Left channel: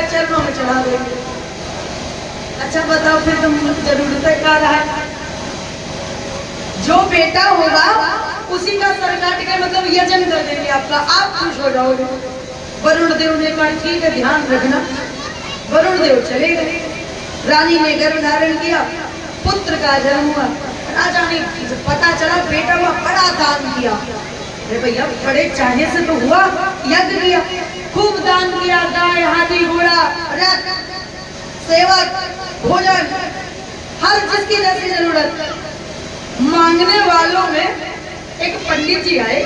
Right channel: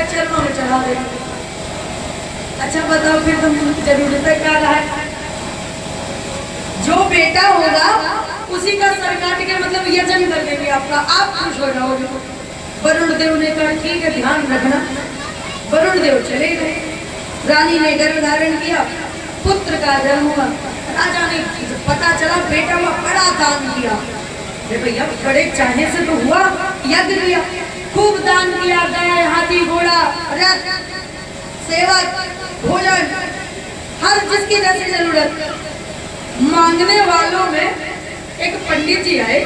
के चरणों में चढ़ा दे। अच्छा बताओ फिर तुम जरूरत क्या रहा है? जो बेटा होगा उसी का सर काट के मतलब यजन कर देंगे आपका, आप खुश हो जाओगे। वरुण देव ने कहा ठीक है ध्यान रखना। वरुण देव चले गए। रानी ने गर्भ धारण किया, पुत्र का जन्म हुआ। राजा ने पता चला बेटा हुआ, बड़ा दान किया। अरे भैया बड़े चाहे से तो हुआ, यज्ञ किया, खूब दान किया, गाय हाथी घोड़ा रथ सेवक भोजन हर जिसकी जैसी जरूरत। मांगने वालों में एक पंडित जी आए।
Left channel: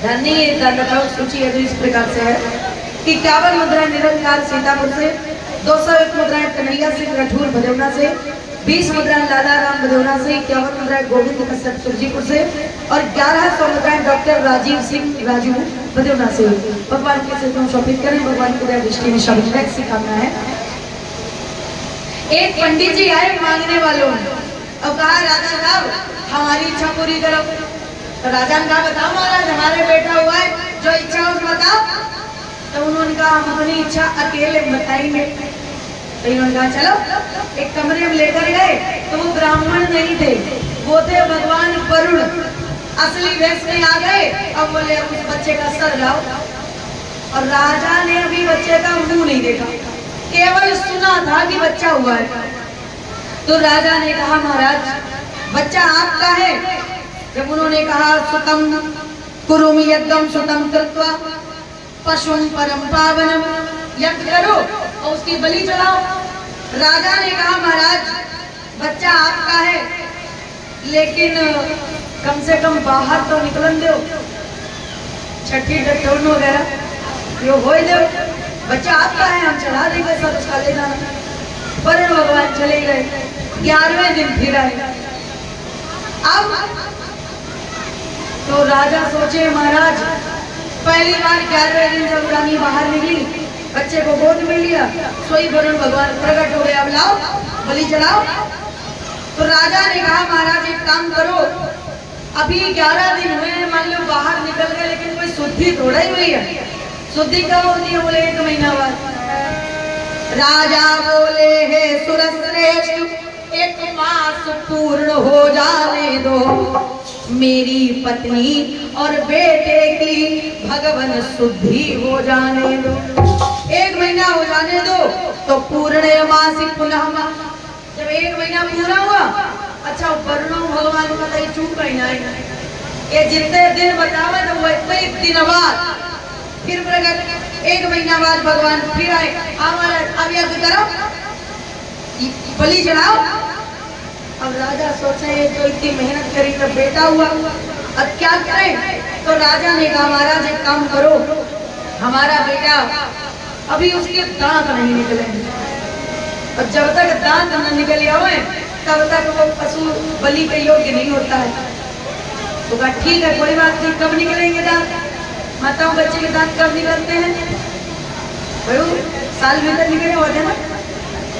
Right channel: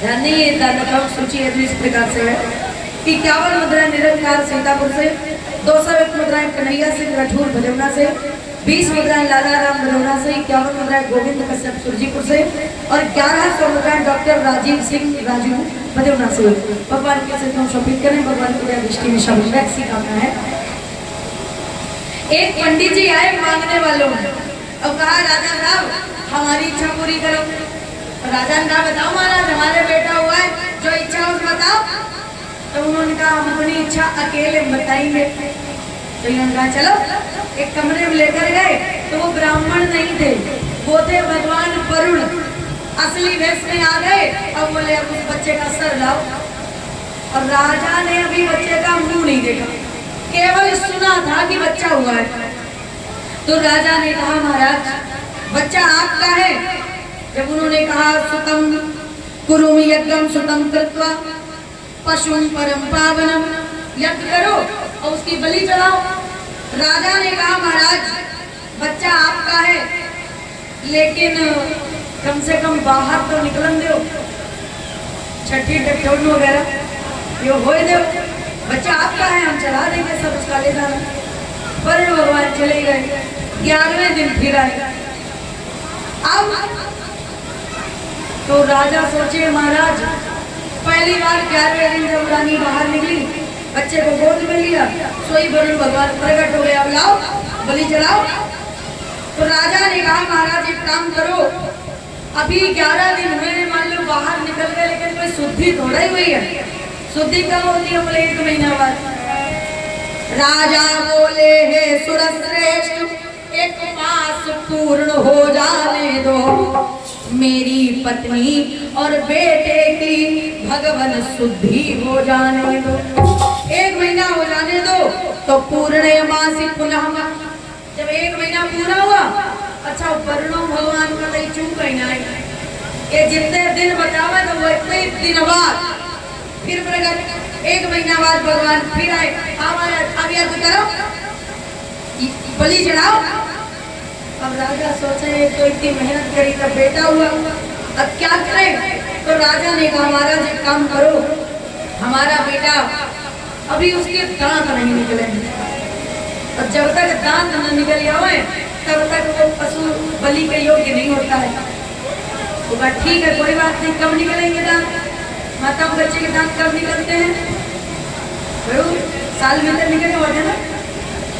धनी दानपाल सूची है तो इस प्रकार से है कि 51 मुद्राएं निरंकार सीतापुर से, 201 मुद्राएं कन्हैया सिंह राठौर भदौना से, 20 मुद्राएं लाला राम भदौना से, 51 मुद्राएं गोविंद कश्यप सुरजीपुर से और 1100 मुद्राएं डॉक्टर राजीव सिंह राजू भदौना से। भगवान के से तुम शोभित करें, भगवान की दृष्टि में शामिल ऐसी कामना है। एक पंडित जी आए मांगने वालों में और कहा राजा साहब हमारी इच्छा पूरी करो। तो राजा ने कहा बताओ महाराज हमारे बेटा हुआ है, जो इच्छा है उसको बताओ। तो उन्होंने कहा हम अपनी इच्छा अकेले बताएंगे। तो इन्होंने कहा चलो। एक कमरे में लेकर गए तो वो ब्राह्मण नहीं थे, वो थे भगवान वरुण, असली वेश में आ गए और बोले अब उस बच्चे का सर लाओ। और राजा ने भी बच्चे का मुंह नहीं देखा, केवल सुना था कि बच्चा हुआ है। तो राजा ने कहा महाराज बच्चा आपका है। जब उन्होंने कहा सुतम कुरुम यज्ञम सुतम कृत्वा पशुम परम पावनम, यज्ञ करो और उसकी बलि चढ़ाओ। राजा ने कहा महाराज बच्चा आपका है लेकिन कम से कम बाहर तो निकलन दो, छठी डटोन वगैरह ये हो दो। बच्चा आपका है हम चढ़ा देंगे, सब उसका ले जाना। पर भगवान चले गए। 11वें दिन फिर आए। अब तो राजा सोचे महाराज पहली बार 11वें दिन जब रानी बाहर निकली, बच्चे को गोद में लिया, सोई वरुण भगवान प्रकट हो गए, अब लाओ बलि चढ़ाओ। तो राजा ने कहा महाराज एक काम करो, अभी 11 दिन हुए, मान लो बाहर निकल गए लेकिन कोई शुद्धि थोड़ा ही हुई है। शुद्धि कब होती है? बोले 1 महीना बाद। राजा बोले हे सुरश्रेष्ठ 1 मास पूर्ण हो जाने दो, मेरी पत्नी और बेटे की भगवान शुद्धि हो जाने दो। 1 महीना हो जाने दो तो पूर्ण मासी पुनः। जब 1 महीना पूरा हुआ, अच्छा वरुण भगवान का तो चूक महीना है, ये जितने दिन बतावा तो वो 1 दिन बाद फिर प्रकट। 1 महीना बाद भगवान फिर आए, हमारा अब यज्ञ करो बलि चढ़ाओ। अब राजा सोचे तो इतनी मेहनत करी तब बेटा हुआ, अब क्या करें? तो राजा ने कहा महाराज एक काम करो, हमारा बेटा अभी उसके दांत नहीं निकलेंगे, और जब तक दांत न निकल आए तब तक वो पशु बलि के योग्य नहीं होता है। तो कहा ठीक है कोई बात नहीं, कब निकलेंगे दांत? माताओं बच्चे के दांत कब निकलते हैं? साल में निकले होते ना।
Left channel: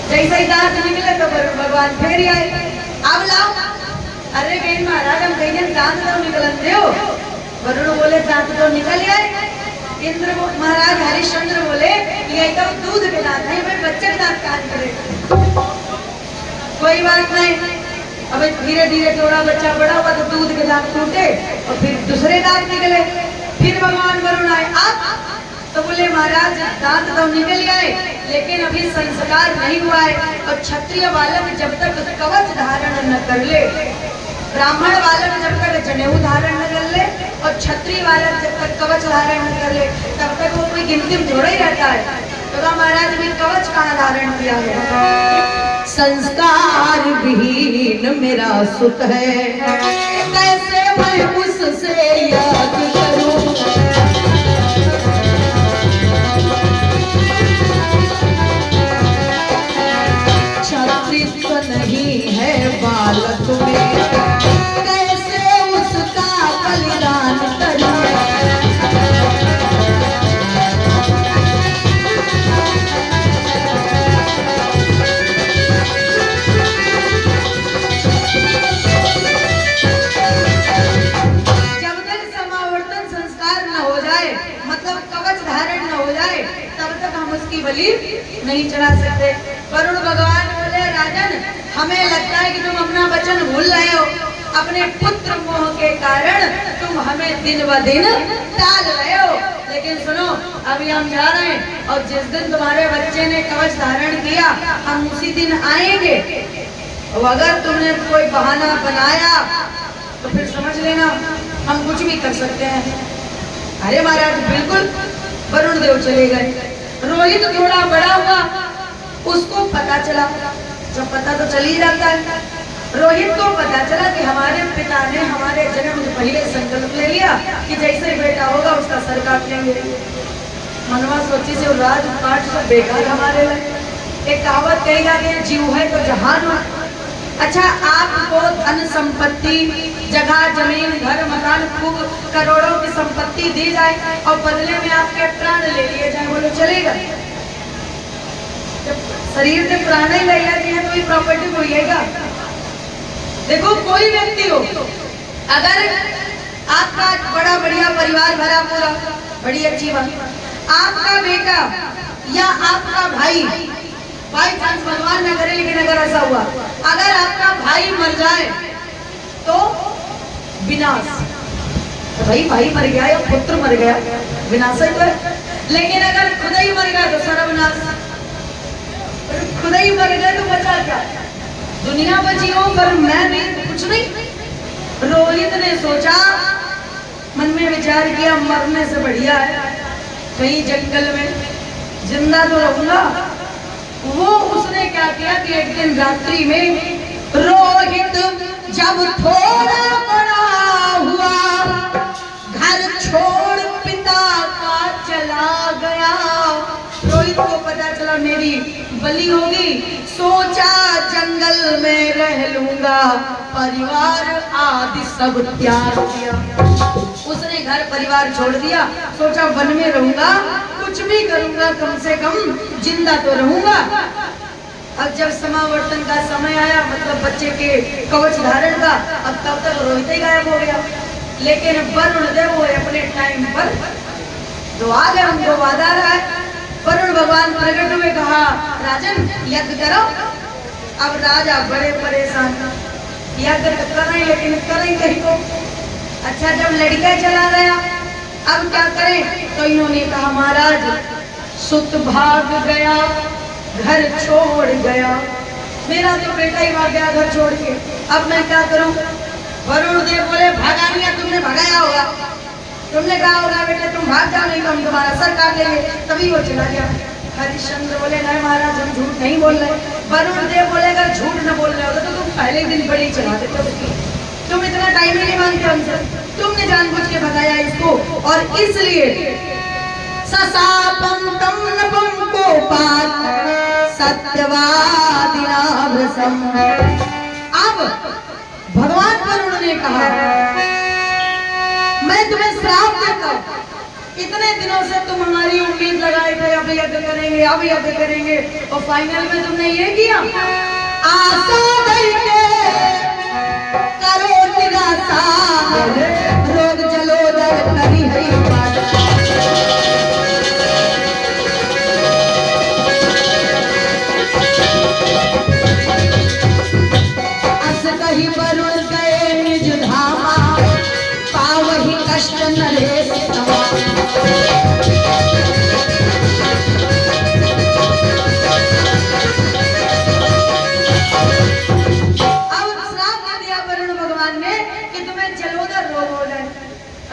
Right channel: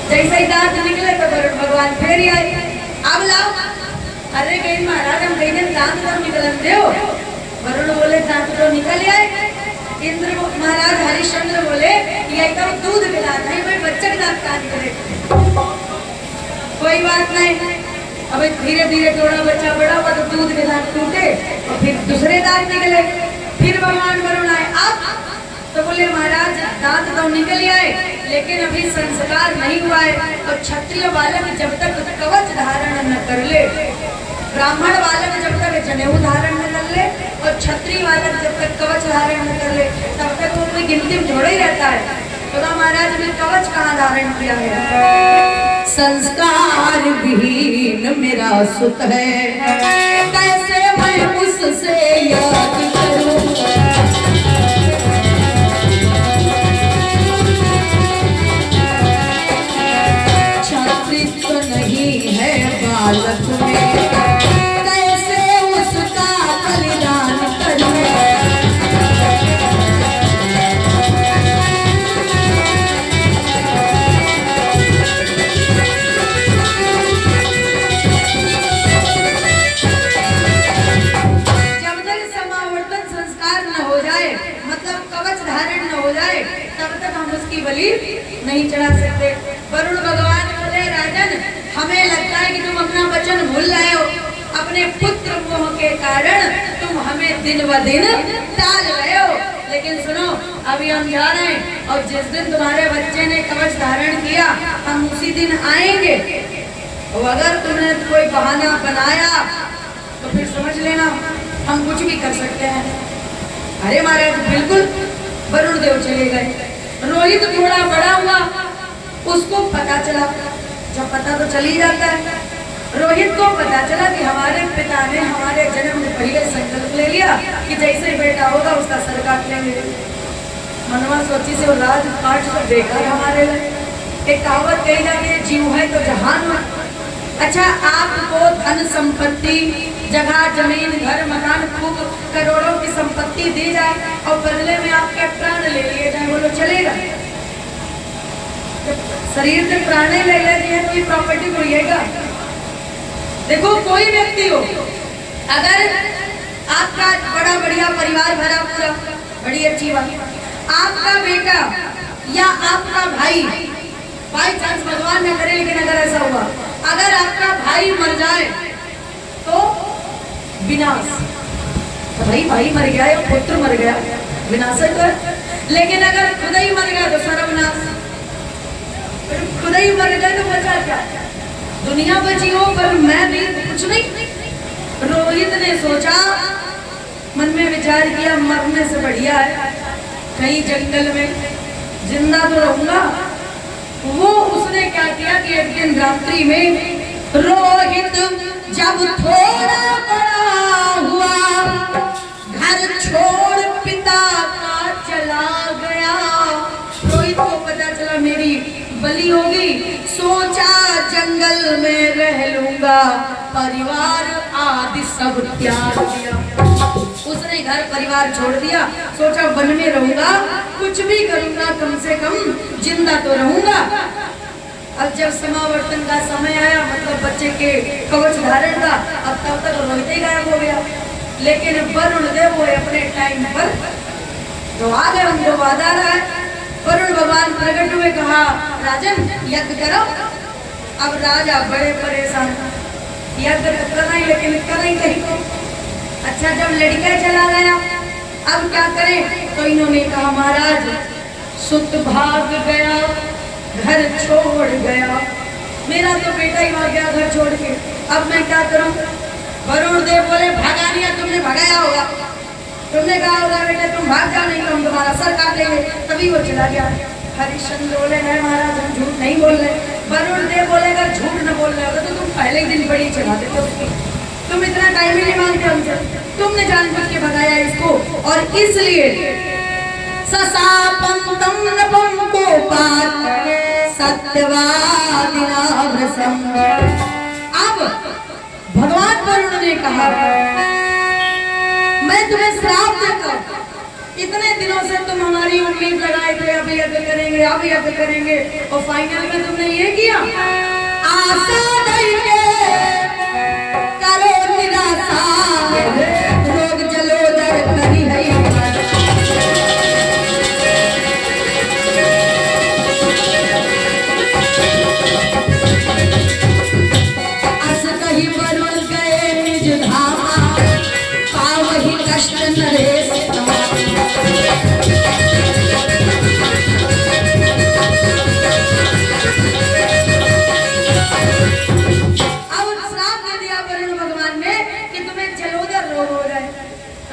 जैसे ही दांत निकले तो भगवान फिर ही आए, अब लाओ। अरे कहीं महाराज हम कहीं दांत तो निकलते हो। वरुण बोले दांत तो निकल आए। इंद्र महाराज हरिश्चंद्र बोले ये तो दूध के दांत है, भाई बच्चे के दांत कहाँ निकले? कोई बात नहीं, अब धीरे धीरे थोड़ा बच्चा बड़ा हुआ तो दूध के दांत टूटे और फिर दूसरे दांत निकले। फिर भगवान वरुण आए, अब तो बोले महाराज दांत तो निकल आए लेकिन अभी संस्कार नहीं हुआ है, और क्षत्रिय बालक जब तक कवच धारण न कर ले, ब्राह्मण बालक जब तक जनेऊ धारण न कर ले, और क्षत्रिय बालक जब तक कवच धारण न कर ले तब तक वो कोई गिनती में थोड़ा ही रहता है। तो महाराज ने कवच कहाँ धारण किया है? संस्कार विहीन मेरा सुत है, कैसे मैं उससे याद करूं? नहीं है बालक में, कैसे उसका बलिदान करूं? जब तक समावट तक कवच धारण न हो जाए तब तक हम उसकी बलि नहीं चढ़ा सकते। वरुण भगवान बोले राजन, हमें लगता है कि तुम अपना वचन भूल रहे हो, अपने पुत्र मोह के कारण तुम हमें दिन ब दिन टाल रहे हो। लेकिन सुनो, अभी हम जा रहे हैं और जिस दिन तुम्हारे बच्चे ने कवच धारण किया हम उसी दिन आएंगे। और अगर तुमने कोई बहाना बनाया तो फिर समझ लेना हम कुछ भी कर सकते हैं। अरे महाराज बिल्कुल वरुण देव चले गए। रोहित थोड़ा बड़ा हुआ, उसको पता चला, जब पता तो चल ही जाता है, रोहित को पता चला कि हमारे पिता ने हमारे जन्म से पहले संकल्प ले लिया कि जैसे ही बेटा होगा उसका सर काट लेंगे। मनवा सोची से राजपाट सब बेकार हमारे लिए। एक कहावत कही जाती है, जीव है तो जहान हो। अच्छा, आपको धन संपत्ति, जगह जमीन घर मकान खूब करोड़ों की संपत्ति दी जाए और बदले में आपके प्राण ले लिए जाए, बोलो चलेगा? शरीर से प्राण ही ले लेते हैं तो ये प्रॉपर्टी होइएगा। देखो कोई व्यक्ति हो, अगर आपका बड़ा बढ़िया परिवार भरा पूरा, बड़ी अच्छी बात, आपका बेटा या आपका भाई, बाई चांस भगवान न करे लेकिन अगर ऐसा हुआ, अगर आपका भाई मर जाए तो विनाश। तो भाई मर गया या पुत्र मर गया, विनाश ही तो। लेकिन अगर खुद ही मर गया तो सर्वनाश। खुद ही मर गए तो बचा क्या? दुनिया बची हो पर मैं भी कुछ नहीं। रोहित ने सोचा, मन में विचार किया, मरने से बढ़िया है कहीं जंगल में जिंदा तो रहूंगा। वो उसने क्या किया कि एक दिन रात्रि में रोहित जब थोड़ा बड़ा हुआ, घर छोड़ पिता का चला गया। रोहित को पता चला मेरी बलि होगी, सोचा जंगल में रह लूंगा, परिवार आदि सब त्याग दिया। उसने घर परिवार छोड़ दिया, सोचा वन में रहूंगा, कुछ भी करूंगा, कम से कम जिंदा तो रहूंगा। अब जब समावर्तन का समय आया, मतलब बच्चे के कवच धारण का, अब तब तक रोहित ही गायब हो गया। लेकिन वरुण देव वो अपने टाइम पर जो आगे हमको वादा रहा है, वरुण भगवान प्रकट हुए, कहा राजन यज्ञ करो। अब राजा बड़े परेशान, यज्ञ तो कर रहे लेकिन करें कहीं को। अच्छा, जब लड़का चला गया अब क्या करें? तो इन्होंने कहा महाराज सुत भाग गया, घर छोड़ गया, मेरा तो बेटा ही भाग गया घर छोड़ के, अब मैं क्या करूं? वरुण देव बोले भागा नहीं, तुमने भगाया होगा, तुमने कहा होगा बेटा तुम भाग जाओ नहीं तो हम तुम्हारा सर काट लेंगे, तभी वो चला गया। हरिश्चंद्र बोले नहीं महाराज हम झूठ नहीं बोल रहे। वरुण देव बोले अगर झूठ न बोल रहे होते तो तुम पहले ही दिन बड़ी चला देते उसकी, तुम इतना टाइम ही नहीं मांगते हमसे, तुमने जानबूझ के भगाया इसको। और इसलिए ससापंतम नपम कोपात सत्यवादिना भ्रसम। अब भगवान वरुण ने कहा मैं तुम्हें श्राप देता हूं, इतने दिनों से तुम हमारी उम्मीद लगाए थे अब यज्ञ करेंगे अब यज्ञ करेंगे, और फाइनल में तुमने ये किया। आशा नहीं करो निराशा, रोग जलोदर करी है अस कहीं वरुण गए निज धामा, पावहि कष्ट नरेश तमा।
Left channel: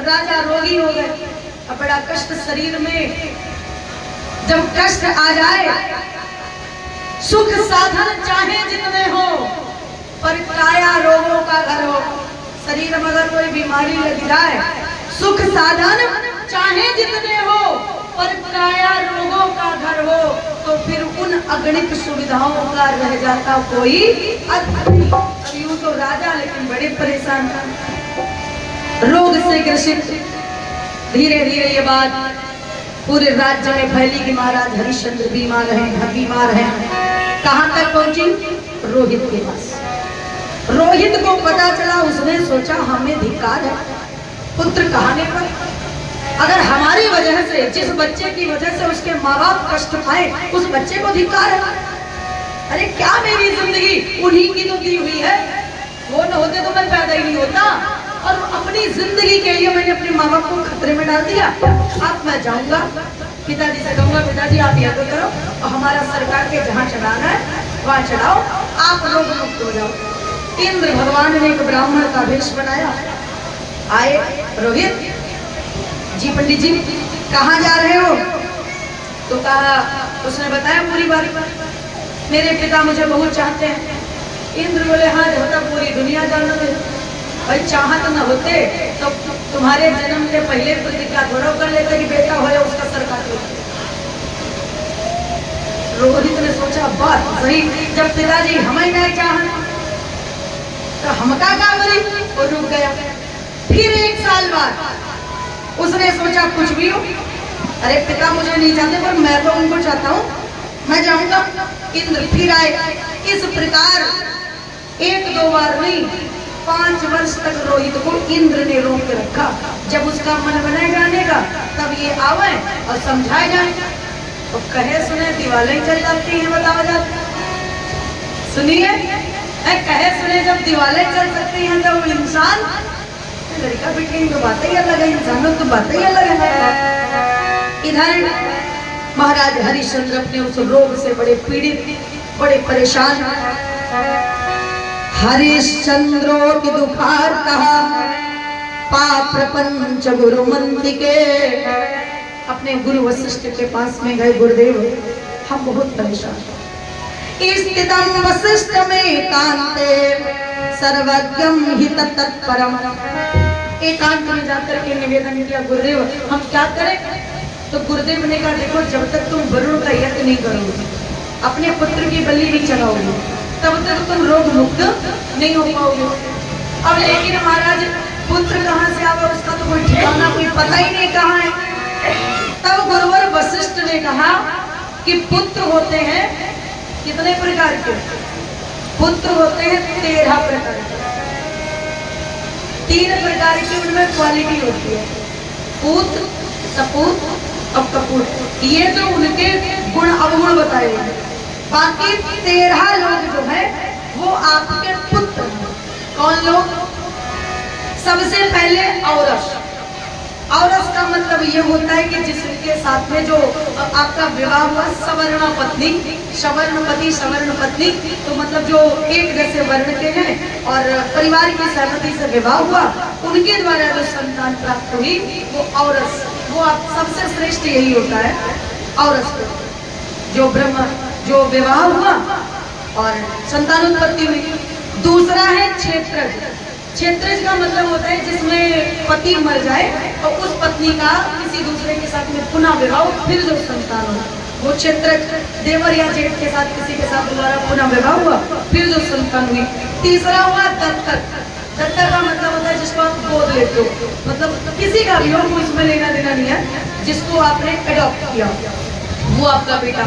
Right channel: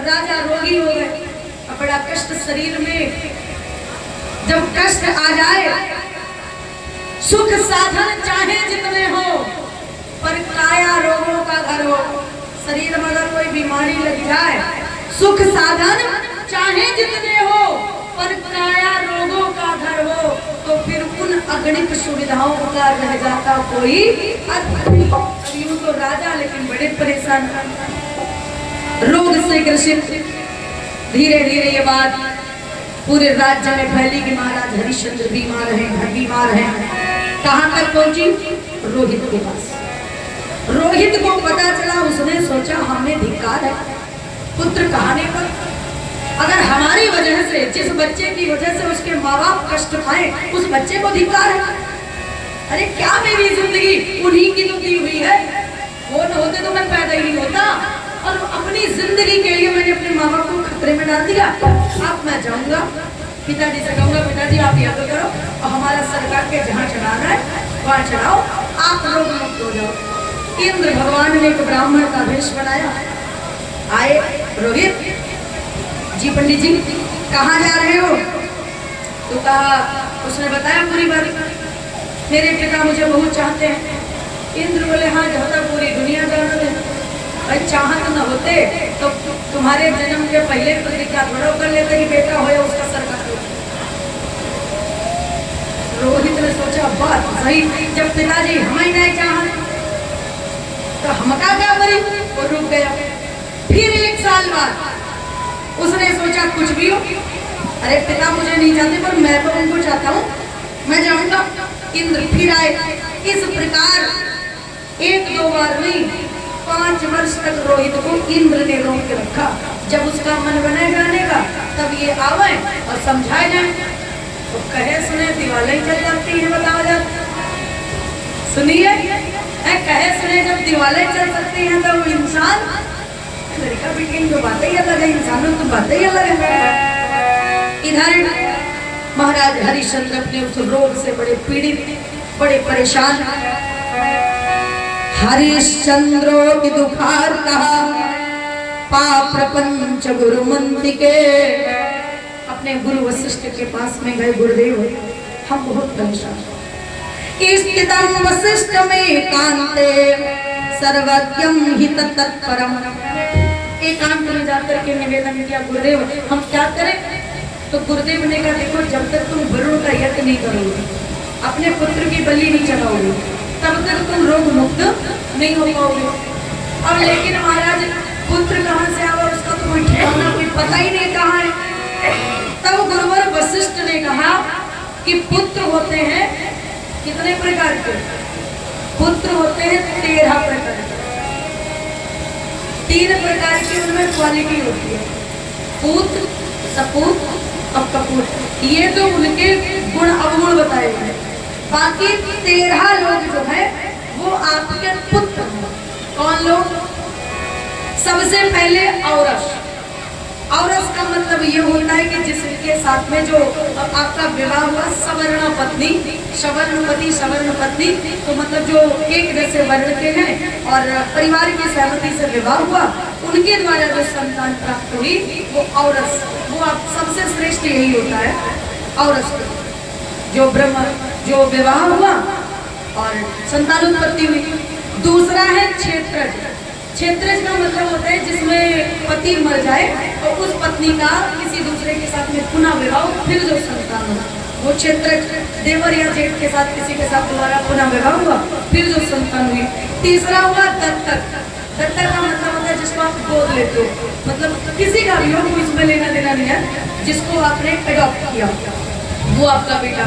राजा रोगी हो गए, अब बड़ा कष्ट शरीर में, जब कष्ट आ जाए, सुख साधन चाहे जितने हो पर काया रोगों का घर हो। शरीर में अगर कोई बीमारी लग जाए, सुख साधन चाहे जितने हो पर काया रोगों का घर हो, तो फिर उन अगणित सुविधाओं का रह जाता कोई अर्थ नहीं। अब यूं तो राजा लेकिन बड़े परेशान, रोग से ग्रसित। धीरे धीरे ये बात पूरे राज्य में फैली कि महाराज हरिश्चंद्र बीमार हैं। कहां तक पहुंची? रोहित के पास। रोहित को पता चला, उसने सोचा हमें धिक्कार है, पुत्र कहाने पर अगर हमारी वजह से, जिस बच्चे की वजह से उसके माँ बाप कष्ट पाए, उस बच्चे को धिक्कार है। अरे क्या मेरी जिंदगी उन्हीं की तो दी हुई है, वो न होते तो मैं पैदा ही नहीं होता। और अपनी जिंदगी के लिए मैंने अपने माँ बाप को खतरे में डाल दिया। अब मैं जाऊंगा पिताजी से कहूंगा, पिताजी आप याद करो और हमारा सरकार के जहाँ चढ़ाना है वहाँ चढ़ाओ, आप लोग मत हो जाओ। इंद्र भगवान ने एक ब्राह्मण का वेश बनाया। आए, रोहित जी, पंडित जी कहाँ जा रहे हो? तो कहा, उसने बताया पूरी बात, मेरे पिता मुझे बहुत चाहते हैं। इंद्र बोले, हाँ जब तक पूरी दुनिया जानना दे। भाई चाहत न होते तो तुम्हारे जन्म के पहले प्रतिज्ञा थोड़ा कर लेते कि बेटा हो उसका सरकार। रोहित ने सोचा बात सही, जब पिताजी हमें नहीं चाहत तो हम क्या करी, और रुक गया। फिर 1 साल बाद उसने सोचा कुछ भी हो, अरे पिता मुझे नहीं चाहते पर मैं तो उनको चाहता हूँ, मैं जाऊंगा। इंद्र फिर आए। इस प्रकार 1-2 बार नहीं, 5 वर्ष तक रोहित को इंद्र ने रोक रखा। जब उसका मन बना जाने का तब ये आवे और समझाए जाए। तो कहे सुने दिवाली चल जाती है, बताओ जब सुनिए, कहे सुने जब दिवाली चल सकती है तो इंसान लड़का बेटी तो बातें ही अलग है, इंसानों की बातें ही अलग है। इधर महाराज हरिश्चंद्र अपने उस रोग से बड़े पीड़ित, बड़े परेशान। हरिश्चंद्रो की दुखार कहा पाप प्रपंच गुरु मंत्र के। अपने गुरु वशिष्ठ के पास में गए, गुरुदेव हम बहुत परेशान। स्थितम वशिष्ठ में कांते सर्वज्ञम हि तत्परम। एकांत में जाकर के निवेदन किया, गुरुदेव हम क्या करें? तो गुरुदेव ने कहा, देखो जब तक तुम गुरु का यज्ञ नहीं करोगे, अपने पुत्र की बलि नहीं चढ़ाओगे, तब तक तुम रोग मुक्त नहीं हो पाओगे। अब लेकिन महाराज पुत्र कहाँ से आवा, उसका तो कोई ठिकाना, कोई पता ही नहीं कहाँ है। तब गुरुवर वशिष्ठ ने कहा कि पुत्र होते हैं कितने प्रकार के? पुत्र होते हैं 13 प्रकार के। 3 प्रकार की उनमें क्वालिटी होती है, पुत्र, सपूत और कपूत। ये तो उनके गुण अवगुण बताए गए। बाकी 13 लोग जो है वो आपके पुत्र हैं। कौन लोग? सबसे पहले औरस। औरस का मतलब ये होता है कि जिसके साथ में जो आपका विवाह हुआ, सवर्ण पत्नी, सवर्ण पति, सवर्ण पत्नी, तो मतलब जो एक जैसे वर्ण के हैं और परिवार की सहमति से विवाह हुआ, उनके द्वारा जो संतान प्राप्त हुई वो औरस, वो आप सबसे श्रेष्ठ यही होता है औरस। जो ब्रह्म, जो विवाह हुआ और संतानोत्पत्ति हुई। दूसरा है क्षेत्रज। क्षेत्रज का मतलब होता है जिसमें पति मर जाए और उस पत्नी का किसी दूसरे के साथ में पुनः विवाह, फिर जो संतान हो, वो क्षेत्रज। देवर या जेठ के साथ किसी के साथ दोबारा पुनः विवाह हुआ, फिर जो संतान हुई। तीसरा हुआ दत्तक। दत्तक का मतलब होता है जिसको आप गोद लेते हो, मतलब किसी का भी हो, इसमें लेना देना नहीं है, जिसको आपने एडॉप्ट किया वो आपका बेटा।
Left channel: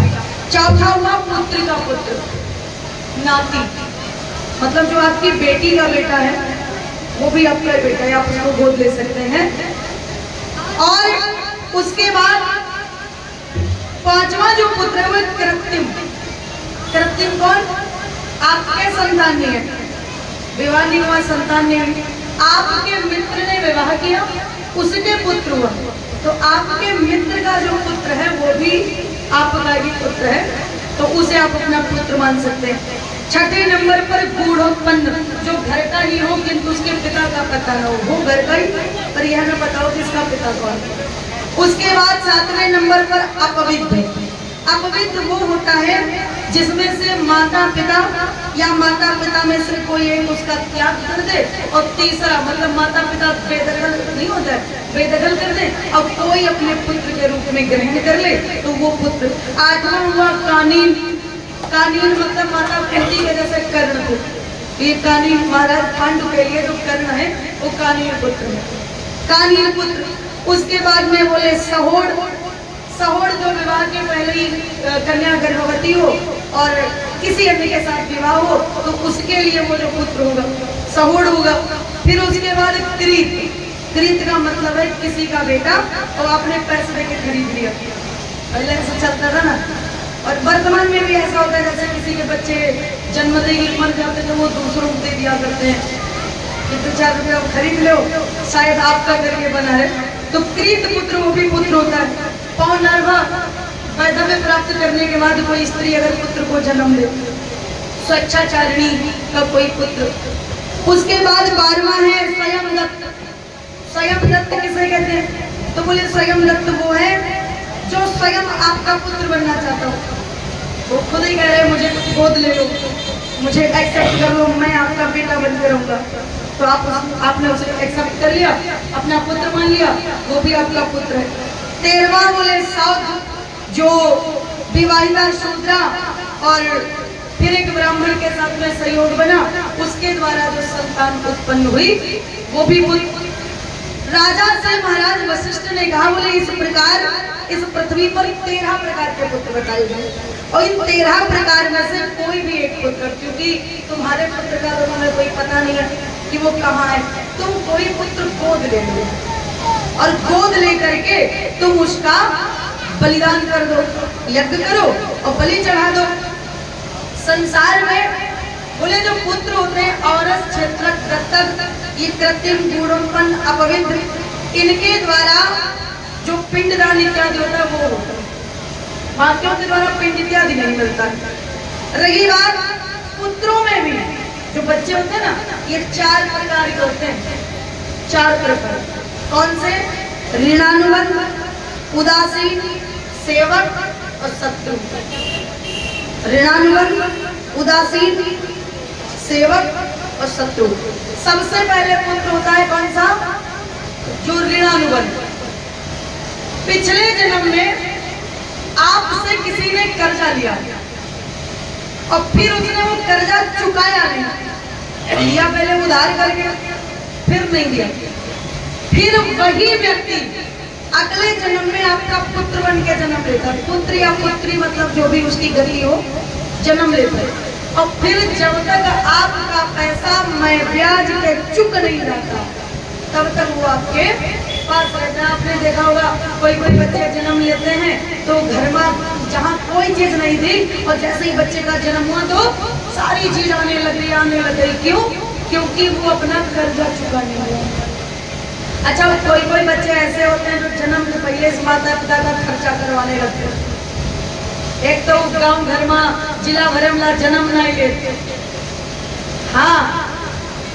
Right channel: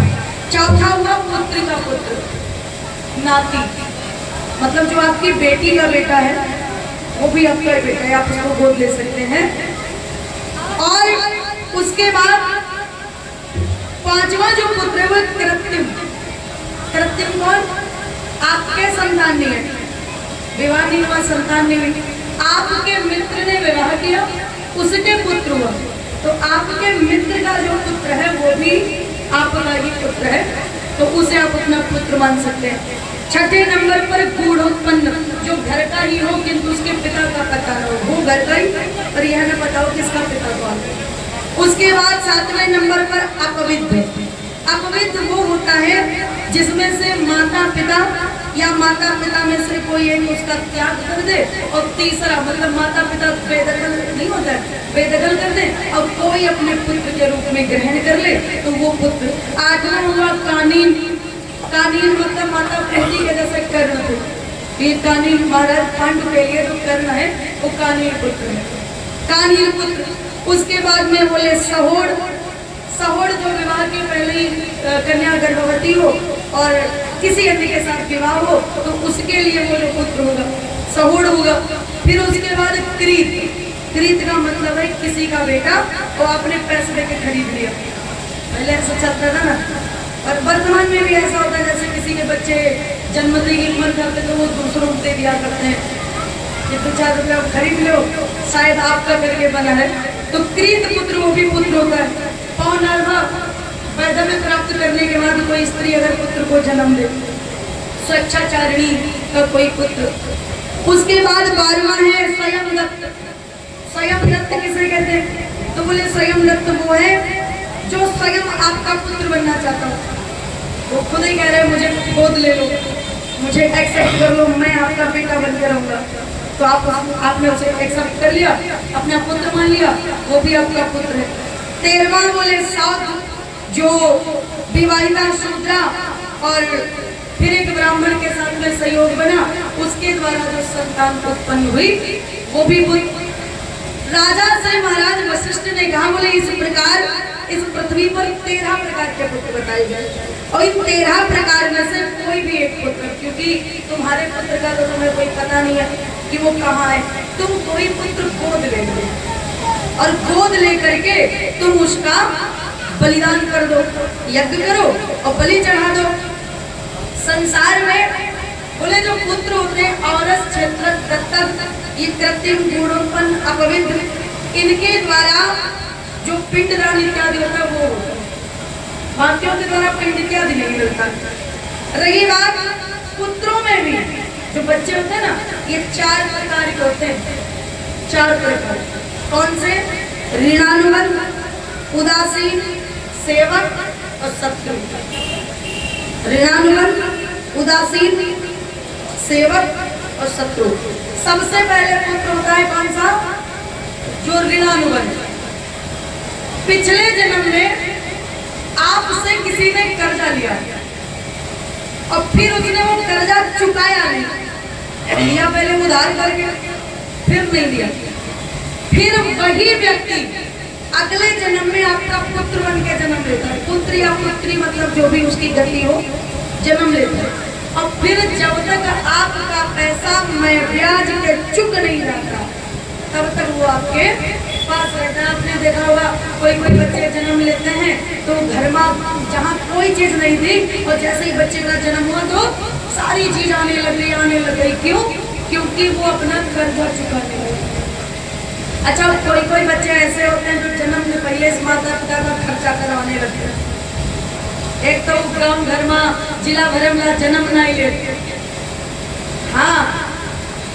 चौथा हुआ पुत्री का पुत्र, नाती, मतलब जो आपकी बेटी का बेटा है वो भी आपका बेटा है, आप उसको गोद ले सकते हैं। और उसके बाद 5वां जो पुत्र है वो कृत्रिम। कृत्रिम कौन? आपके संतान नहीं है, विवाह नहीं हुआ, संतान नहीं हुई, आपके मित्र ने विवाह किया, उसके पुत्र हुआ, तो आपके मित्र का जो पुत्र है वो भी आपका ही पुत्र है, तो उसे आप अपना पुत्र मान सकते हैं। छठे नंबर पर गूढ़ोत्पन्न, जो घर का ही हो किंतु उसके पिता का पता न हो, वो घर का ही पर यह न बताओ किसका पिता कौन है। उसके बाद 7वें नंबर पर अपविद्ध। अपविद्ध वो होता है जिसमें से माता पिता या माता पिता में से कोई एक उसका त्याग कर दे, और तीसरा मतलब माता पिता बेदखल नहीं होता है, बेदखल कर दे और कोई अपने पुत्र के रूप में ग्रहण कर ले तो वो पुत्र। 8वां हुआ कानीन। कानीन मतलब माता कुंती के जैसे कर्ण थे, ये कानीन महाराज पांडु के लिए जो कर्ण है वो कानीन पुत्र है, कानीन पुत्र। उसके बाद में बोले सहोड़। सहोड़ जो विवाह के पहले ही कन्या गर्भवती हो और किसी अन्य के साथ विवाह हो तो उसके लिए वो जो पुत्र होगा सहोड़ होगा। फिर उसके बाद कृत। क्रीत का मतलब है किसी का बेटा और अपने पैसे देके खरीद लिया। पहले ऐसा चलता था ना। और वर्तमान में भी ऐसा होता है, जैसे किसी के बच्चे जन्मदिन की मन करते तो वो दूसरों को दे दिया करते हैं कि 2-4 रुपया खरीद लो, शायद आपका करके बना है। तो क्रीत पुत्र वो भी पुत्र होता है। पौनर्वा वैधव्य प्राप्त करने के बाद कोई स्त्री अगर पुत्र को जन्म दे, स्वेच्छाचारिणी का कोई पुत्र। उसके बाद 12वां है स्वयं दत्त। स्वयं दत्त किसे कहते हैं? तो बोले स्वयं दत्त वो है जो स्वयं आपका पुत्र बनना चाहता हो। वो खुद ही कह रहे हैं मुझे गोद ले लो, मुझे एक्सेप्ट कर लो, मैं आपका बेटा बनकर रहूंगा। तो आपने उसे एक्सेप्ट कर लिया, अपना पुत्र मान लिया, वो भी आपका पुत्र है। 13वां बोले सौत, जो विवाहिता शूद्रा और फिर एक ब्राह्मण के साथ में सहयोग बना, उसके द्वारा जो संतान उत्पन्न हुई वो भी पुत्र। राजा से महाराज वशिष्ठ ने कहा बोले इस प्रकार इस पृथ्वी पर 13 प्रकार के पुत्र बताए गए और इन 13 प्रकार में से कोई भी एक पुत्र, क्योंकि तुम्हारे पुत्र का तो तुम्हें कोई पता नहीं है कि वो कहाँ है, तुम कोई पुत्र गोद ले लो और गोद लेकर के तुम उसका बलिदान कर दो, यज्ञ करो और बलि चढ़ा दो। संसार में बोले जो पुत्र होते हैं औरस, क्षेत्र, दत्तक, ये कृत्रिम, गुणोत्पन्न, अपवित्र, इनके द्वारा जो पिंडदान इत्यादि होता है वो होता है। बाकियों के द्वारा पिंड इत्यादि नहीं मिलता। रही बात पुत्रों में भी जो बच्चे होते हैं ना, ये 4 प्रकार के होते हैं। 4 प्रकार कौन से? ऋणानुबंध, उदासीन, सेवक और शत्रु। ऋणानुबंध, उदासीन, सेवक और शत्रु। सबसे पहले पुत्र होता है कौन सा? जो ऋणानुबंध। पिछले जन्म में आपसे किसी ने कर्जा लिया और फिर उसने वो कर्जा चुकाया नहीं, लिया पहले उधार करके फिर नहीं दिया, फिर वही व्यक्ति अगले जन्म में आपका पुत्र बन के जन्म लेता है। पुत्र या पुत्री मतलब जो भी उसकी गति हो, जन्म लेता है। और फिर जब तक आपका पैसा मैं ब्याज के चुक नहीं जाता तब तक वो आपके पास रहता है। आपने देखा होगा कोई बच्चे जन्म लेते हैं तो घर में जहाँ कोई चीज नहीं थी और जैसे ही बच्चे का जन्म हुआ तो सारी चीज आने लग गई। क्यों? क्योंकि वो अपना कर्जा चुकाने लगा। अच्छा, कोई बच्चे ऐसे होते हैं जो जन्म से पहले से माता पिता का खर्चा करवाने लगते हैं। एक तो गांव घर में जिला भर में जन्म नहीं लेते। हाँ,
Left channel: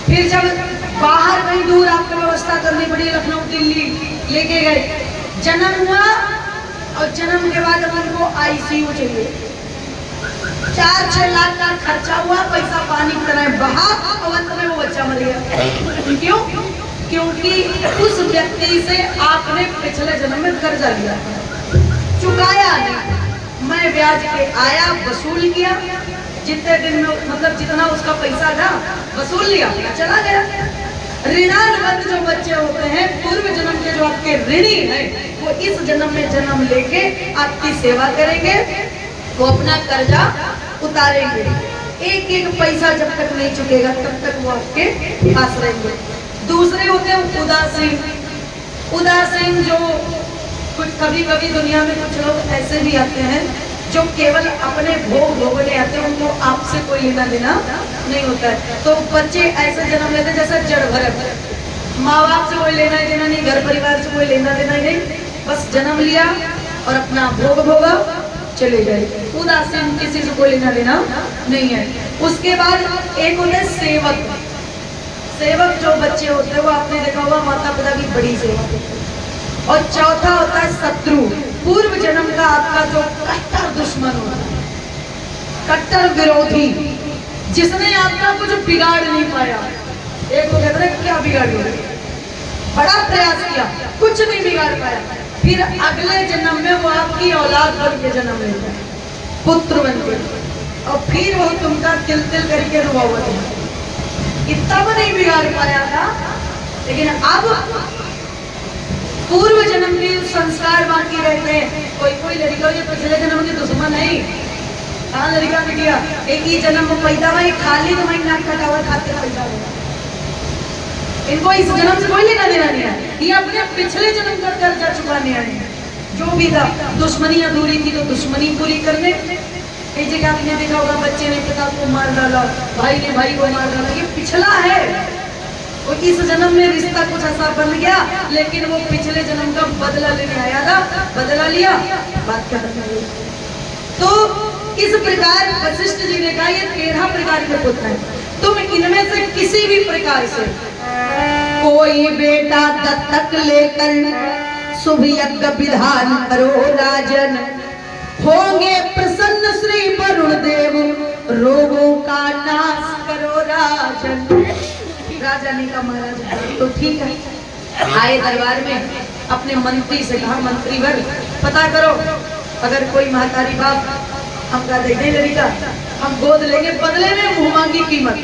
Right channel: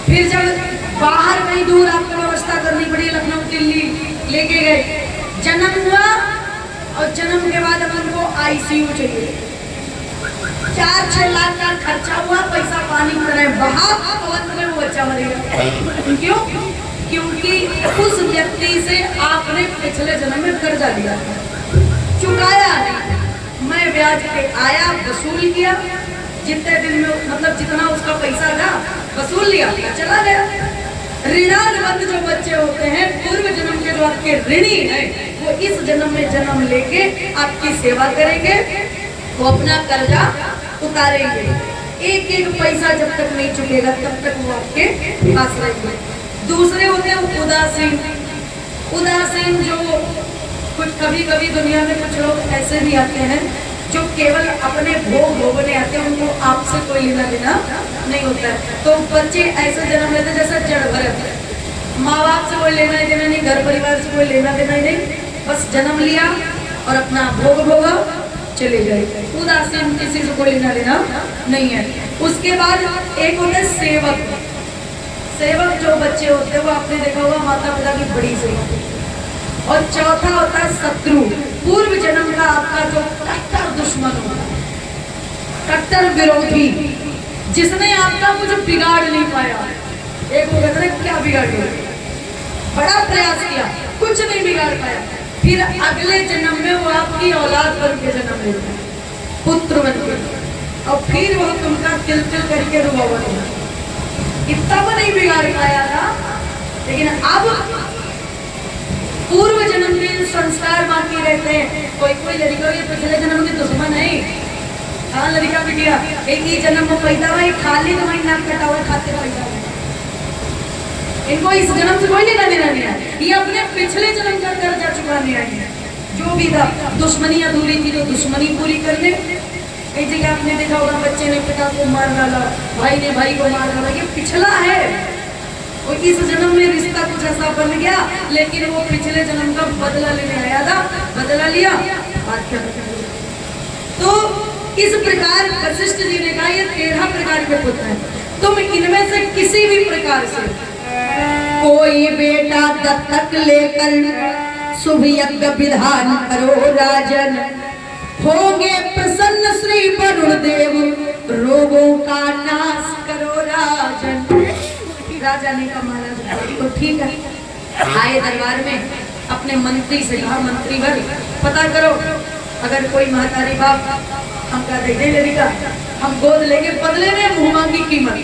फिर जब बाहर कहीं दूर आपको व्यवस्था करनी पड़ी, लखनऊ, दिल्ली लेके गए, जन्म हुआ और जन्म के बाद अब उनको ICU चाहिए। 4-6 लाख का खर्चा हुआ, पैसा पानी की तरह बहा और अंत में वो बच्चा मर गया। क्यों? क्योंकि उस व्यक्ति से आपने पिछले जन्म में कर्जा लिया, चुकाया नहीं। मैं ब्याज पे आया, वसूल किया, जितने दिन में मतलब जितना उसका पैसा था वसूल लिया, चला गया। ऋणानुबंध जो बच्चे होते हैं, पूर्व जन्म के जो आपके ऋणी हैं, वो इस जन्म में जन्म लेके आपकी सेवा करेंगे, वो अपना कर्जा उतारेंगे। एक एक पैसा जब तक नहीं चुकेगा तब तक वो आपके पास रहेंगे। दूसरे होते हैं उदासीन। उदासीन जो कुछ कभी कभी दुनिया में कुछ लोग ऐसे भी आते हैं जो केवल अपने भोग भोगने आते हैं, उनको आपसे कोई लेना देना नहीं होता है। तो बच्चे ऐसे जन्म लेते हैं जैसा जड़ भरत, माँ बाप से कोई लेना देना नहीं, घर परिवार से कोई लेना देना नहीं, बस जन्म लिया और अपना भोग भोगा चले गए। उदासीन, किसी से कोई लेना देना नहीं है। उसके बाद एक होते हैं सेवक। सेवक जो बच्चे होते हैं वो आपने देखा होगा माता पिता की बड़ी सेवा। और चौथा होता है शत्रु, पूर्व जन्म का आपका जो कट्टर दुश्मन होता है, कट्टर विरोधी, जिसने आपका कुछ बिगाड़ नहीं पाया। एक वो कहते हैं क्या बिगाड़ गया, बड़ा प्रयास किया, कुछ नहीं बिगाड़ पाया, फिर अगले जन्म में वो आपकी औलाद बन के जन्म लेता है, पुत्र बन के, और फिर वो तुमका तिल तिल करके रुआवट है। इतना वो नहीं बिगाड़ पाया था, लेकिन अब पूर्व जन्म के संस्कार बाकी रहते हैं। कोई लड़का ये पिछले जन्म की दुश्मन है, हाँ लड़का बिटिया एक ही जन्म में पैदा हुआ, खाली तो नाक कटा हुआ खाते पैदा हुआ। इनको इस जन्म से कोई लेना देना नहीं है, ये अपने पिछले जन्म का कर्जा चुकाने आए हैं। जो भी था, दुश्मनी अधूरी थी तो दुश्मनी पूरी करने। कई जगह आपने देखा होगा बच्चे ने पिता को मार डाला, भाई ने भाई को मार डाला, ये पिछला है। और इस जन्म में रिश्ता कुछ ऐसा बन गया, लेकिन वो पिछले जन्म का बदला लेने आया था, बदला लिया, बात कर रहे। तो इस प्रकार वशिष्ठ जी ने कहा ये 13 प्रकार के पुत्र हैं, तुम इनमें से किसी भी प्रकार से कोई बेटा दत्तक लेकर शुभ यज्ञ विधान करो राजन, होंगे प्रसन्न श्री वरुण देव, रोगों का नाश करो राजन। राजा ने कहा महाराज तो ठीक है। आए दरबार में, अपने मंत्री से कहा मंत्री भर पता करो, अगर कोई महतारी बाप हमका दे दे लड़का, हम गोद लेंगे, बदले में मुंह मांगी कीमत।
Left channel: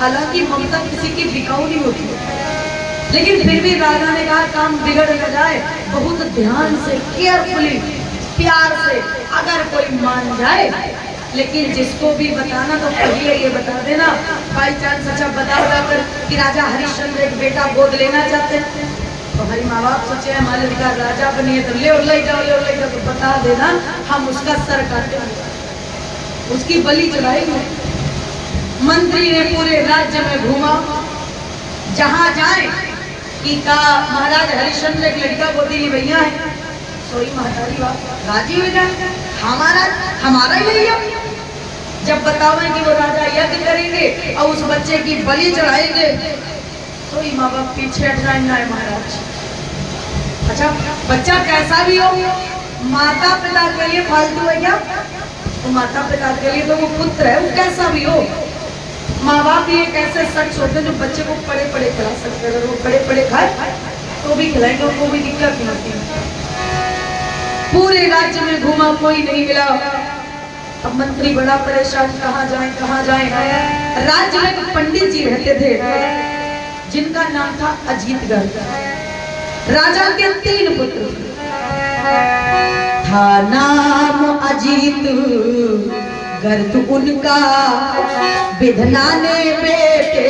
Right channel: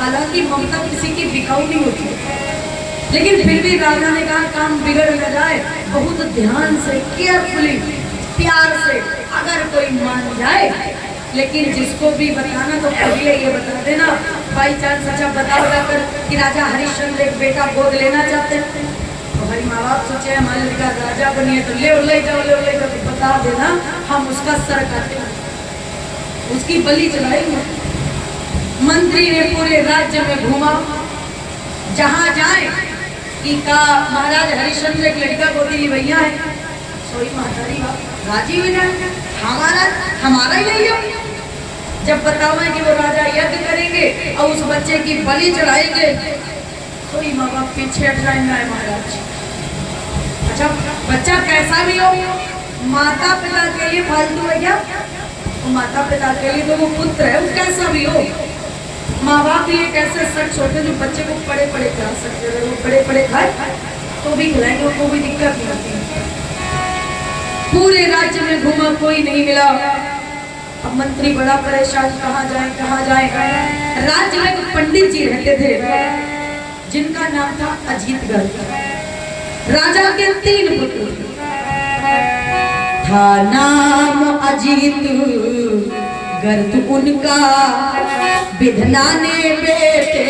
हालांकि ममता किसी की बिकाऊ नहीं होती है, लेकिन फिर भी राजा ने कहा काम बिगड़ न जाए, बहुत ध्यान से, केयरफुली, प्यार से, अगर कोई मान जाए, लेकिन जिसको भी बताना तो पहले ये बता देना, बाई चांस अच्छा बता कर कि राजा हरिश्चंद्र एक बेटा गोद लेना चाहते हैं, तो भाई माँ बाप सोचे हमारे लड़का राजा बनिए तो ले जाओ तो बता देना, हम उसका सर काटेंगे, उसकी बलि चढ़ाएंगे। मंत्री ने पूरे राज्य में घूमा, जहां जाए कि का महाराज हरिश्चंद्र एक लड़का गोदी भैया है, सोई महारानी बाप राजी हो जाए, हमारा ही भैया। जब बतावे कि वो राजा यज्ञ करेंगे और उस बच्चे की बलि चढ़ाएंगे, तो माँ बाप पीछे हट जाए महाराज। अच्छा बच्चा कैसा भी हो, माता पिता के लिए फालतू है क्या? और माता पिता के लिए तो वो पुत्र है, वो कैसा भी हो। माँ बाप ये कैसे सच छोटे जो बच्चे को पड़े पड़े खिला सकते हैं, वो पड़े पड़े खाए तो भी खिलाएंगे, उनको भी दिक्कत नहीं होती। पूरे राज्य में घूमा, कोई नहीं मिला। अब मंत्री बड़ा परेशान, कहाँ जाए। राज्य में एक पंडित जी रहते थे जिनका नाम था अजीतगढ़। राजा के 3 पुत्र था, नाम अजीत गर्द उनका, विधना ने बेटे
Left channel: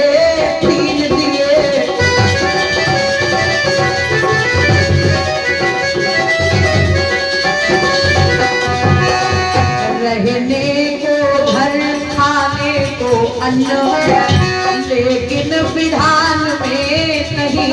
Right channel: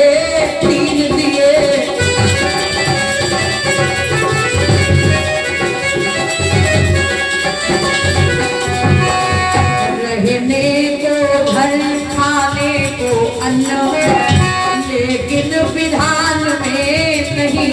3 दिए। रहने को घर, खाने को अन्न, लेकिन विधान में नहीं।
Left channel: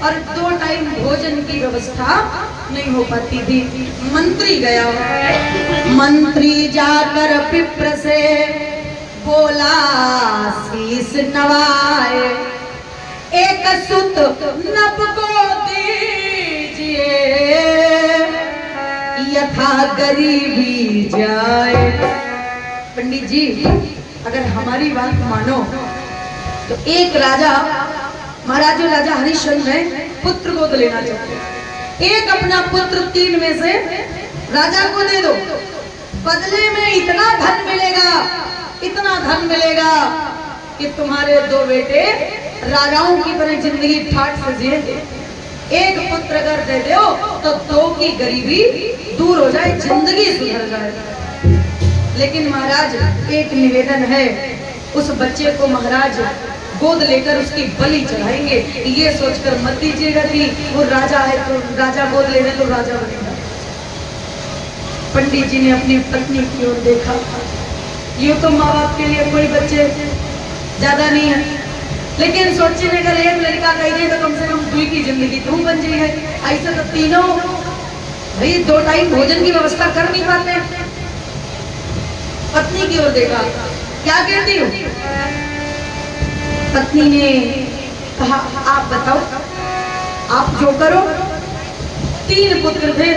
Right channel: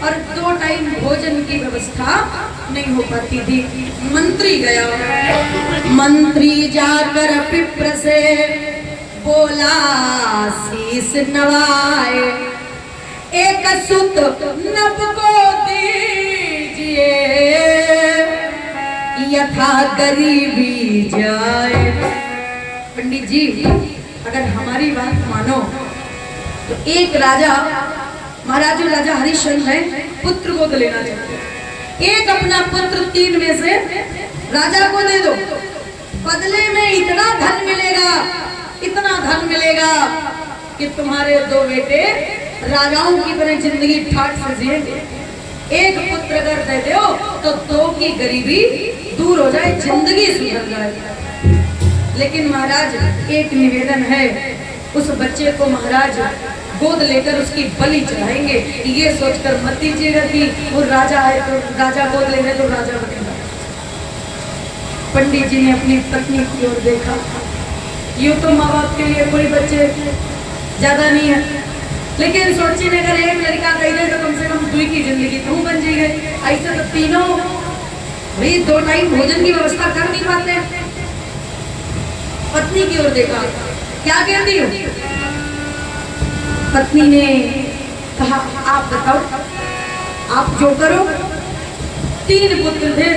और 2 टाइम भोजन की व्यवस्था नहीं हो पाती थी। मंत्री गया, मंत्री जाकर पिप्र से बोला शीस नवाए, एक सुत नभ को दीजिए, यथा गरीबी जाए। पंडित जी अगर हमारी बात मानो तो एक राजा, महाराज राजा हरिश्चंद्र है, पुत्र को लेना चाहते हैं। एक अपना पुत्र 3 में से राजा को दे दो, बदले में इतना धन मिलेगा कि तुम्हारे 2 बेटे राजाओं की तरह जिंदगी ठाट से जिएंगे। एक पुत्र अगर दे दो तो 2 की गरीबी दूर हो जाए, जिंदगी सुधर जाए। लेकिन महाराज एक निवेदन है, उस बच्चे को महाराज गोद लेकर उसकी बलि चढ़ाएंगे, ये सोचकर मत दीजिएगा कि वो राजा है तो राजा गोद ले रहे तो राजा बनेगा। पंडित जी ने अपनी पत्नी की ओर देखा, यूं तो माँ बाप के लिए कोई बच्चे ज्यादा नहीं है, लेकिन सोचिए अगर एक लड़का कह दे तो कम से कम 2 की जिंदगी तू बन जाएगी। ऐसे तो तीनों भाई 2 टाइम भोजन की व्यवस्था कर नहीं पाते। पत्नी की ओर देखा, क्या कहती हो? पत्नी ने कहा आप बताओ, आप जो करो। 3 पुत्र थे।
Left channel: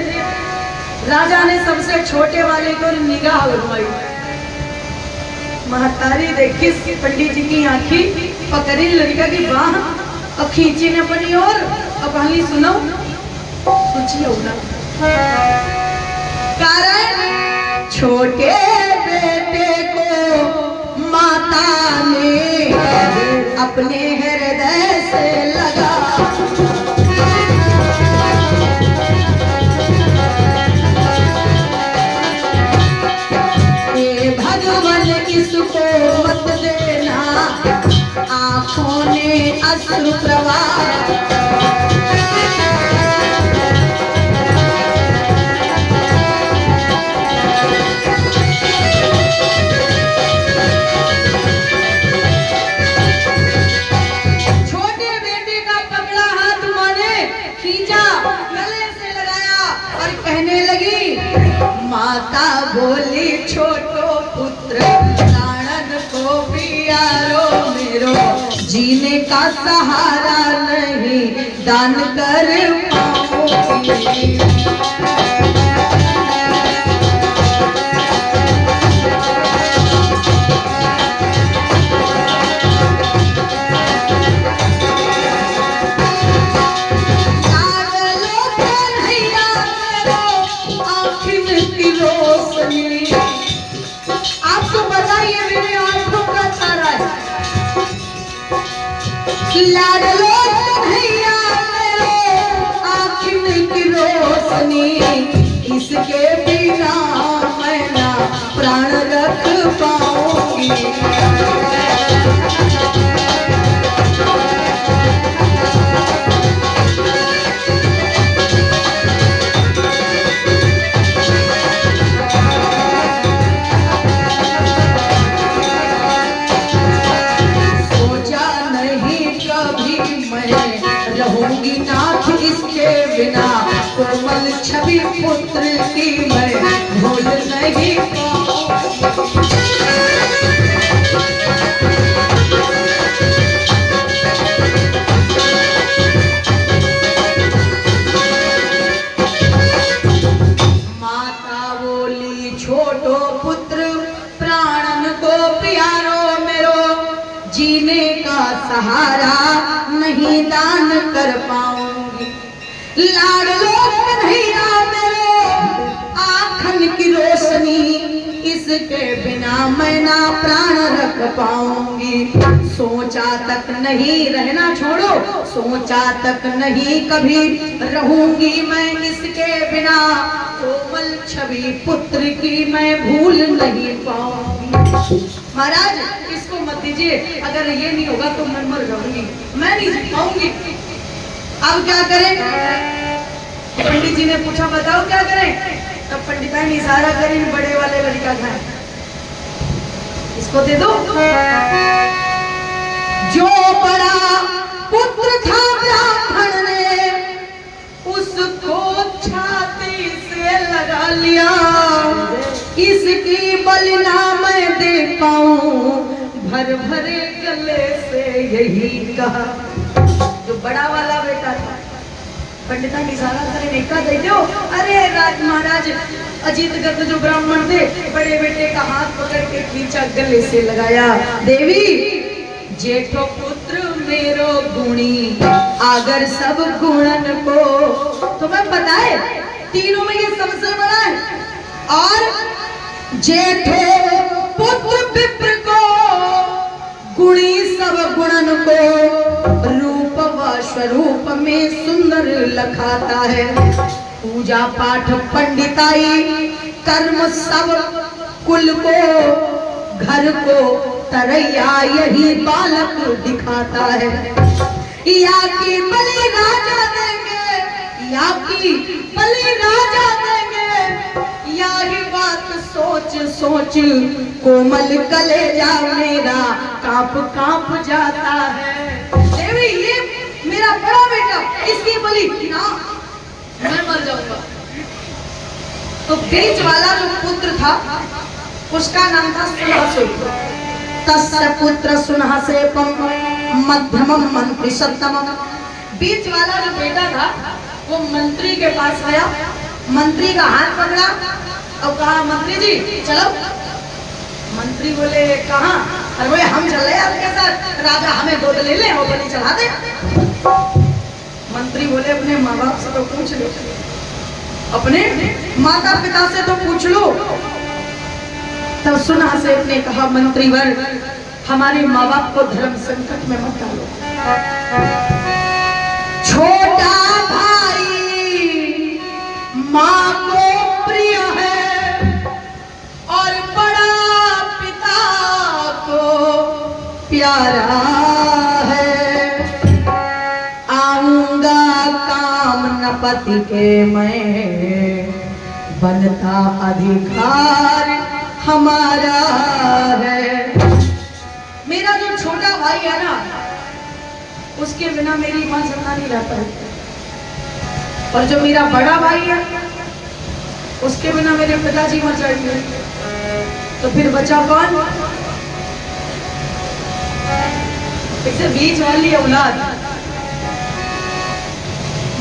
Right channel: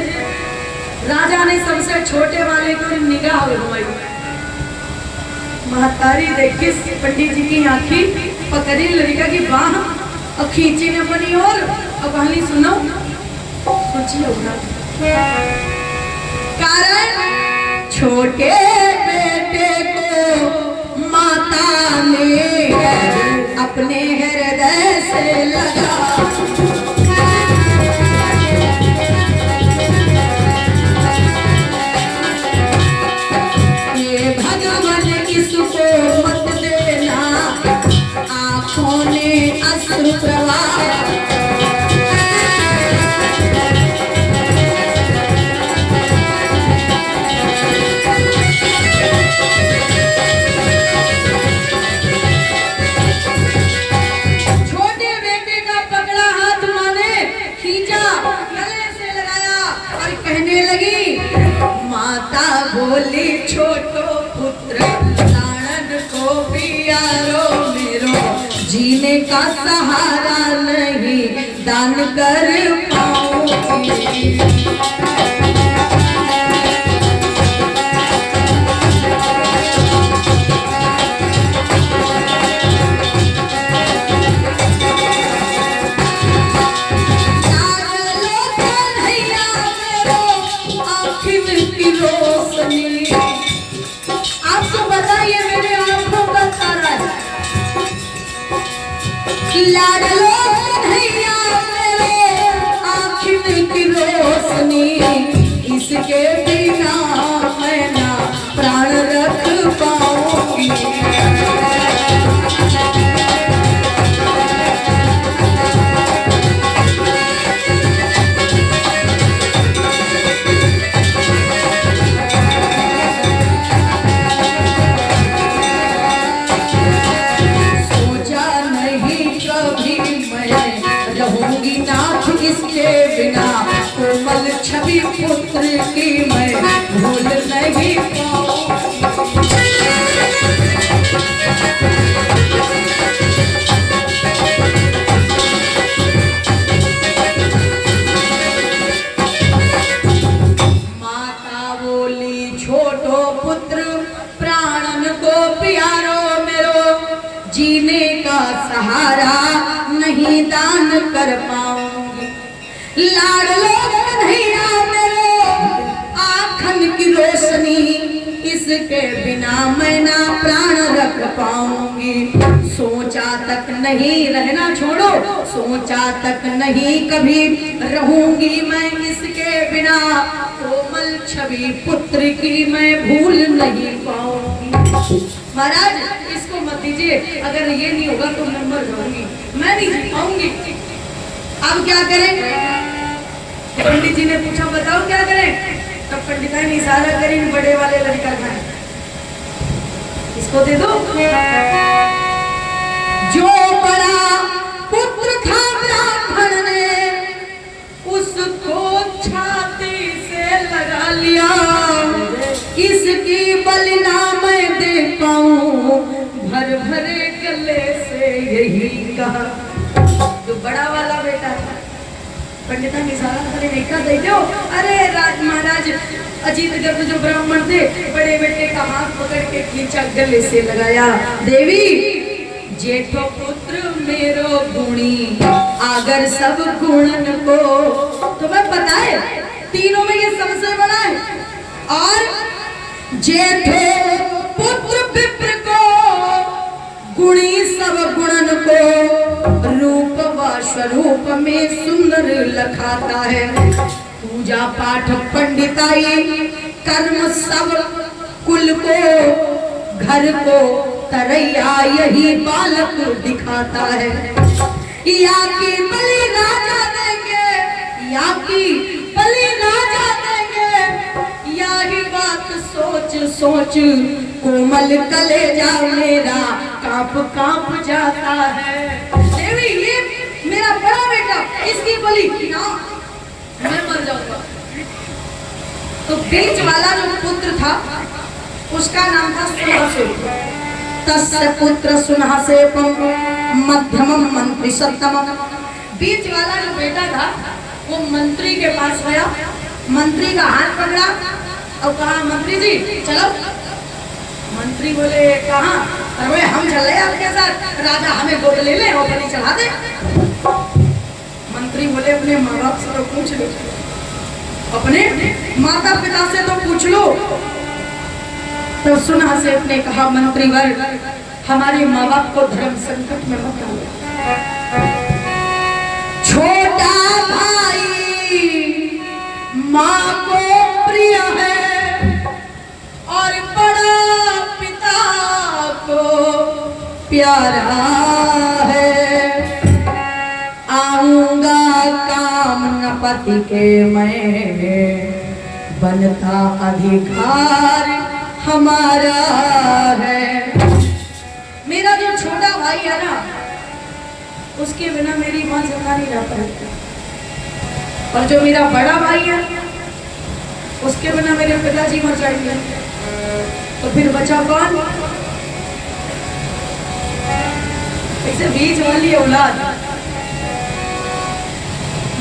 राजा ने सबसे छोटे वाले को निगाह घुमाई। महतारी देखी पंडित जी की आंखी पकड़ी लड़का की बाह और खींची ने अपनी ओर। अब कहानी सुनो, सोचिए होगा कारण छोटे बेटे को माता ने अपने हृदय से लगा। भगवान इसको मत देना, आंखों ने अश्रु प्रवाह। छोटे बेटे का पकड़ा हाथ माने खींचा, गले से लगाया और कहने लगी, माता बोली छोटो पुत्र प्राणन को प्यारो मेरो, जीने का सहारा नहीं दान कर पाओगी। आपको बताइए मेरे आंखों का तारा है। लाडलो कन्हैया मेरे आँखों की रोशनी, इसके बिना मैं ना प्राण रख पाऊंगी। रहूंगी नाथ इसके बिना, कोमल छवि पुत्र की मैं भूल नहीं पाऊंगी। माता बोली छोटो पुत्र प्राणन को प्यारो मेरो, जीने का सहारा नहीं दान कर पाऊंगी। लाडलो कन्हैया मेरे आँखन की रोशनी, इसके बिना मैं ना प्राण रख पाऊंगी। सोचा तक नहीं, रहना छोड़ो, सोचा तक नहीं कभी रहूंगी मैं इसके बिना, कोमल छवि पुत्र की मैं भूल नहीं पाऊंगी। महाराज इसको मत दीजिए, अगर ये नहीं होगा तो मैं मर जाऊंगी, मैं नहीं जी पाऊंगी। अब क्या करें? पंडित जी ने पूछा बताओ क्या करें? तब पंडिता ने इशारा करी, बड़े वाले लड़का था इसको दे दो। जो बड़ा पुत्र था ब्राह्मण ने उसको छाती से लगा लिया, इसकी बलिना मैं दे पाऊं भर भरे गले से यही कहा। जो बड़ा वाला बेटा था पंडिता की सारा करे देखा दे दो। अरे राज महाराज अजीत गर्द जो ब्राह्मण थे, बड़े बेटे का हाथ पकड़ के खींचा, गले से लगाया। देवी जेठो पुत्र मेरो गुणी, अगर सब गुणन को तुम्हें पता है तीनों में ये सबसे बड़ा है। और जेठो पुत्र विप्र को गुणी सब गुणन को, रूप व स्वरूप में सुंदर लखाता है। पूजा पाठ पंडिताई कर्म सब कुल को, घर को तरैया यही बालक दिखाता है। या की बलि राजा देंगे, या की बलि राजा देंगे, या ही बात सोच सोच कोमल कलेजा मेरा कांप कांप जाता है। देवी ये मेरा बड़ा बेटा, इसकी बलि ना मैं मर जाऊंगा। तो बीच वाला जो पुत्र था उसका नाम था सुनहसेप। तस्य पुत्र सुनहसेपम मध्यमम मंत्री सत्तमम। बीच वाला जो बेटा था वो मंत्री के पास गया, मंत्री का हाथ पकड़ा और कहा मंत्री जी चलो। मंत्री बोले कहाँ? अरे हम चले आपके साथ, राजा हमें गोद ले ले और बलि चढ़ा दे। मंत्री बोले अपने माँ बाप से तो पूछ लो, अपने माता पिता से तो पूछ लो। तब सुनहसेप ने कहा मंत्रीवर हमारे माँ बाप को धर्म संकट में मत डालो। छोटा भाई माँ को प्रिय है और बड़ा पिता को प्यारा है। आऊंगा काम न पति के मैं, बनता अधिकार हमारा है। मेरा जो छोटा भाई है ना उसके बिना मेरी मां जिंदा नहीं रह पाएगी, और जो मेरा बड़ा भाई है उसके बिना मेरे पिताजी मर जाएंगे। तो फिर बचा कौन? इसे बीच वाली औलाद।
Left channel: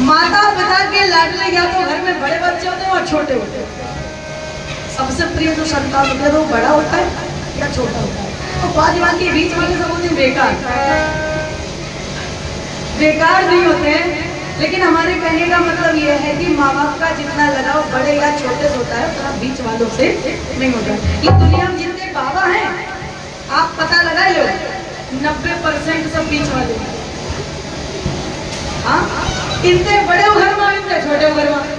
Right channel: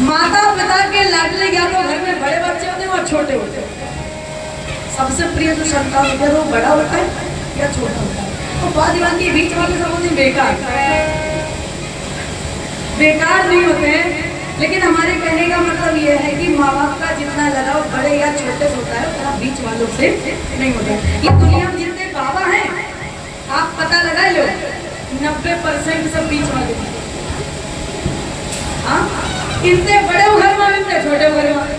माता पिता के लाडले या तो घर में बड़े बच्चे होते हैं और छोटे होते हैं। सबसे प्रिय जो संतान होता है वो बड़ा होता है या छोटा होता है। तो बादीवान के बीच वाले सब होते हैं बेकार नहीं होते हैं। लेकिन हमारे कहने का मतलब ये है कि माँ बाप का जितना लगाव बड़े या छोटे से होता है उतना बीच वालों से नहीं होता। ये दुनिया में जितने बाबा हैं आप पता लगा लो 90% सब बीच वाले। हाँ, इतने बड़े घर में इतने छोटे घर में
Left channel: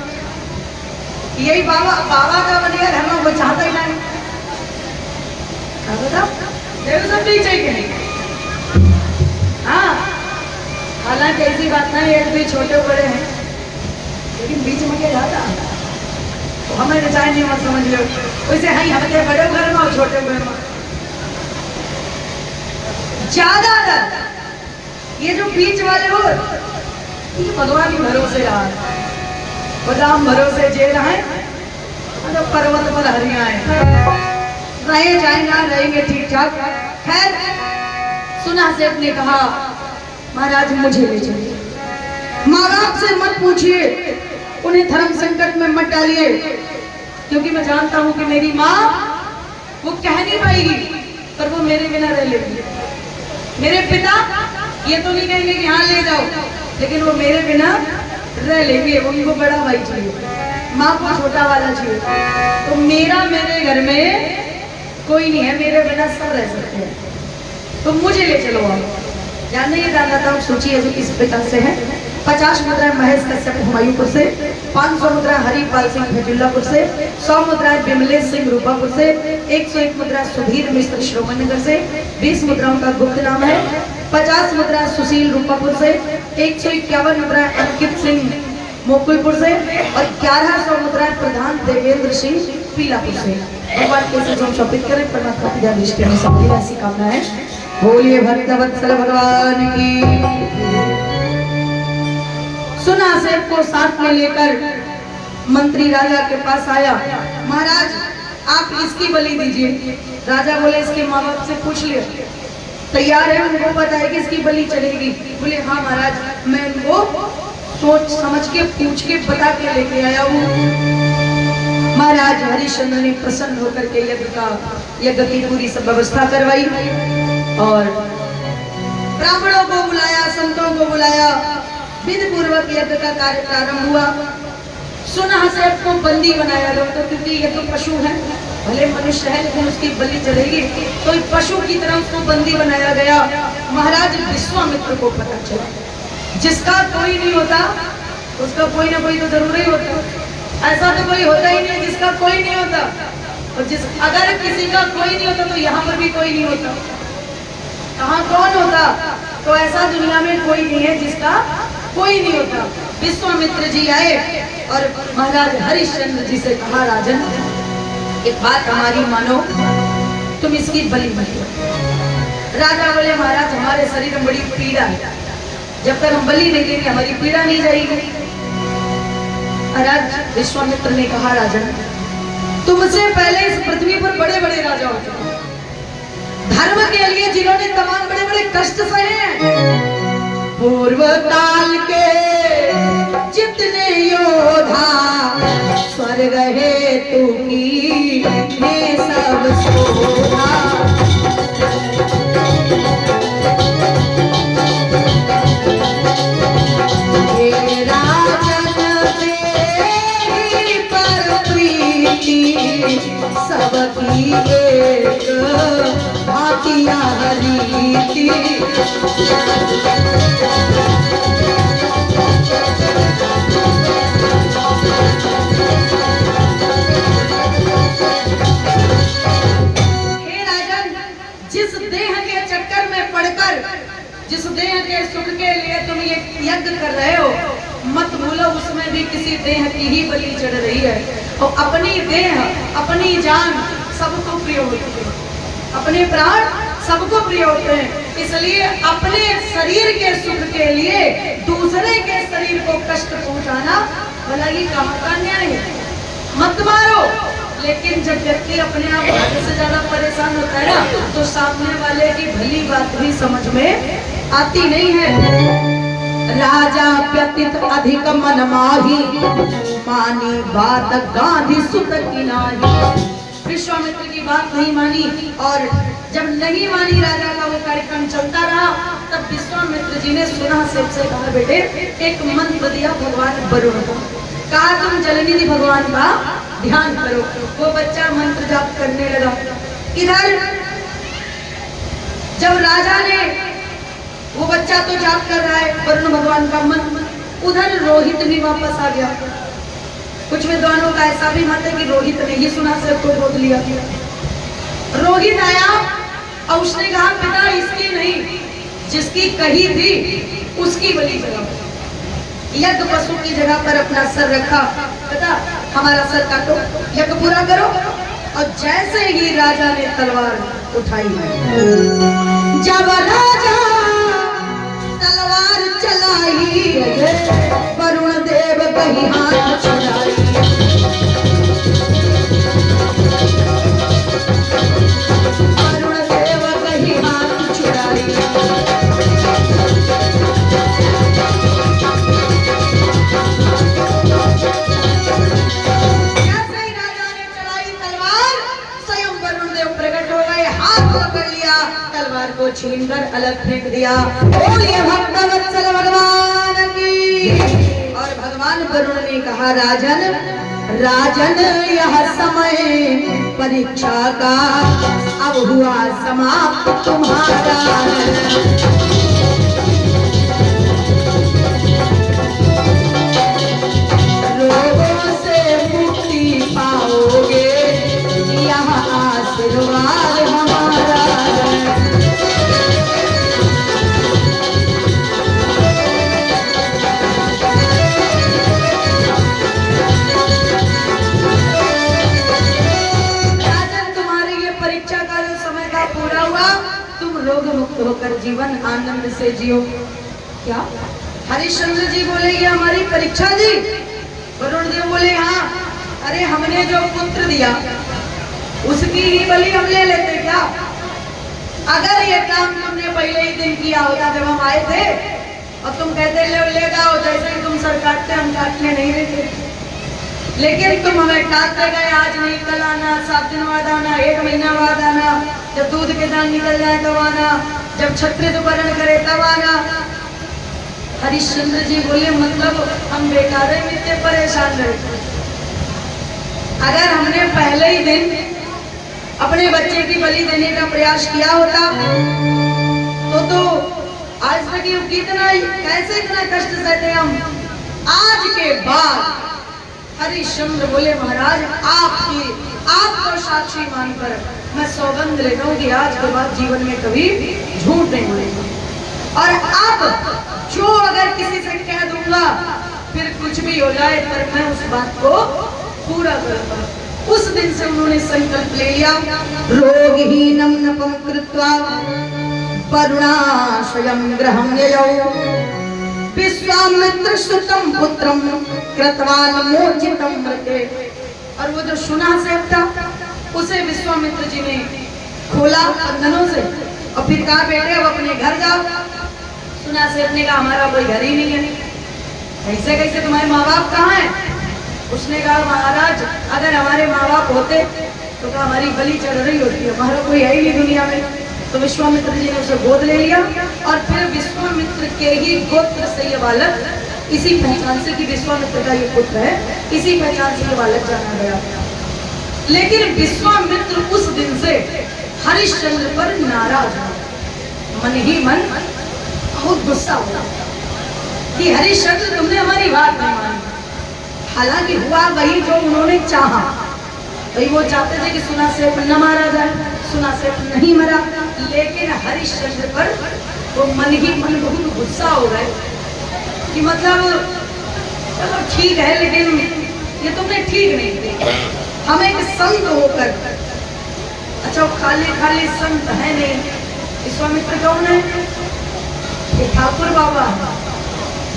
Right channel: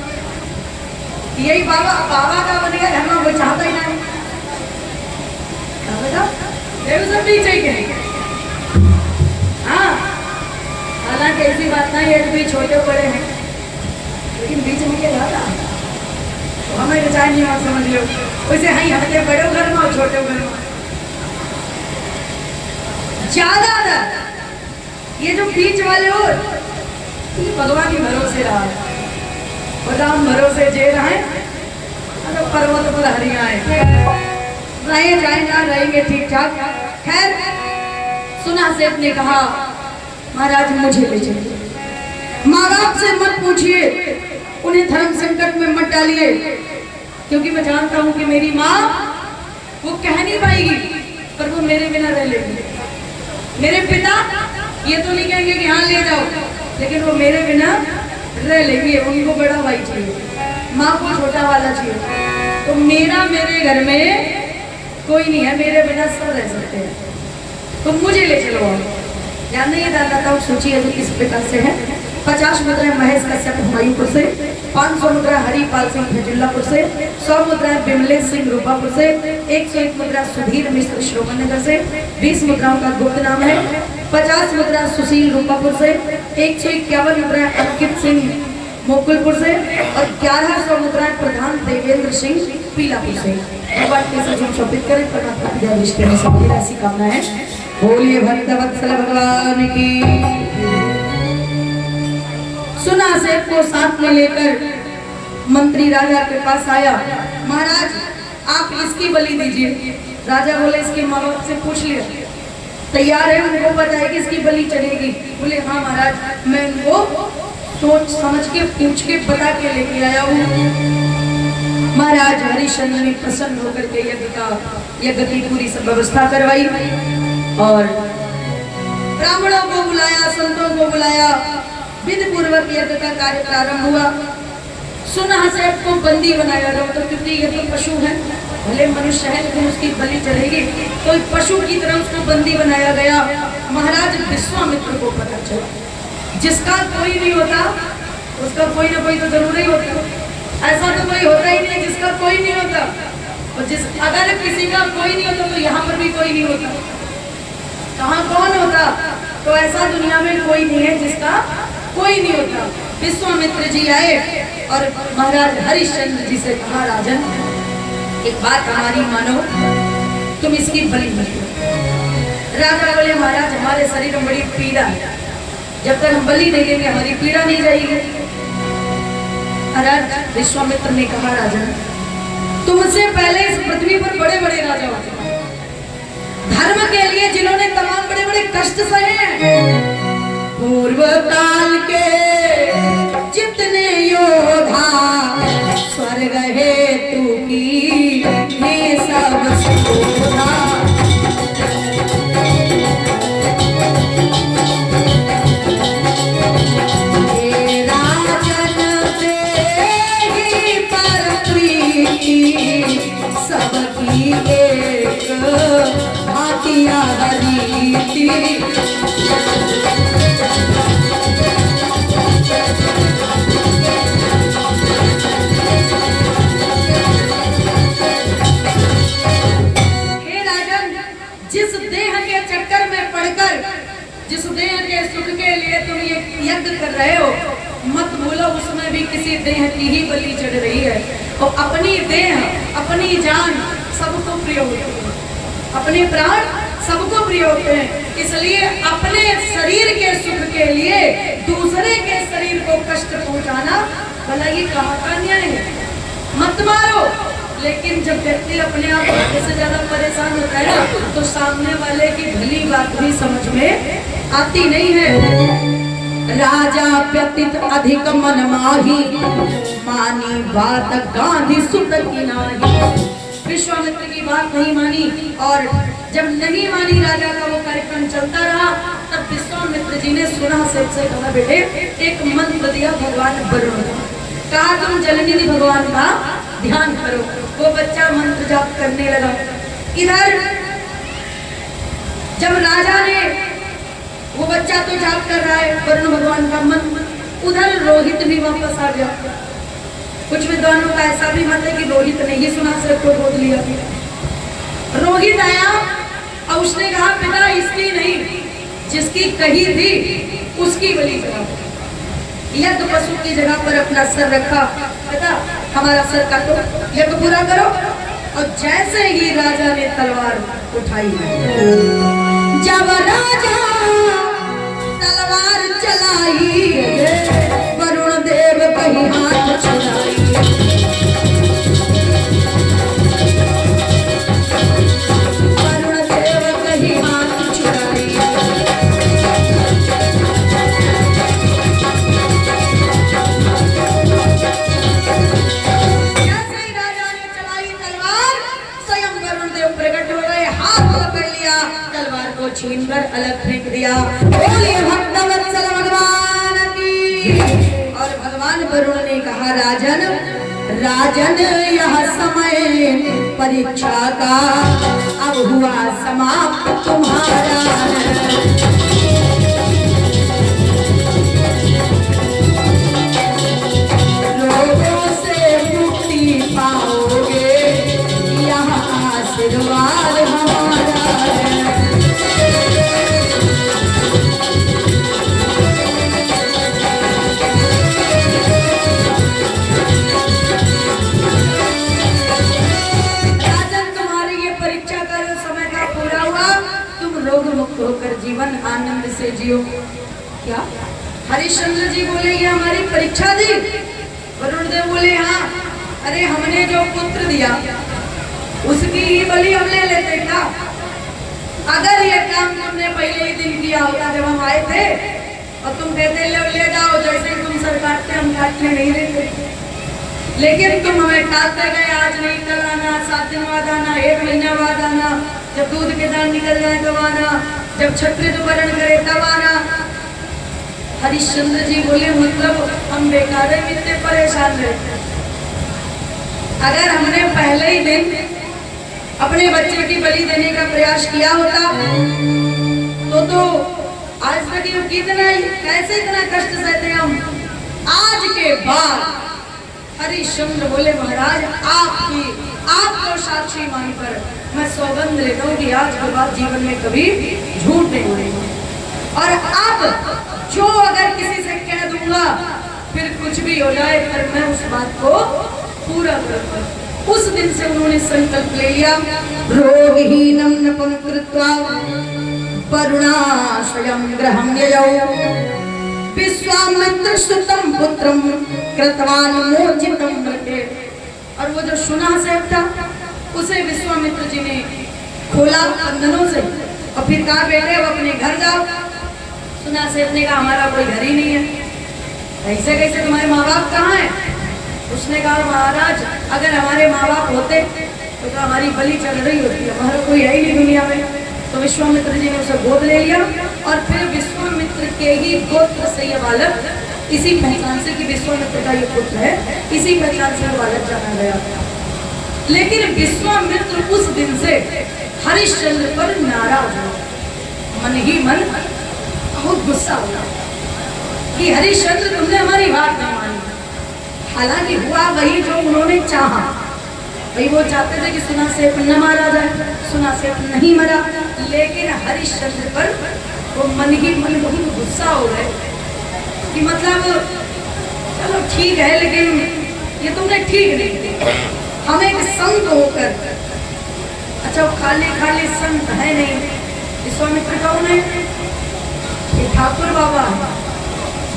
यही बाबा का बन गया घर में, वो चाहते ही नहीं। सब बीच ही हाँ, हालांकि ऐसी बात नहीं है कि छोटे बड़े हैं, लेकिन बीच में क्या जाता है तो हमें विचार नहीं मत समझ लो। वैसे हाँ हमारे बड़े घर में और छोटे घर में ज्यादातर ये जो बीच वाले हो भगवान ही भरोसे रहा है, बदाम भरोसे जे रहे तो पर्वत पर हरियाए रहे जाए ना रहेंगे ठीक ठाक। खैर सुनहसेप ने कहा महाराज मुझे ले चलिए, माँ बाप से मत पूछिए, उन्हें धर्म संकट में मत डालिए, क्योंकि मैं जानता हूँ कि मेरी माँ वो कह नहीं पाएगी पर वो मेरे बिना रह लेगी। मेरे पिता ये तो नहीं कहेंगे कि हाँ ले जाओ, लेकिन वो मेरे बिना रह लेंगे। उनको बड़ा भाई चाहिए, माँ को छोटा वाला चाहिए। तो मेरे घर में कोई नहीं है, मेरे बिना सब रह सकते हैं, तो मुझे ले चलो आप। जानने ये दाता सूची अभी किस प्रकार से है। 50 मुद्राएं महेश कश्यप हुमायूंपुर से, 500 मुद्रा हरिपाल सिंह भजुल्लापुर से, 100 मुद्राएं बिमलेश सिंह रूपापुर से, 101 मुद्रा सुधीर मिश्र श्रोमनगर से, 20 मुद्राओं का गुप्त नाम है, 50 मुद्रा सुशील रूपापुर से, 151 मुद्राएं अंकित सिंह मुकुलपुर से और 1100 मुद्राएं प्रधान देवेंद्र सिंह पीलापुर से। भगवान कैसे जो शोभित करें परमात्मा की दृष्टि में सबकी ऐसी कामना है। बोलिए भक्तवत्सल भगवान की। सुनहसेप को साथ में लेकर मंत्री राजा के पास आया। महाराज आप इसकी बलि दीजिए। राजा बोले इसके माँ बाप से पूछ लिया, तैयार है, उनको पता है कि इसकी बलि चलेगी। बोले हाँ महाराज मैं उनको सोच समझ के पूछ के बता के लेके आया हूँ। महाराज हरिश्चंद्र ने प्रसन्न होकर के यज्ञ की पूरी सब व्यवस्था करवाई और ब्राह्मणों को बुलाया, संतों को बुलाया, विधि पूर्वक यज्ञ का कार्य प्रारंभ हुआ। सुनहसेप को बंदी बनाया गया, तो क्योंकि ये तो पशु है, भले मनुष्य है लेकिन उसकी बलि चढ़ेगी, तो एक पशु की तरह उसको बंदी बनाया गया। महाराज विश्वामित्र को पता चला जिसका कोई नहीं होता उसका कोई ना कोई तो जरूर ही होता। ऐसा तो कोई होता ही नहीं जिसका कोई नहीं होता, और अगर किसी का कोई नहीं होता तो यहाँ पर भी कोई नहीं होता। कहाँ कौन होता? तो ऐसा दुनिया में कोई नहीं है जिसका कोई नहीं होता। विश्वामित्र जी आए और महाराज हरिश्चंद्र जी से कहा राजन एक बात हमारी मानो, तुम इसकी बलि मत दो। राजा बोले महाराज हमारे शरीर में बड़ी पीड़ा है, जब तक हम बलि नहीं देंगे हमारी पीड़ा नहीं जाएगी। महाराज विश्वामित्र ने कहा राजन तुमसे पहले इस पृथ्वी पर बड़े बड़े राजा होते हैं, धर्म के लिए जिन्होंने तमाम बड़े बड़े कष्ट सहे हैं। पूर्व काल के जितने योद्धा स्वर्ग हेतु की ये सब शोभा। हे राजन तेरी पर प्रीति सबकी एक भातिया रीति। जिस देह के चक्कर में पड़कर, जिस देह के सुख के लिए तुम ये यज्ञ कर रहे हो, मत भूलो उसमें भी किसी देह की ही बलि चढ़ रही है। और अपनी देह, अपनी जान सबको प्रिय होती है, अपने प्राण सबको प्रिय होते हैं। इसलिए अपने शरीर के सुख के लिए दूसरे के शरीर को कष्ट पहुंचाना भला ही कहाँ का न्याय है। मत मारो, लेकिन जब व्यक्ति अपने आप से ज्यादा परेशान होता है ना, तो सामने वाले की भली बात भी समझ में आती नहीं है। राजा व्यतीत अधिक मन माही, मानी बात गांधी सुत की नाही। विश्वामित्र की बात नहीं मानी, और जब नहीं मानी राजा का वो कार्यक्रम चलता रहा, तब विश्वामित्र जी ने सुना सबसे कहा, बेटे एक मंत्र दिया भगवान वरुण को, कहा तुम जलनिधि भगवान का ध्यान करो। वो बच्चा मंत्र जाप करने लगा। इधर जब राजा ने, वो बच्चा तो जाप कर रहा है वरुण भगवान का मंत्र, उधर रोहित भी वापस आ गया। कुछ विद्वानों का ऐसा भी मत है कि रोहित ने ही सुना सबको बोल लिया। रोहित आया और उसने कहा, पिता इसकी नहीं, जिसकी कही थी उसकी बलि चढ़ाओ। यज्ञ पशु की जगह पर अपना सर रखा, पिता हमारा सर काटो, यज्ञ पूरा करो। और जैसे ही राजा ने तलवार उठाई, जब राजा तलवार चलाई, वरुण देव कहीं हाथ छुड़ाई। वरुण देव कहीं हाथ छुड़ाई। को छीनकर अलग फेंक दिया। बोलिए भक्तवत्सल भगवान की। और भगवान वरुण ने कहा, राजन राजन यह समय परीक्षा का अब हुआ समाप्त तुम्हारा। रोगों से मुक्ति पाओगे, यह आशीर्वाद हमारा। मुक्त होकर जीवन आनंद से जियो। क्या हरिश्चंद्र जी बोले ये हमारी परीक्षा दी? वरुण देव बोले हाँ। अरे हमने जो पुत्र दिया उसकी ही बलि हम ले लेते क्या? अगर ये काम तुमने पहले ही दिन किया होता जब हम आए थे, और तुम कहते ले जाओ, जैसे तुम सर काटते हम काटने नहीं देते। लेकिन तुम हमें टालते गए, आज नहीं कल आना, 7 दिन बाद आना, 1 महीना बाद आना, जब दूध के दान निकल जाए तब आना, जब क्षत्रिय वर्ण करे तब आना। हरिश्चंद्र जी बोले मतलब हम बेकार है, इतने परेशान रहते। अगर हमने पहले ही दिन अपने बच्चे की बलि देने का प्रयास किया होता तो आज तक ये कितना कैसे इतना कष्ट सहते हम। आज के बाद हरिश्चंद्र बोले महाराज आपको साक्षी मानकर मैं सौगंध लेता हूँ कि आज के बाद जीवन में कभी झूठ नहीं बोलेंगे। और अब जो अगर किसी से कह दूंगा फिर कुछ भी हो जाए, पर मैं उस बात को पूरा करूंगा। उस दिन से उन्होंने संकल्प ले लिया। रोगहीनं नपं कृत्वा वरुणाश्रयं गृहं ययौ विश्वामित्रसुतं पुत्रं कृतवान् मोचितं मृते। और वो जो सुना सेब था उसे विश्वामित्र जी ने खोला बंधनों से और फिर कहा बेटे अब अपने घर जाओ। सुना सेब ने कहा हमारा कोई घर ही नहीं है, कैसे कैसे तुम्हारे माँ बाप कहाँ हैं? उसने कहा महाराज अगर हमारे माँ बाप होते तो कहा हमारी बलि चढ़ रही होती है, हमारा कोई है ही नहीं दुनिया में। तो विश्वामित्र जी ने उसे गोद ले लिया और फिर विश्वामित्र के ही गोत्र से ये बालक, इसी पहचान से कि विश्वामित्र का ये पुत्र है, इसी पहचान से ये बालक जाना गया। लेकिन विश्वामित्र उस दिन से हरिश्चंद्र पर नाराज हो, मन ही मन बहुत गुस्सा हुआ कि हरिश्चंद्र तुमने हमारी बात नहीं मानी। हालांकि हुआ वही जो उन्होंने चाहा, भाई वो चाहते थे कि सुना सेब न मारा जाए, सुना सेब नहीं मरा, लेकिन हरिश्चंद्र पर वो मन ही मन बहुत गुस्सा हो गए कि मतलब चलो ठीक है लेकिन ये तुमने ठीक नहीं किया। हम एक संत होकर, अच्छा खाली खाली संत है नहीं, विश्वामित्र कौन है? ये ठाकुर बाबा,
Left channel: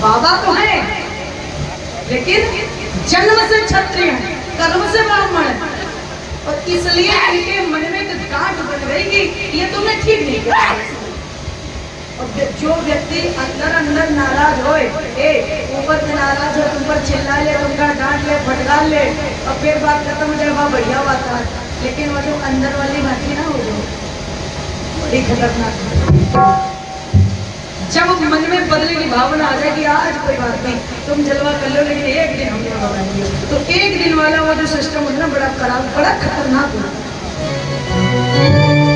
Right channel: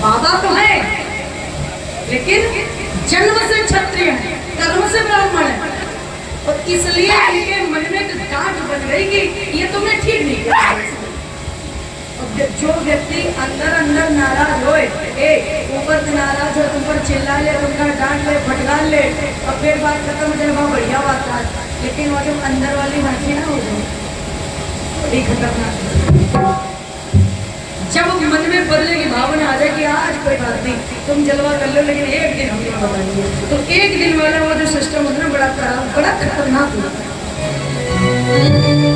बाबा तो है लेकिन जन्म से क्षत्रिय है, कर्म से ब्राह्मण है, और इसलिए इनके मन में एक गांठ बन गई कि ये तुमने ठीक नहीं किया। और जो व्यक्ति अंदर अंदर नाराज होए, ऊपर से नाराज हो, तुम पर चिल्ला ले, तुमका डांट ले, फटकार ले, और फिर बात खत्म हो जाए, वह बढ़िया बात है, लेकिन वो जो अंदर वाली बातें ना हो जाए बड़ी खतरनाक। जब मन में बदले की भावना आ जाए कि आज कोई बात नहीं, तुम जलवा कर लो लेकिन एक दिन हमने बताइए, तो एक दिन वाला वो जो सिस्टम होता है बड़ा खराब, बड़ा खतरनाक होता।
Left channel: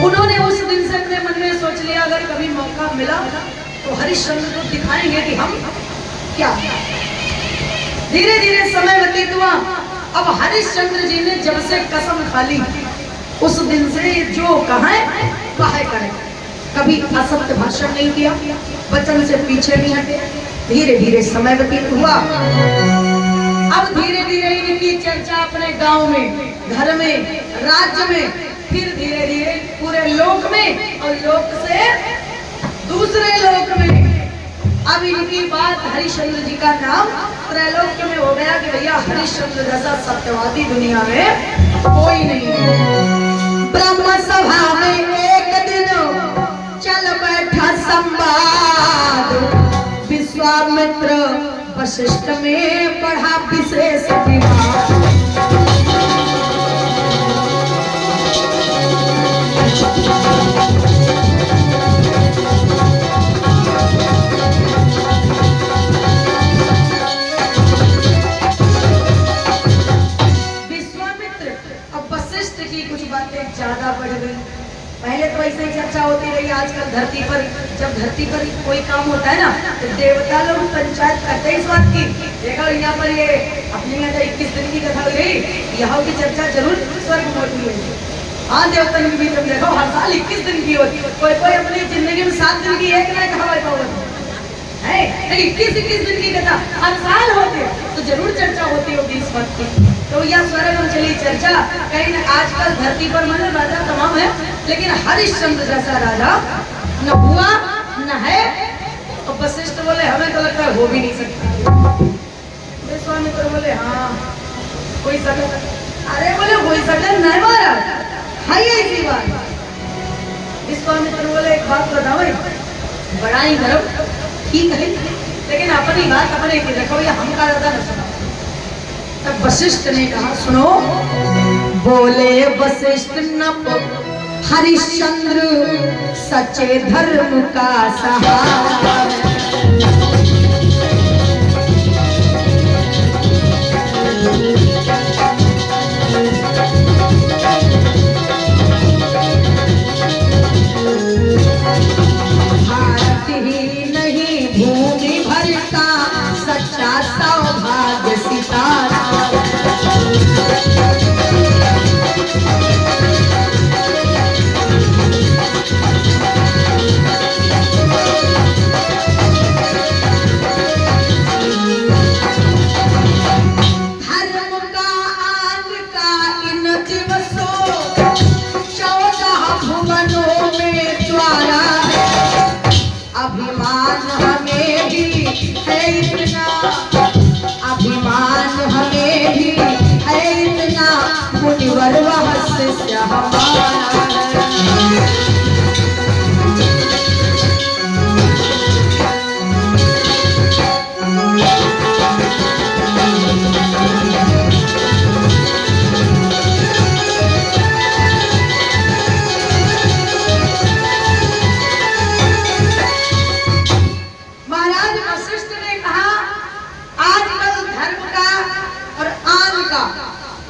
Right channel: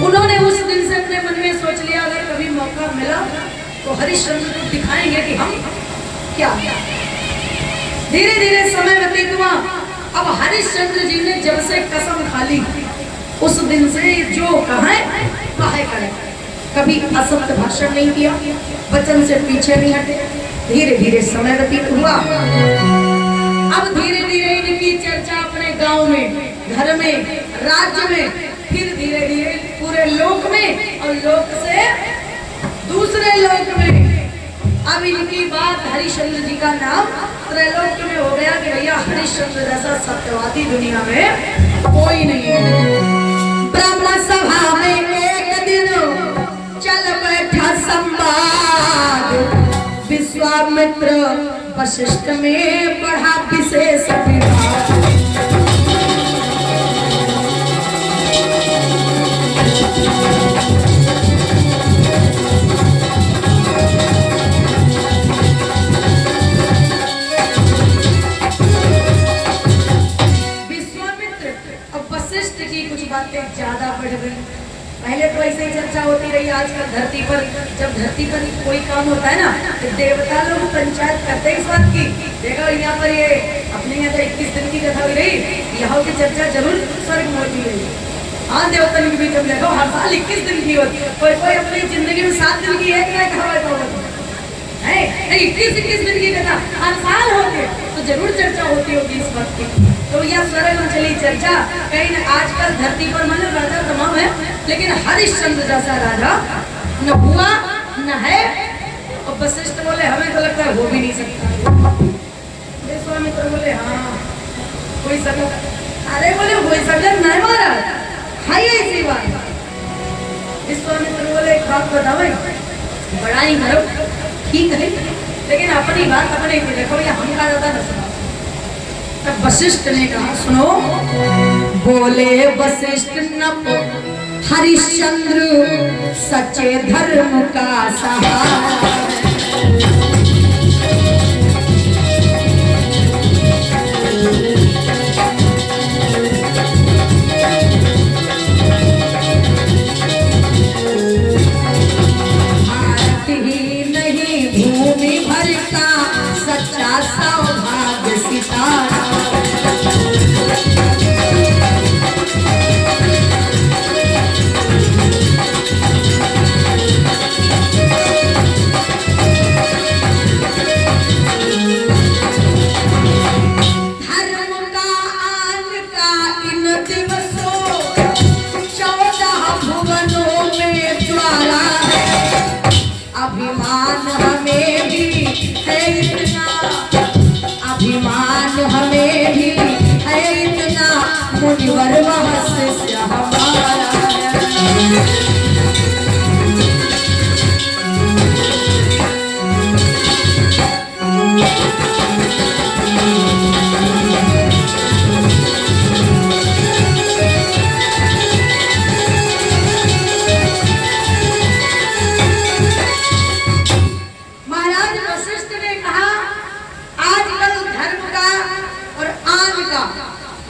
उन्होंने उस दिन से अपने मन में सोच लिया अगर कभी मौका मिला तो हरिश्चंद्र को दिखाएंगे कि हम क्या। धीरे धीरे समय व्यतीत हुआ। अब हरिश्चंद्र जी ने जब से कसम खा ली उस दिन से जो कहा वह करे, कभी असत्य भाषण नहीं किया, वचन से पीछे नहीं हटे। धीरे धीरे समय व्यतीत हुआ। अब धीरे धीरे इनकी चर्चा अपने गांव में, घर में, राज्य में, फिर धीरे धीरे पूरे लोक में, और लोक से दूसरे लोक में। अब इनकी बात हरिश्चंद्र जी का नाम त्रैलोक्य में हो गया कि भैया हरिश्चंद्र जैसा सत्यवादी दुनिया में कोई नहीं है। ब्रह्म सभा में एक दिन चल बैठा संवाद, विश्वामित्र वशिष्ठ में बढ़ा विशेष विवाद। विश्वामित्र और वशिष्ठ की कुछ बातें ज्यादा बढ़ गई। पहले तो ऐसे ही चर्चा होती रही। आजकल धरती पर जब धरती पर कोई काम होता है ना तो देवता लोग पंचायत करते हैं इस बात की, देखो यहाँ पर ये अपने यहाँ जो 21 दिन की कथा हुई रही, यहाँ की चर्चा जरूर स्वर्ग में होती है। हाँ देवता लोग भी तुम देखो हर साल 21 दिन की होती है, कोई कोई अपनी जिंदगी में 7 दिन की एक ना कहा है, 21 दिन की कथा हर साल होती है, तो जरूर चर्चा होती होगी इस वक्त की। तो यह स्वर्ग में चली चर्चा। कहीं न आजकल धरती पर मन राजा तमाम है, लेकिन हरिश्चंद्र जैसा राजा न हुआ न है। तो वशिष्ठ बोले हमें तो लगता है हो भी नहीं सकता। विश्वामित्र बोले हाँ कोई सकल, अरे बोले कोई सकल नहीं मारा है ऐसी बात। विश्वामित्र बोले एक बात बताओ, बड़ा ही करो ठीक है, लेकिन अपनी बात अपने की देखो, या हम का ज्यादा न। तब वशिष्ठ ने कहा सुनो, बोले वशिष्ठ नप हरिश्चंद्र सच्चे धर्म का सहारा। भारत ही नहीं भूमि भर का सच्चा सौभाग्य सितारा। अभिमान हमें भी है इतना, अभिमान हमें भी है है इतना मुनिवर वह शिष्य हमारा है।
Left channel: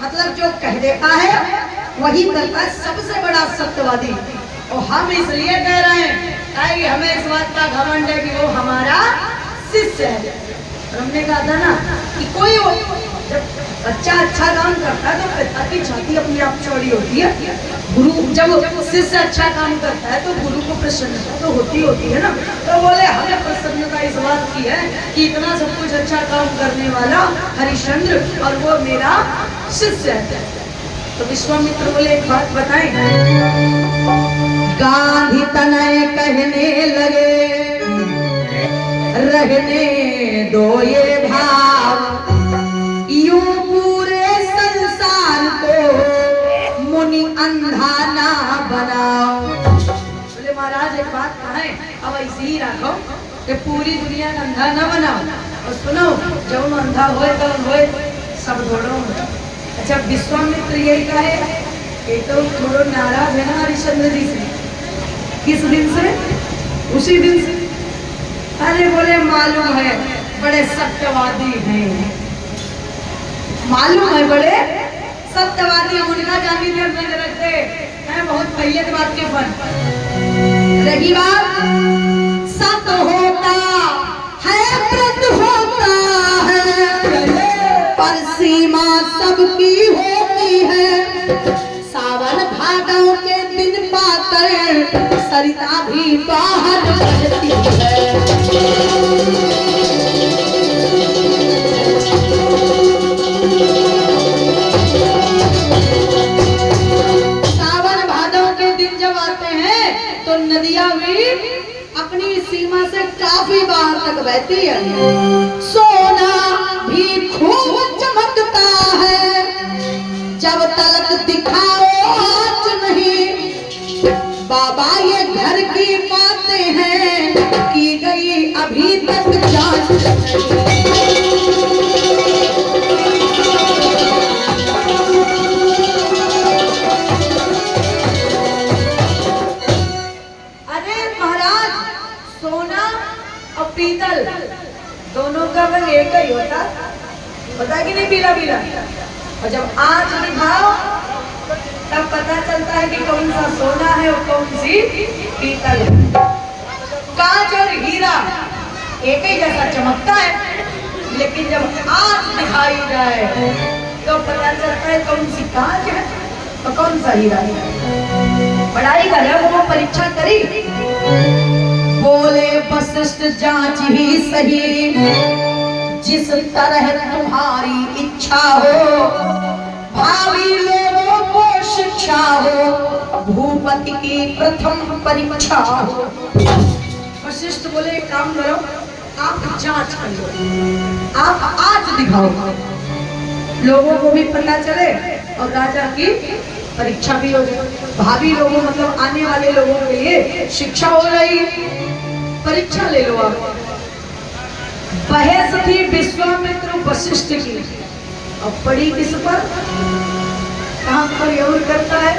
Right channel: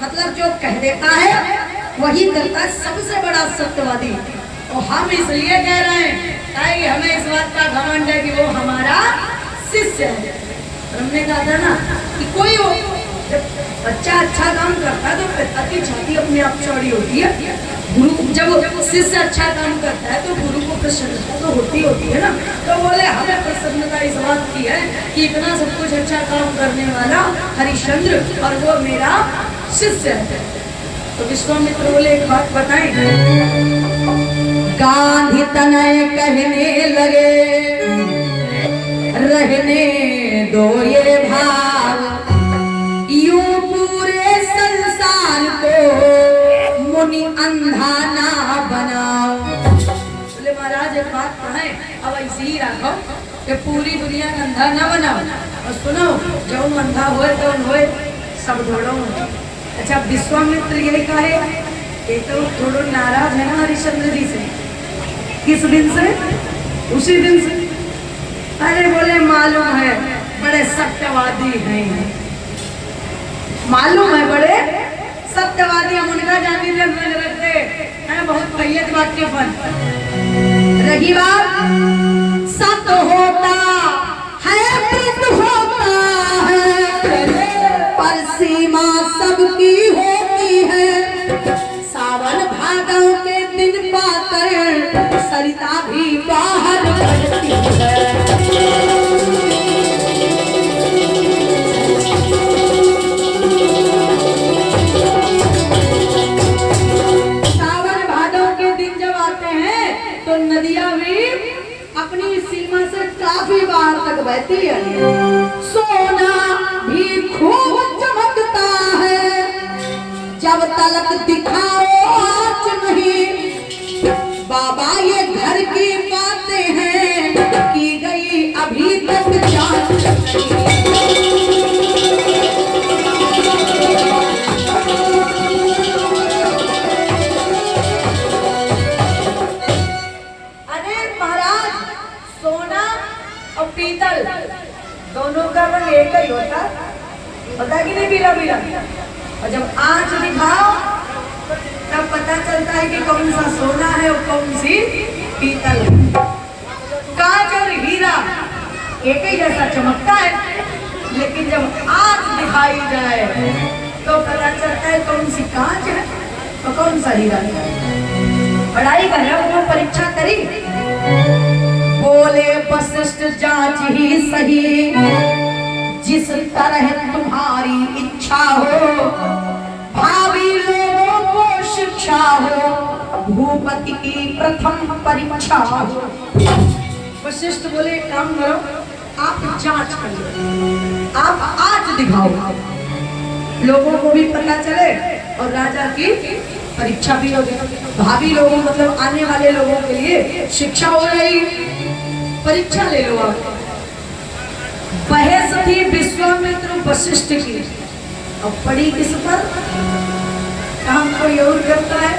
मतलब जो कह देता है वही करता है, सबसे बड़ा सत्यवादी। और हम इसलिए कह रहे हैं ताकि हमें इस बात का घमंड है कि वो हमारा शिष्य है। हमने कहा था ना कि कोई हो, जब बच्चा अच्छा काम करता है तो पिता की छाती अपने आप चौड़ी होती है। गुरु जब शिष्य अच्छा काम करता है तो गुरु को प्रसन्नता तो होती है ना। तो बोले हमें प्रसन्नता इस बात की है कि इतना सब कुछ अच्छा काम करने वाला हरिश्चंद्र और वो मेरा शिष्य है। तो विश्वामित्र बोले एक बात बताएं। गांधी तनय कहने लगे रहने दो ये भाव, यूं पूरे संसार को मुनि अंधा ना बनाओ। बोले महाराज एक बात कहें, अब ऐसे ही रखो कि पूरी दुनिया अंधा ना बनाओ। और सुनो, जब अंधा होए कौन होए, सब दोनों। अच्छा, विश्वामित्र यही कहे, एक तो थोड़ा नाराज है ना हरिश्चंद्र जी से। किस दिन से? उसी दिन से। अरे बोले मालूम है बड़े सत्यवादी हैं, मालूम है बड़े सत्यवादी। हम उनका जानी नहीं रखते हैं, बहुत पहियत बात के फन। रही बात सत्य होता है, व्रत होता है, पर सीमा सबकी होती है। सावन भादों के दिन पाकर सरिता भी बाहर निकलती है। सावन भादों के दिन जब आते हैं तो नदियां भी अपनी सीमा से काफी बाहर तक बहती है। सोना भी खूब चमकता है, जब तलक दिखाओ आज नहीं। बाबा ये घर की बातें हैं, की गई अभी तक जांच अरे महाराज, सोना और पीतल दोनों का रंग एक ही होता, पता कि नहीं, पीला पीला। और जब आंच दिखाओ तब पता चलता है कि कौन सा सोना है और कौन सी पीतल है। कांच और हीरा एक ही जैसा चमकता है, लेकिन जब आंच दिखाई जाए तो पता चलता है कौन सी कांच है और कौन सा हीरा है। पढ़ाई कर रहा वो परीक्षा करी। बोले वशिष्ठ जांच ही सही, जिस तरह तुम्हारी इच्छा हो, भावी लोगों को शिक्षा हो, भूपति की प्रथम परीक्षा हो। वशिष्ठ बोले एक काम करो, आप जांच कर लो, आप आज दिखाओ, लोगों को भी पता चले और राजा की परीक्षा भी हो। भावी लोगों मतलब आने वाले लोगों के लिए शिक्षा हो रही, परीक्षा ले लो आप। बहस थी विश्वामित्र वशिष्ठ की, और पड़ी किस पर? काम कोई और करता है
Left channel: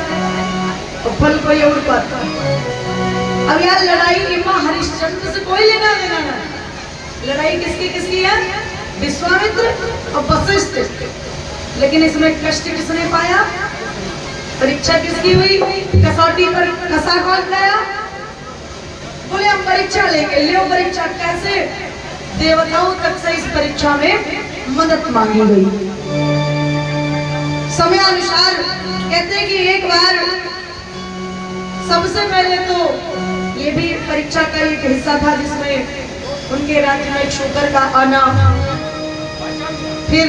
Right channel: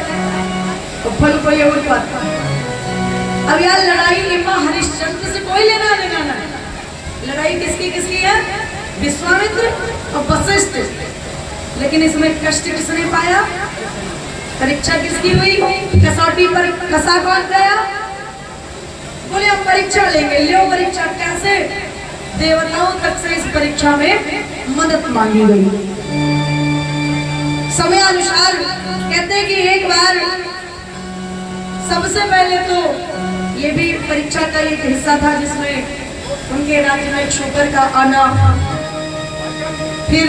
और फल कोई और पाता है। अब यार लड़ाई में हरिश्चंद्र से कोई लेना देना नहीं। लड़ाई किसकी है? विश्वामित्र और वशिष्ठ। लेकिन इसमें कष्ट किसने पाया? परीक्षा किसकी हुई? कसौटी पर कसा कौन गया? बोले हम परीक्षा लेंगे। ले परीक्षा कैसे? देवताओं तक से इस परीक्षा में मदद मांगी गई। समय अनुसार कहते कि एक बार सबसे पहले तो ये भी परीक्षा का एक हिस्सा था जिसमें उनके राज्य में शूकर का आना, फिर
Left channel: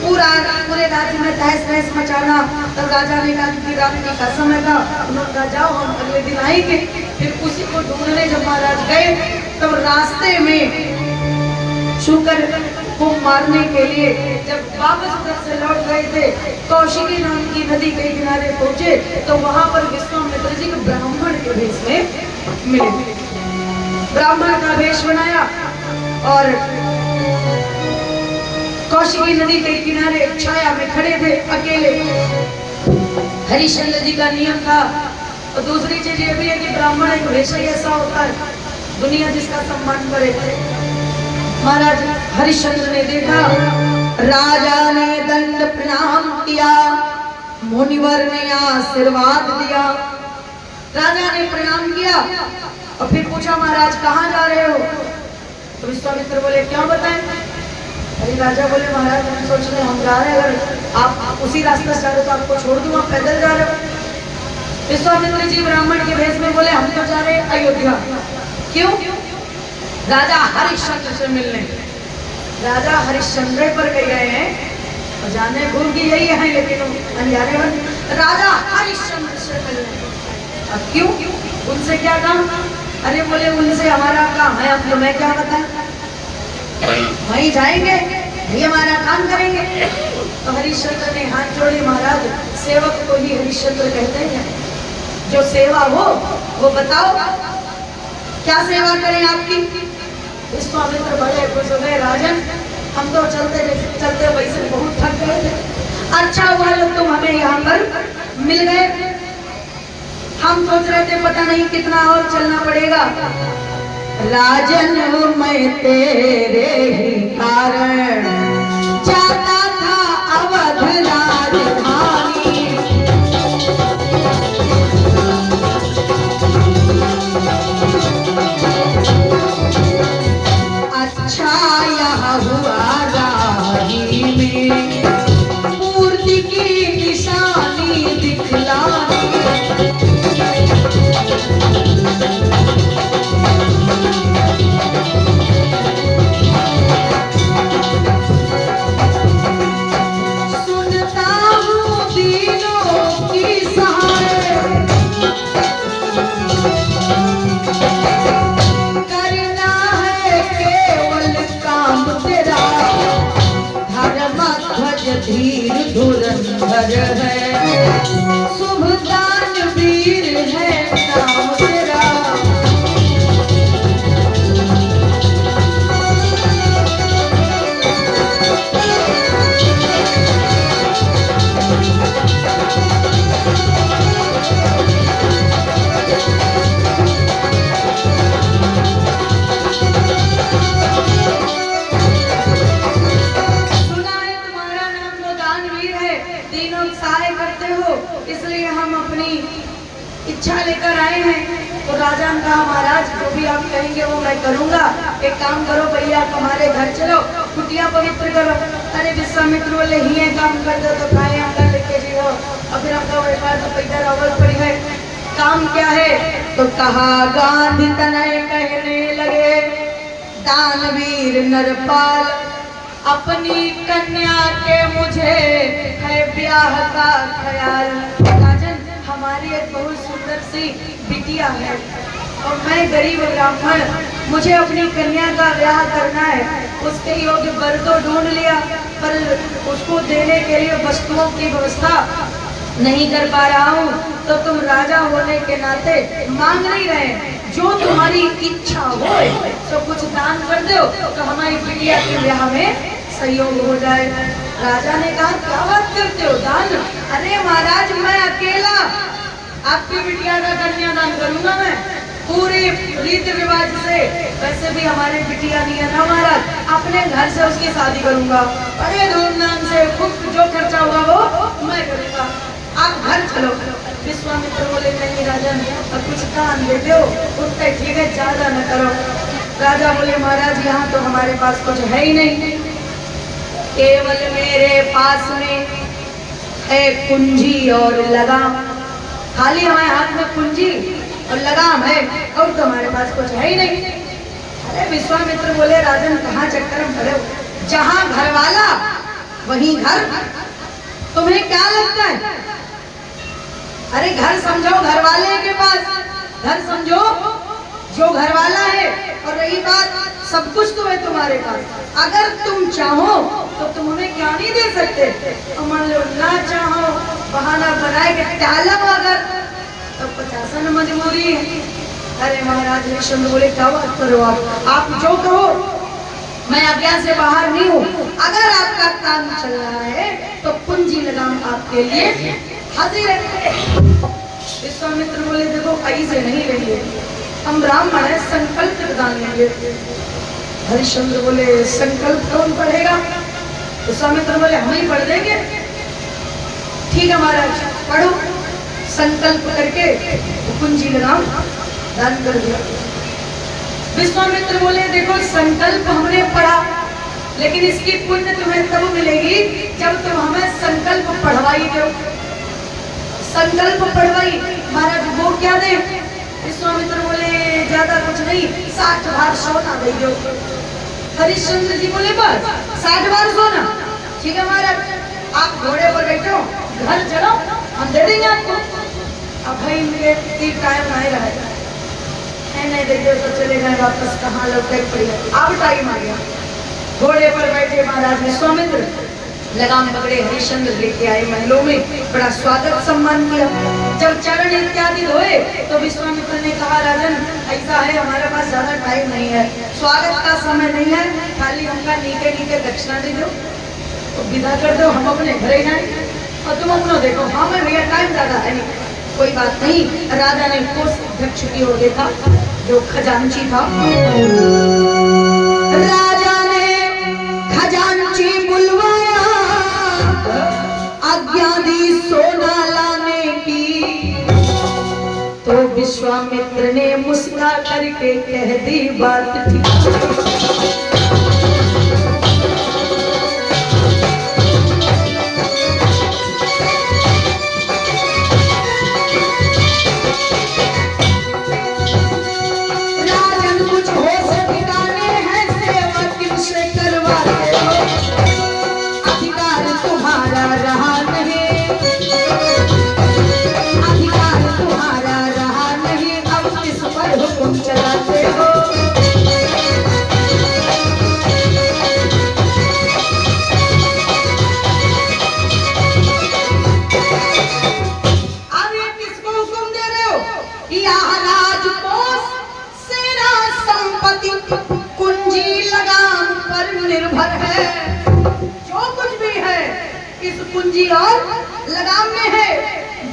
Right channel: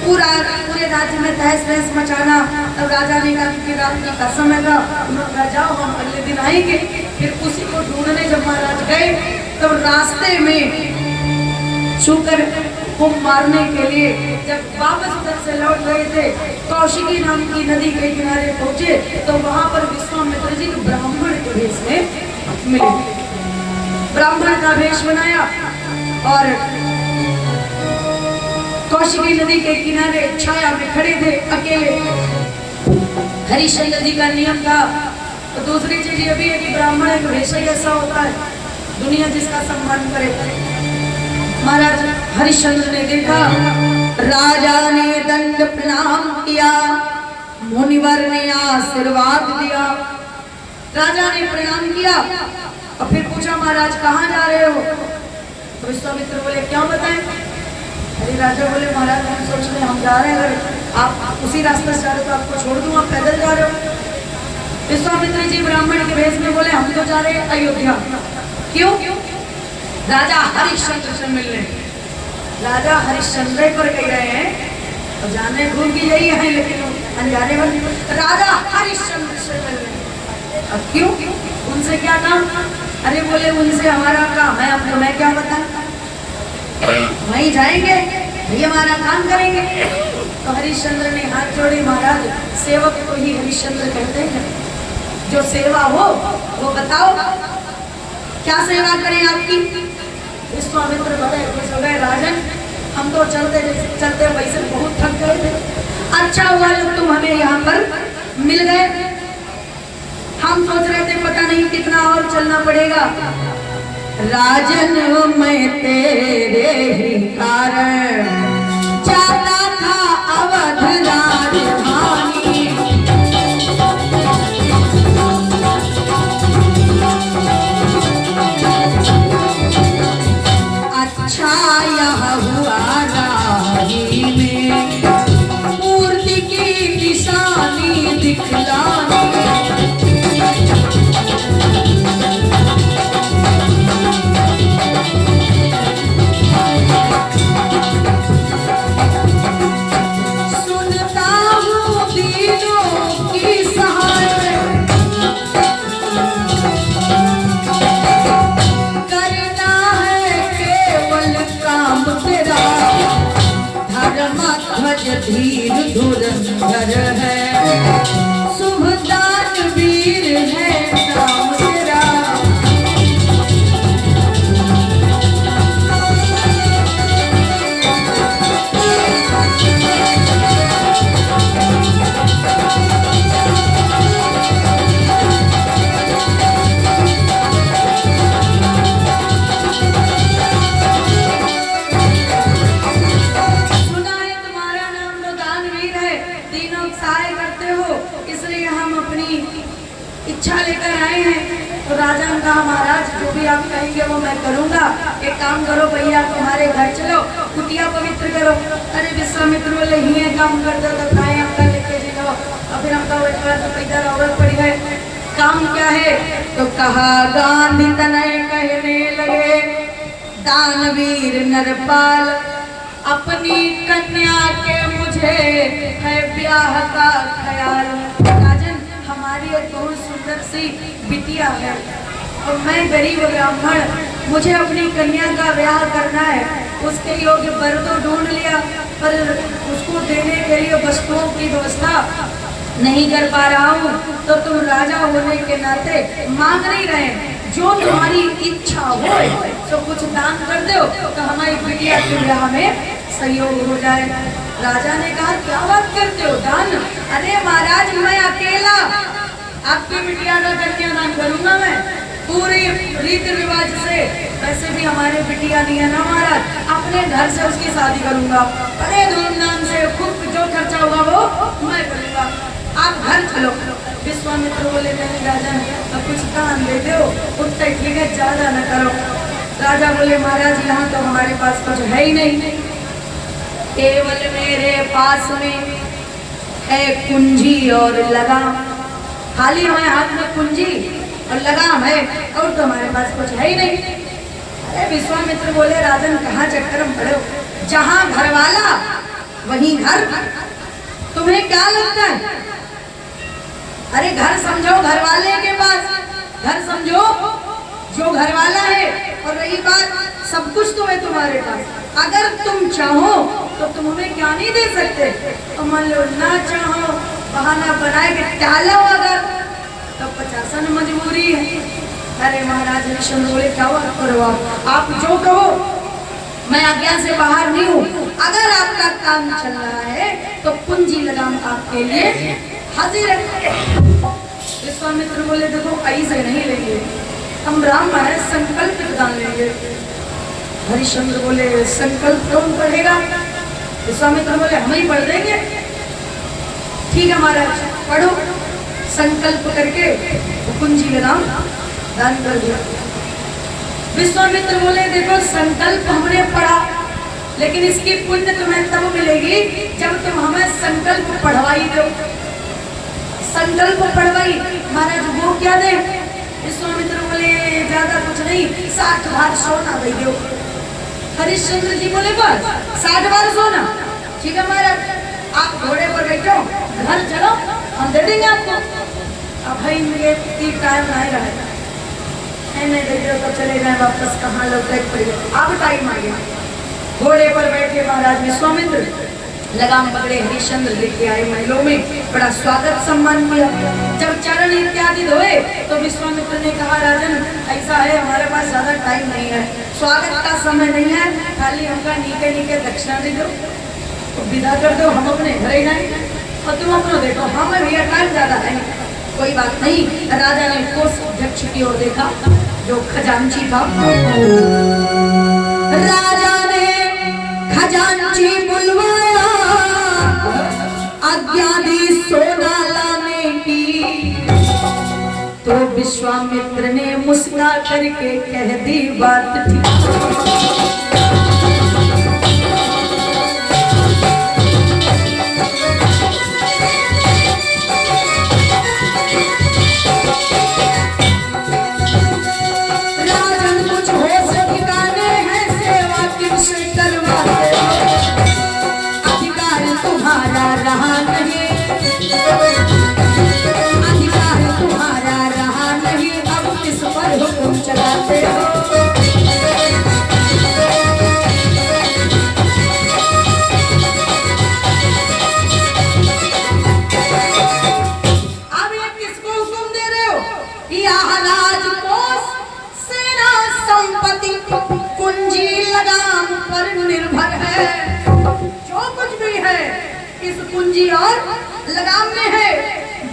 पूरे राज्य में तहस नहस मचाना। तब राजा ने कहा कि रात का समय था, उन्होंने कहा जाओ हम अगले दिन आएंगे। फिर उसी को ढूंढने जब महाराज गए तब रास्ते में शूकर को मारने के लिए जब वापस उधर से लौट रहे थे, कौशिकी नाम की नदी के किनारे पहुंचे तो वहां पर विश्वामित्र जी ब्राह्मण के भेष में मिले। ब्राह्मण का भेष बनाया और कौशिकी नदी के किनारे छाया में खड़े थे अकेले। हरिश्चंद्र जी का नियम था। और दूसरी चीज ये भी है कि ब्राह्मण का भेष ऐसा होता है, दुनिया जिसका सम्मान करे। महाराज हरिश्चंद्र ने देखा, राजा ने दंड प्रणाम किया, मुनिवर ने आशीर्वाद दिया। राजा ने प्रणाम किया और फिर पूछा, महाराज कहाँ जा रहे हो? तो विश्वामित्र बोले, क्या बताएं? अरे राजा बोले, महाराज हम सोच रहे हम जा रहे हैं, अगर आप उसी रास्ते से जा रहे हो तो आपको छोड़ दूं, आप पैदल जा रहे हो। विश्वामित्र जी ब्राह्मण के भेष में बोले, हम तो जा रहे हैं अयोध्या। क्यों? राजा हरिश्चंद्र से मिलने। राजा हरिश्चंद्र पर कह रहे हैं और जाने घूम की यही है, लेकिन अनजाने वाले राजा हरिश्चंद्र से मिलने। अब क्यों? उनसे क्या काम? अरे बोले, उनसे हमारा काम है, अब तुम्हें क्या बताएं? वहीं जाएंगे, ये हमारा काम करेंगे। तो हरिश्चंद्र ने हाथ जोड़ी, महाराज सेवक को ही हरिश्चंद्र कहते हैं, जो सेवा हो वो बताओ, क्या सेवा करें आपकी? विश्वामित्र बड़े खुश हो गए, राजन हम तो चलते चलते वैसे बहुत थक गए थे, अच्छा हुआ लोग तुम हमें यहाँ पर मिल गए। हम सोच रहे थे पता नहीं कितना और चलना पड़ेगा। राजन मैं तेरे ही कारण जाता था अवध राजधानी, अच्छा यह हुआ राही में मूर्ति की निशानी दिखलानी। धीर धुरंधर है, शुभ दानवीर है नाम तेरा। इच्छा लेकर आए हैं। तो राजा ने कहा, महाराज जो भी आप कहेंगे वो मैं करूंगा। एक काम करो भैया, तुम्हारे घर चलो, कुटिया पवित्र करो। अरे विश्वामित्र बोले, ही काम कर दो तो खाए अंदर लेके जाओ। और फिर हमका व्यापार तो पैदा रोवल पड़ गए, काम क्या है? तो कहा, गांधी तनय कहने लगे, दानवीर नरपाल अपनी कन्या के मुझे है ब्याह का ख्याल। बहुत सुंदर सी बिटिया है और मैं गरीब ब्राह्मण, मुझे अपनी कन्या का ब्याह करना है। उसके योग्य वर तो ढूंढ लिया, पर उसको देने के लिए वस्तुओं की व्यवस्था नहीं कर पा रहा हूँ। तो तुम राजा होने के नाते मांग नहीं रहे, जो तुम्हारी इच्छा हो तो कुछ दान कर दो तो हमारी बिटिया के ब्याह में सहयोग हो जाए। राजा ने कहा, क्या बात करते हो, दान? अरे महाराज मैं अकेला आपकी बिटिया का कन्यादान करूंगा, मैं पूरी रीति रिवाज से। वैसे भी हमारे बिटिया नहीं है ना महाराज, अपने घर से उसकी शादी करूंगा, बड़े धूमधाम से, खूब जो खर्चा हुआ वो मैं करूंगा, आप घर चलो। विश्वामित्र बोले, नहीं राजन अब कुछ दान दे दो, उतना ठीक है, ज्यादा न करो। राजा बोले, महाराज यहाँ तो हमारे पास कुछ है ही नहीं, केवल मेरे पास में है कुंजी और लगाम। खाली हमारे हाथ में कुंजी और लगाम है और तुम्हारे पास कुछ है ही नहीं। अरे विश्वामित्र बोले, राजन कहाँ चक्कर में पड़े हो, जहाँ घर वाला वहीं घर, तुम्हें क्या लगता है? अरे घर समझो घर वाले के पास, घर समझो जो घर वाला है। और रही बात सब कुछ तो है तुम्हारे पास, अगर तुम चाहो तो तुम उन्हें क्या नहीं दे सकते? तो मान लो ना चाहो, बहाना बनाए के टालो अगर, तो 50 मजबूरी है। अरे महाराज हरिश्चंद्र बोले क्या बात करो आप जो कहो, मैं आज्ञा से बाहर नहीं हूँ। अगर आपका काम चल रहा है तो कुंजी लगाम आपके लिए हाजिर है। विश्वामित्र बोले देखो ऐसे नहीं लेंगे, हम राम महाराज संकल्प प्रदान लेंगे। हरिश्चंद्र बोले संकल्प कौन पढ़ेगा? विश्वामित्र बोले हम ही पढ़ देंगे। ठीक है महाराज पढ़ो। संकल्प करके कुंजी लगाम दान कर दिया। विश्वामित्र बोले देखो संकल्प हमने पढ़ा, लेकिन इसकी पुण्य तुम्हें तब मिलेगी जब तुम हमें संकल्प पढ़वाई दो। संकल्प पढ़वाई महाराज वो क्या दे? विश्वामित्र बोले ज्यादा कुछ नहीं, 60 भार सोना दे दो। हरिश्चंद्र जी बोले बस 60 भार सोना? ठीक है महाराज आप घोड़े पर बैठो, घर चलो, हम दे देंगे आपको। अब भाई मुझे टाइम नहीं रहा नहीं दे दो तो चले गए वापस, कहाँ लौटे पड़े। अब टाइम आ गया, घोड़े पर बैठे महाराज विश्वामित्र, लगाम पकड़े हरिश्चंद्र लेके आए महलों में, बड़ा स्वागत सम्मान किया। जब चरण इत्यादि धोए तो विश्वामित्र ने कहा राजन ऐसा है हमारे पास ज्यादा टाइम नहीं है, स्वागत का समय नहीं है, खाली हमका नीके नीके दक्षिणा दे दो, तो विदा कर दो, हम अपने घरे जाए और तुम अपना देखो। हाँ मैं भैया टाइम ज्यादा है नहीं, कोई बात नहीं। राजा ने कोष अध्यक्ष की ओर देखा जो खजांची था। राजा ने खजांची बुलवाया, आज्ञा दी सोना लाने की, तो विश्वामित्र ने मुस्कुरा करके कह दी बात ठीक। जो कुछ भी है इस कुंजी और लगाम में है,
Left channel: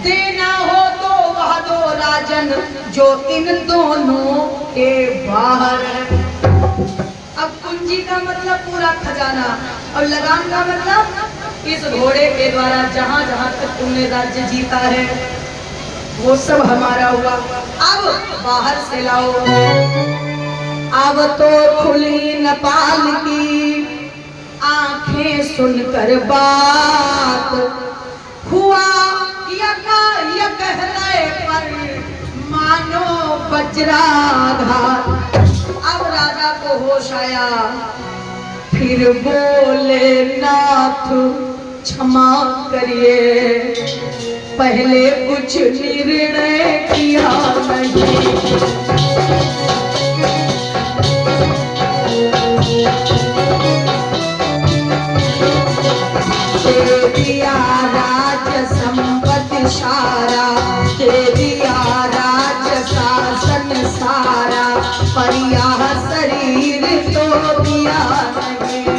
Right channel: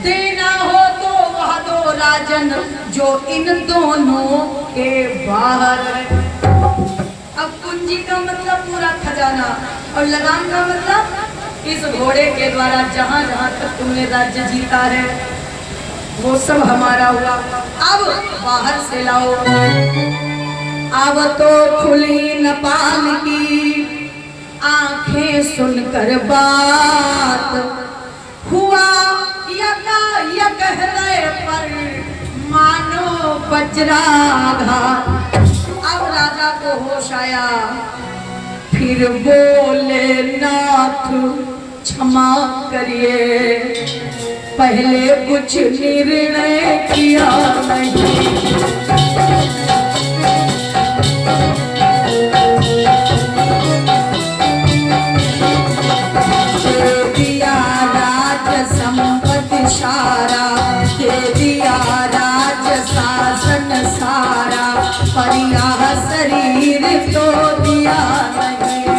देना हो तो वह दो राजन जो इन दोनों के बाहर। अब कुंजी का मतलब पूरा खजाना और लगाम का मतलब इस घोड़े के द्वारा जहां जहां तक तुमने राज्य जीता है वो सब हमारा हुआ। अब बाहर से लाओ। अब तो खुली नेपाल की आंखें सुनकर बात, हुआ यक हृदय पर मानो वज्राघात। अब राजा को होश आया, फिर बोले नाथ क्षमा करिए, पहले कुछ निर्णय किया नहीं। दिया राज संपत्ति सारा, के दिया राज शासन सारा, पर यह शरीर तो दिया नहीं।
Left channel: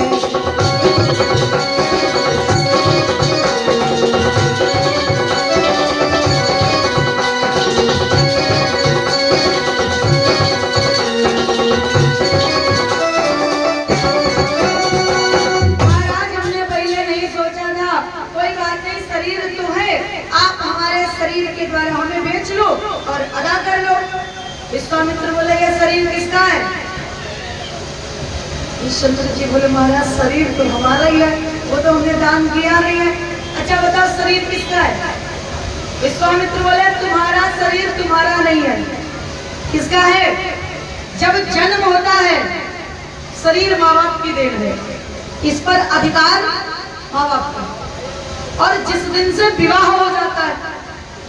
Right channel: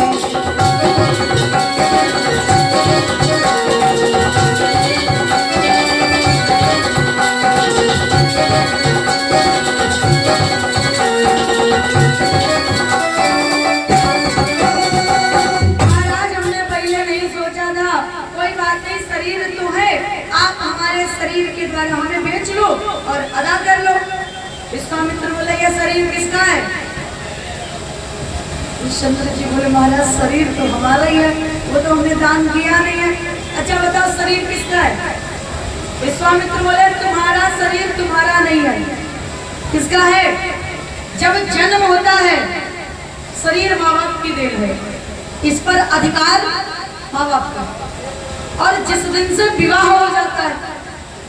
शरीर के द्वारा हमें बेच लो और अदा कर लो। विश्वामित्र बोले ये शरीर किसका है? हरिश्चंद्र जी बोले महाराज शरीर तो हमारा ही है, वो तो हमने दान किया नहीं है। अच्छा बताओ शरीर किसका है? विश्वामित्र बोले तुम्हारा शरीर तुम्हारा नहीं है। किसका है? जब जन्म होता है शरीर माँ बाप की देन है, इस पर अधिकार माँ बाप का, और जिस दिन से विवाह हो जाता है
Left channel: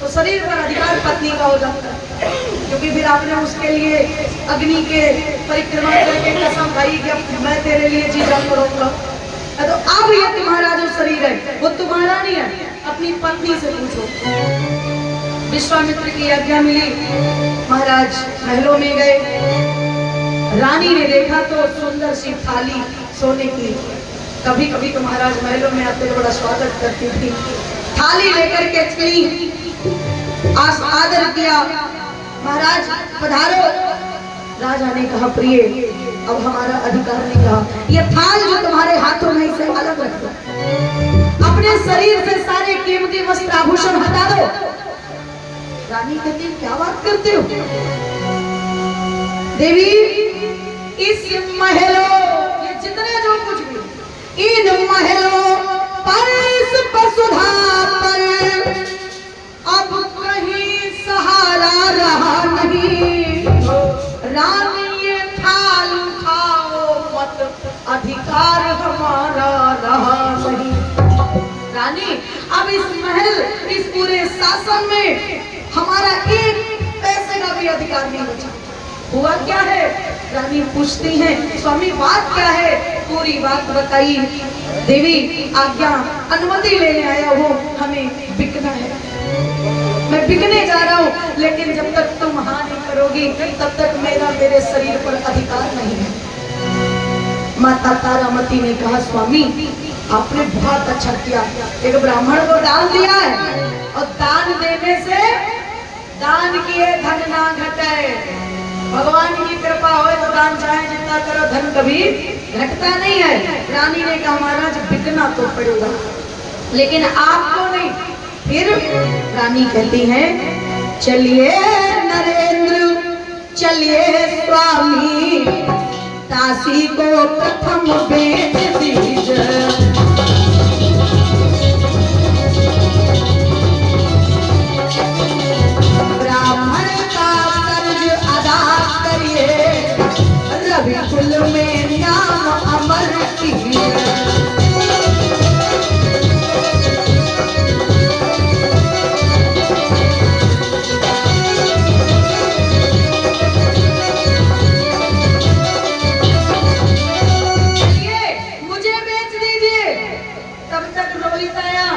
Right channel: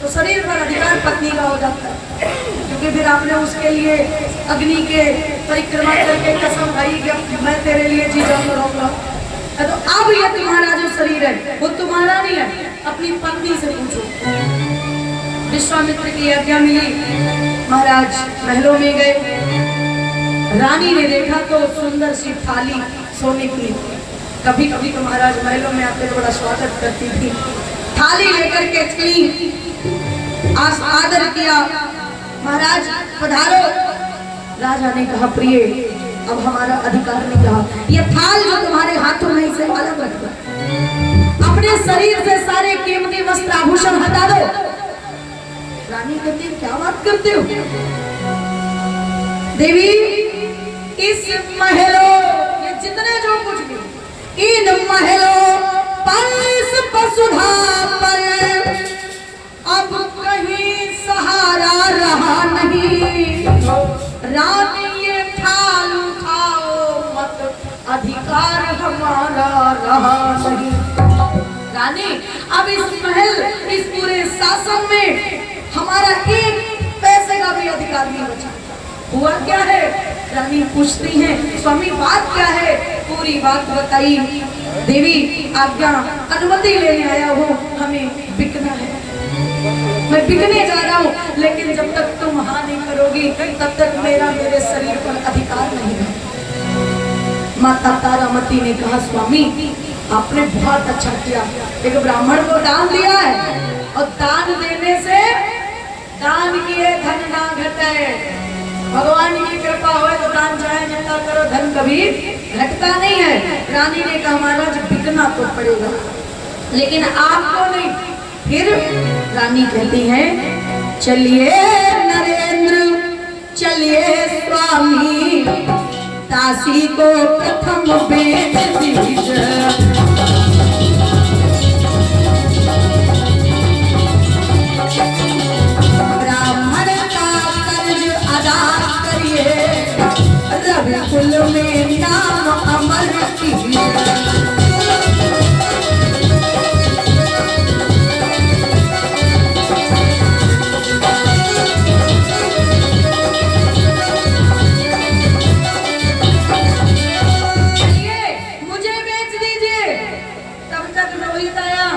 तो शरीर पर अधिकार पत्नी का हो जाता है, क्योंकि फिर आपने उसके लिए अग्नि के परिक्रमा करके कसम खाई कि मैं तेरे लिए जी जान रोक लो। तो अब ये तुम्हारा जो शरीर है वो तुम्हारा नहीं है, अपनी पत्नी से पूछो। विश्वामित्र की आज्ञा मिली, महाराज महलों में गए। रानी ने देखा तो सुंदर सी थाली सोने की, कभी कभी तो महाराज महलों में आते तो बड़ा स्वागत करती थी। थाली लेकर के चली, आदर किया, महाराज पधारो। राजा ने कहा प्रिय अब हमारा अधिकार नहीं रहा, ये थाल जो तुम्हारे हाथों में इसे अलग रख दो, अपने शरीर से सारे कीमती वस्त्र आभूषण हटा दो। रानी कहती है क्या बात करते हो देवी, इस महलों ये जितने जो कुछ भी इन महलों पर इस वसुधा पर अब कहीं सहारा रहा नहीं। रानी ये थाल उठाओ मत, अधिकार हमारा रहा नहीं। रानी अब इस महल इस पूरे शासन में हमारा एक पैसे का भी अधिकार नहीं बचा। हुआ क्या है? रानी पूछती हैं स्वामी बात क्या है? पूरी बात बताई। देवी आज्ञा, अनुमति लेने आया हूँ, हमें बिकना है, मैं बिकने जा रहा हूँ, लेकिन जब तक तुम हाँ नहीं करोगी तब तक मेरा मेरे शरीर पर अधिकार नहीं है। माता तारामती ने कहा स्वामी आपने बहुत अच्छा किया, एक ब्राह्मण को दान दिया है, और दान देने से दान किए धन ना घटे। भगवान की कृपा हो तो दान चाहे जितना करो धन कभी घटता नहीं है। रानी ने कहा महाराज बिकना तो पड़ेगा, लेकिन आपको नहीं। फिर रानी कहती है चलिए नरेंद्र चलिए स्वामी, दासी को प्रथम बेच दीजिए। कुल में नाम अमर मुझे बेच दीजिए। तब तक रोहित आया,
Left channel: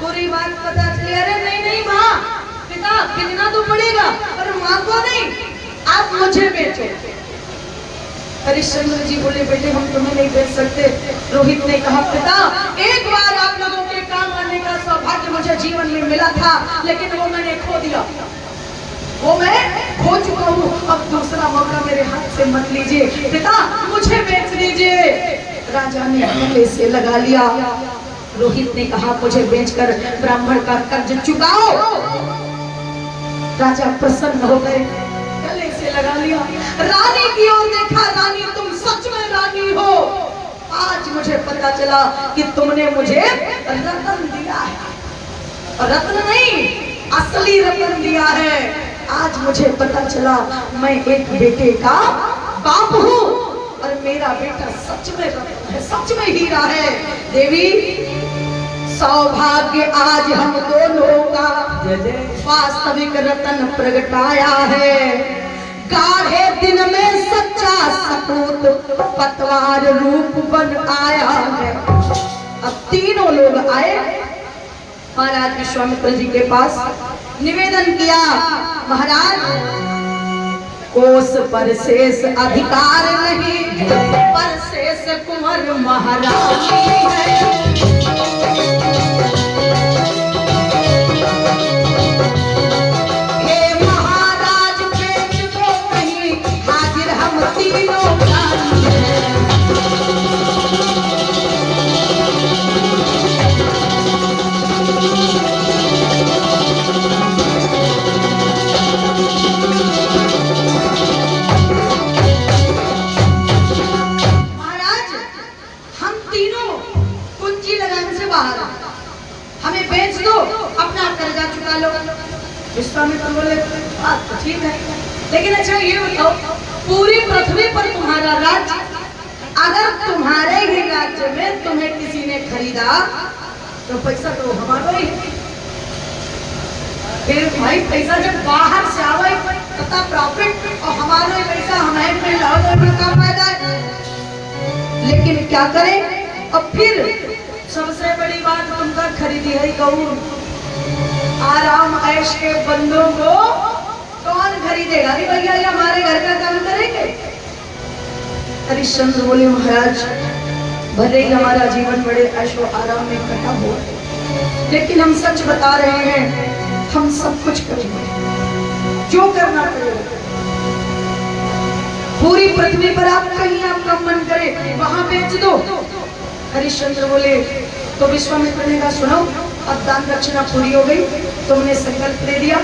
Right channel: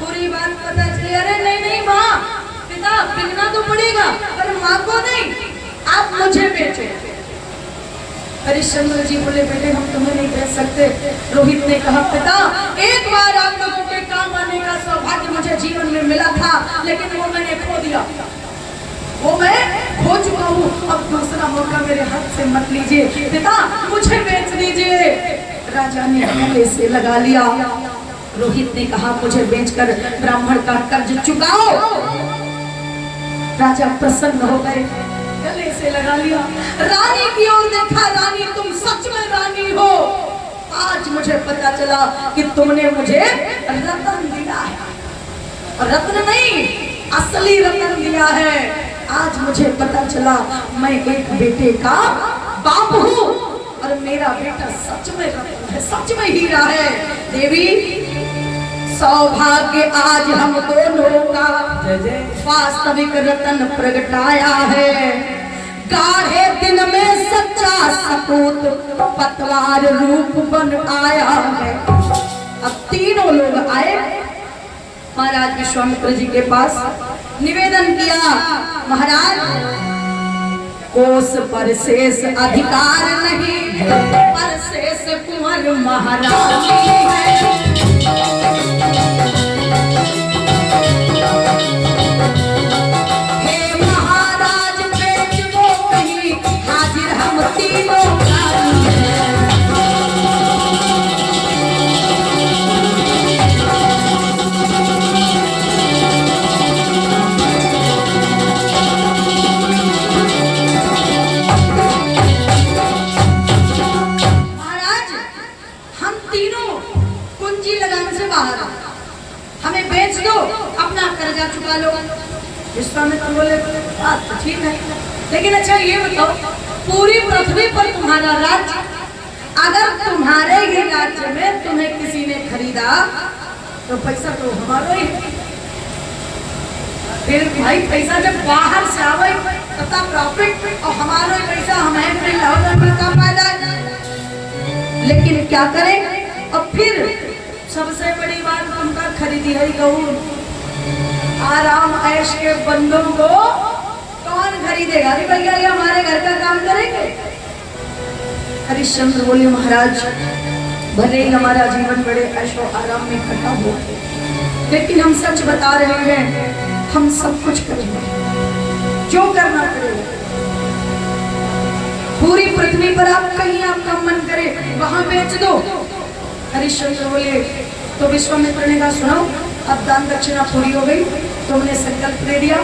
पूरी बात पता चली। अरे नहीं नहीं माँ, पिता बिकना तो पड़ेगा पर माँ को नहीं, आप मुझे बेचो। हरिश्चंद्र जी बोले बेटे हम तुम्हें नहीं बेच सकते। रोहित ने कहा पिता एक बार आप लोगों के काम आने का सौभाग्य मुझे जीवन में मिला था, लेकिन वो मैंने खो दिया, वो मैं खो चुका हूँ। अब दूसरा मौका मेरे हाथ से मत लीजिए, पिता मुझे बेच दीजिए। राजा ने गले से लगा लिया। रोहित ने कहा मुझे बेचकर ब्राह्मण का कर्ज चुकाओ। राजा प्रसन्न हो गए, गले से लगा लिया। रानी की ओर देखा, रानी तुम सच में रानी हो। आज मुझे पता चला कि तुमने मुझे रत्न दिया है, और रत्न नहीं असली रत्न दिया है। आज मुझे पता चला मैं एक बेटे का बाप हूँ, और मेरा बेटा सच में रत्न है, सच में हीरा है। देवी सौभाग्य आज हम दोनों का वास्तविक रत्न प्रगटाया है। गाढ़े दिन में सच्चा सपूत पतवार रूप बन आया है। अब तीनों लोग आए महाराज विश्वामित्र जी के पास, निवेदन किया महाराज कोस पर शेष अधिकार नहीं, पर शेष कुंवर महारानी है। हमें बेच दो, अपना कर्जा चुका लो। विश्वामित्र बोले बात तो ठीक है, लेकिन अच्छा ये बताओ पूरी पृथ्वी पर तुम्हारा राज्य, अगर तुम्हारे ही राज्य में तुम्हें किसी ने खरीदा तो पैसा तो हमारा ही है। फिर भाई पैसा जब बाहर से आवे तथा प्रॉफिट और हमारा पैसा हमें फिर लाभ में का फायदा। लेकिन क्या करें अब फिर सबसे बड़ी बात तुमका खरीदी है गौर। आराम ऐश के बंदों को कौन खरीदेगा? अरे भैया हमारे घर का काम करेंगे। हरिश्चंद्र बोले महाराज भले ही हमारा जीवन बड़े ऐशो आराम में कटा हो, लेकिन हम सच बता रहे हैं, हम सब कुछ करेंगे जो करना पड़ेगा। पूरी पृथ्वी पर आप कहीं आपका मन करे वहां बेच दो। हरिश्चंद्र बोले तो विश्वामित्र ने कहा सुनो, अब दान दक्षिणा पूरी हो गई, तुमने संकल्प ले लिया,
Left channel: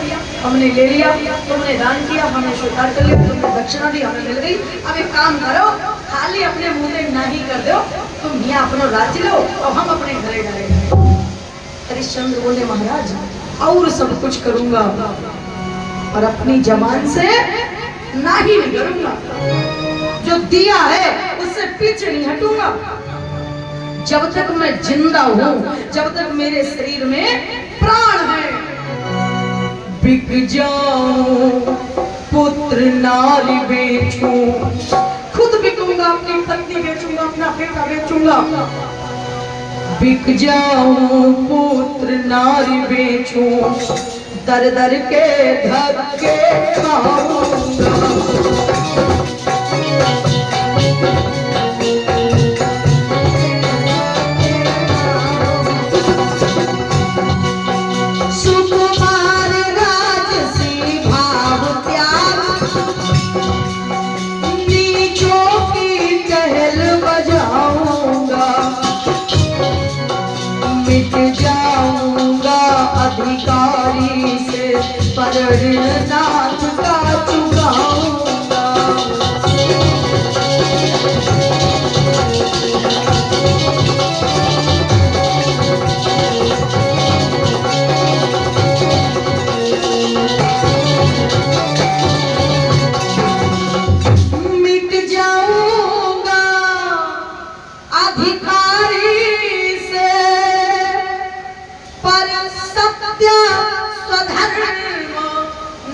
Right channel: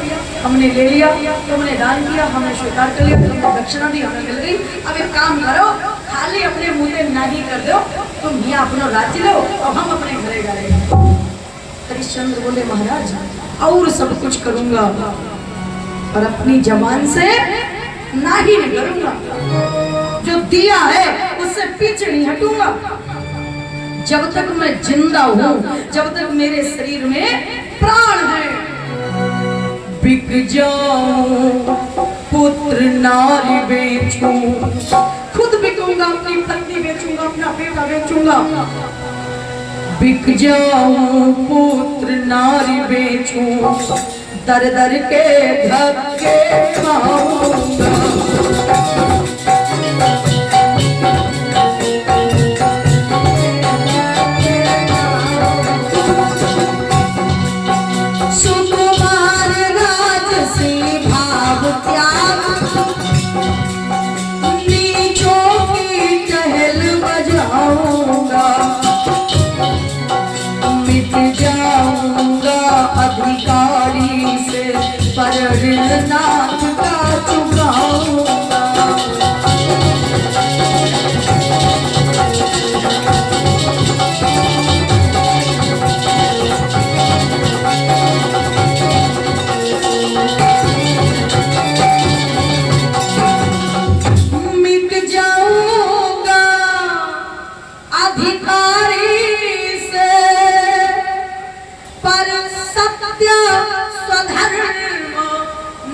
हमने ले लिया, तुमने दान किया, हमने स्वीकार कर लिया, तुमने दक्षिणा दी, हमें मिल गई। अब एक काम करो, खाली अपने मुंह में नहीं कर दो, तुम यहाँ अपना राज्य लो और हम अपने घरे डालेंगे। हरिश्चंद्र बोले महाराज और सब कुछ करूंगा और अपनी जबान से नहीं करूंगा, जो दिया है उससे पीछे नहीं हटूंगा। जब तक मैं जिंदा हूं, जब तक मेरे शरीर में प्राण है, बिक जाऊं पुत्र नारी बेचूं, खुद बिकूंगा, अपनी पत्नी बेचूंगा, अपना बेटा बेचूंगा। बिक जाऊं पुत्र नारी बेचूं, दर दर के धक्के खाऊंगा। नाथ का चुकाऊंगा। मिट जाऊंगा अधिकारी से, पर सत्य स्वधर्म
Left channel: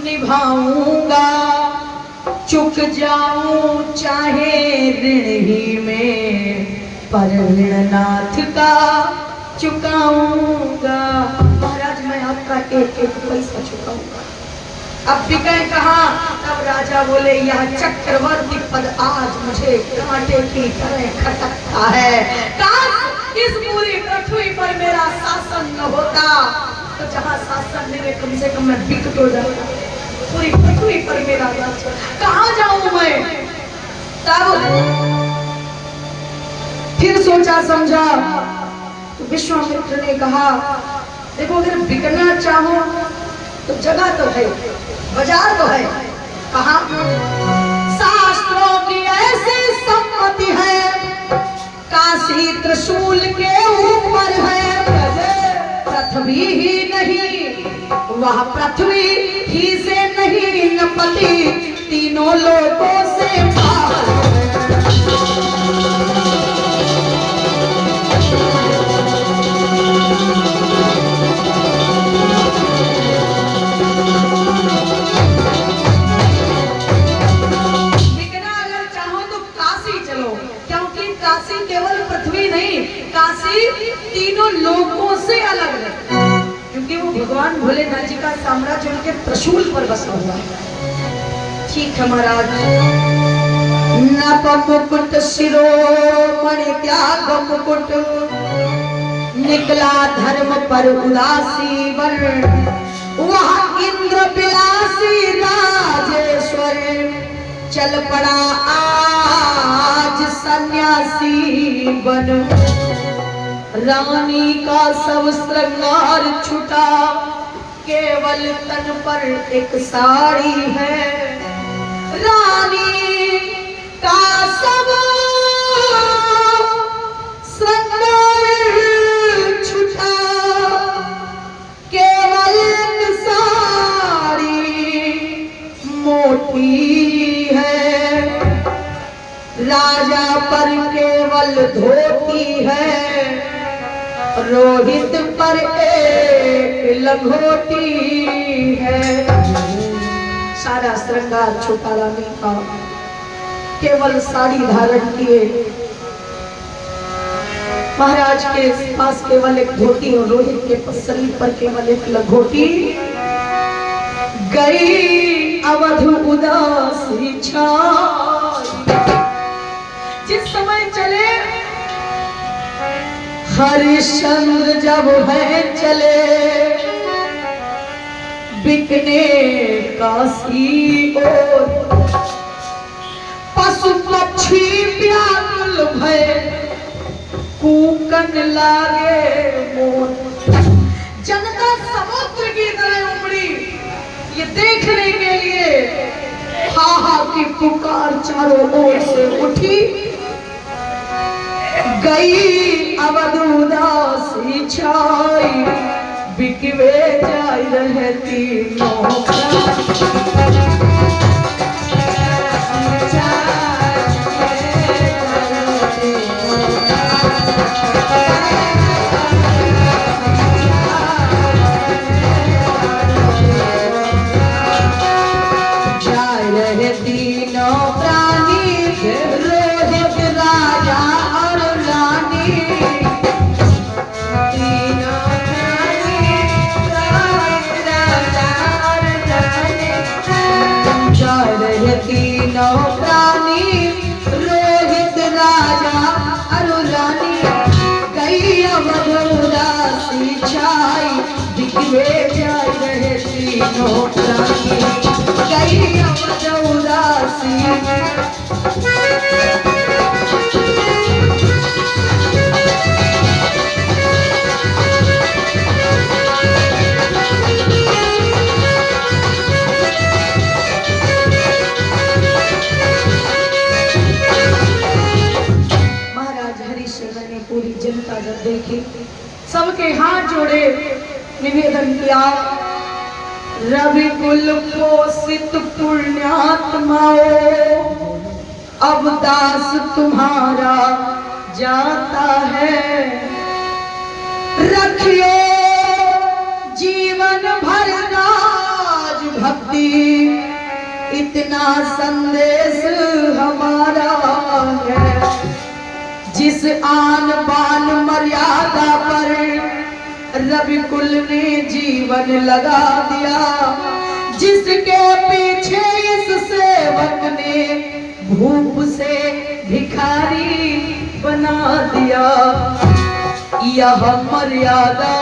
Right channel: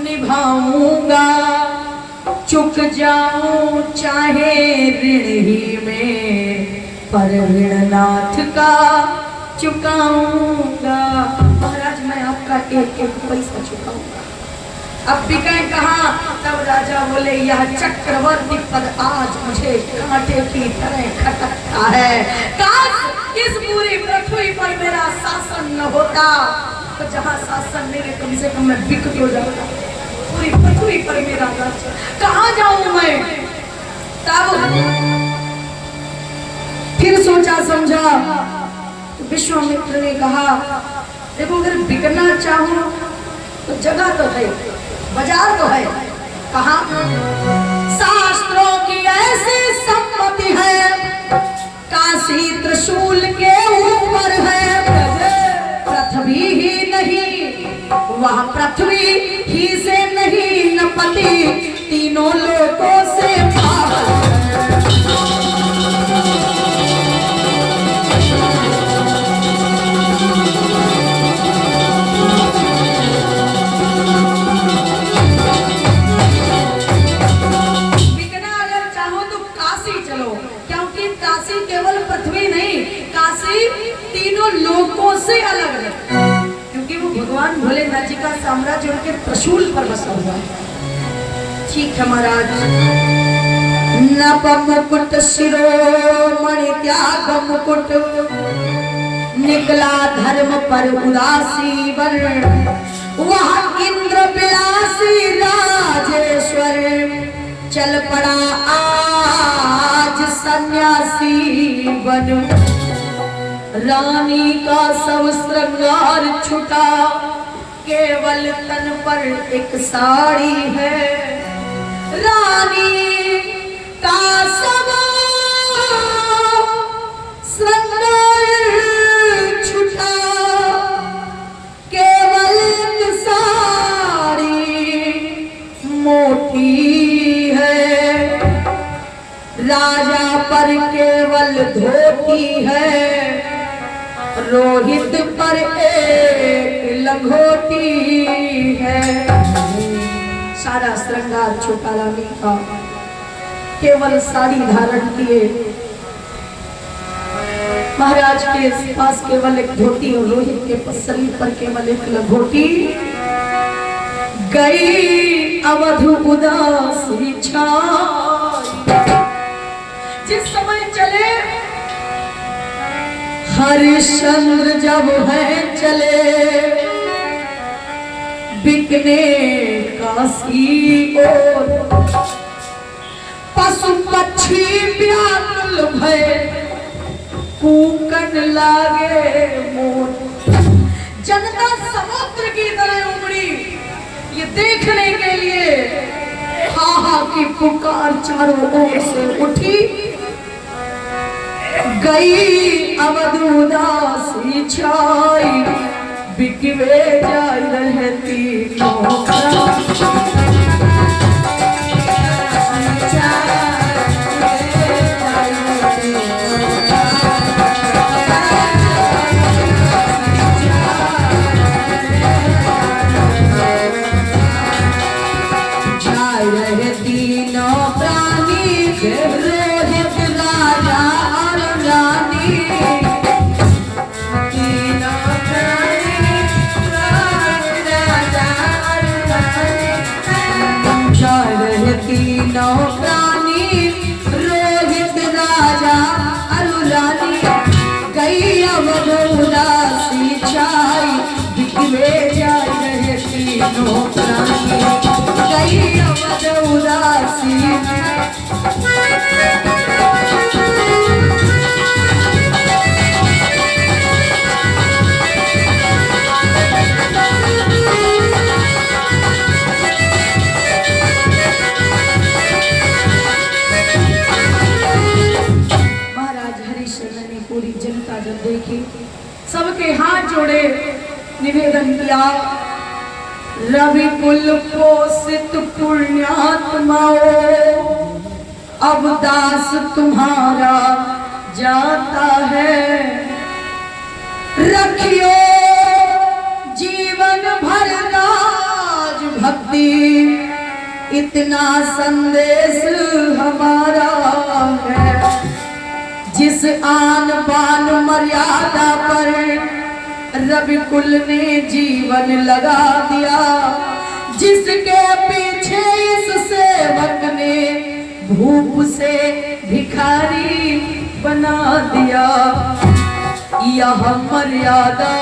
निभाऊंगा। चुक जाऊं चाहे ऋण ही में, पर ऋणनाथ का चुकाऊंगा। महाराज मैं आपका एक एक पैसा चुकाऊंगा। अब बिके कहा? तब राजा बोले यह चक्रवर्ती पद आज मुझे कांटे की तरह खटकता है। काश इस पूरी पृथ्वी पर मेरा शासन न होता, तो जहाँ शासन मेरे कम से कम मैं बिक तो जाता। पूरी पृथ्वी पर मेरा राज्य, कहाँ जाऊं मैं? तब फिर सोचा समझा तो विश्वामित्र ने कहा देखो अगर बिकना चाहो तो जगह तो है, बाजार तो है। कहाँ? शास्त्रों की ऐसी सम्मति है, काशी त्रिशूल के ऊपर है। पृथ्वी ही नहीं, वह पृथ्वी ही से नहीं नपति, तीनों लोगों से बाहर। बिकना अगर चाहो तो काशी चलो, क्योंकि काशी केवल पृथ्वी नहीं, काशी तीनों लोगों से अलग है, क्योंकि वो भगवान भोलेनाथ जी का साम्राज्य उनके त्रिशूल पर बसा हुआ है। ठीक है महाराज। नभ मुकुट शिरोमणि त्याग मुकुट, निकला धर्म पर उदासी वर, वह इंद्र विलासी राजेश्वर, चल पड़ा आज सन्यासी बन। रानी का सब श्रृंगार छुटा, केवल तन पर एक साड़ी है। रानी का सब श्रृंगार छुटा, केवल एक साड़ी मोटी है। राजा पर केवल धोती है, रोहित पर एक लंगोटी है। सारा श्रृंगार छोटा रानी का, केवल साड़ी धारण किए महाराज के पास केवल एक धोती और रोहित के शरीर पर केवल एक लंगोटी। गई अवध उदासी छाई, जिस समय चले हरिश्चंद्र जब है चले बिकने काशी और पशु पक्षी व्याकुल भय कूकन लागे मोर। जनता समुद्र की तरह उमड़ी ये देखने के लिए, हाहा की पुकार चारों ओर से उठी। गई अवध उदासी छाई, बिकवे जाय रहती देखी। सबके हाथ जोड़े निवेदन किया, रवि कुल पोषित पुण्यात्माओ, अब दास तुम्हारा जाता है। रखियो जीवन भर राज भक्ति, इतना संदेश हमारा है। जिस आन बान मर्यादा पर रवि कुल ने जीवन लगा दिया, जिसके पीछे इस सेवक ने भूप से भिखारी बना दिया। यह मर्यादा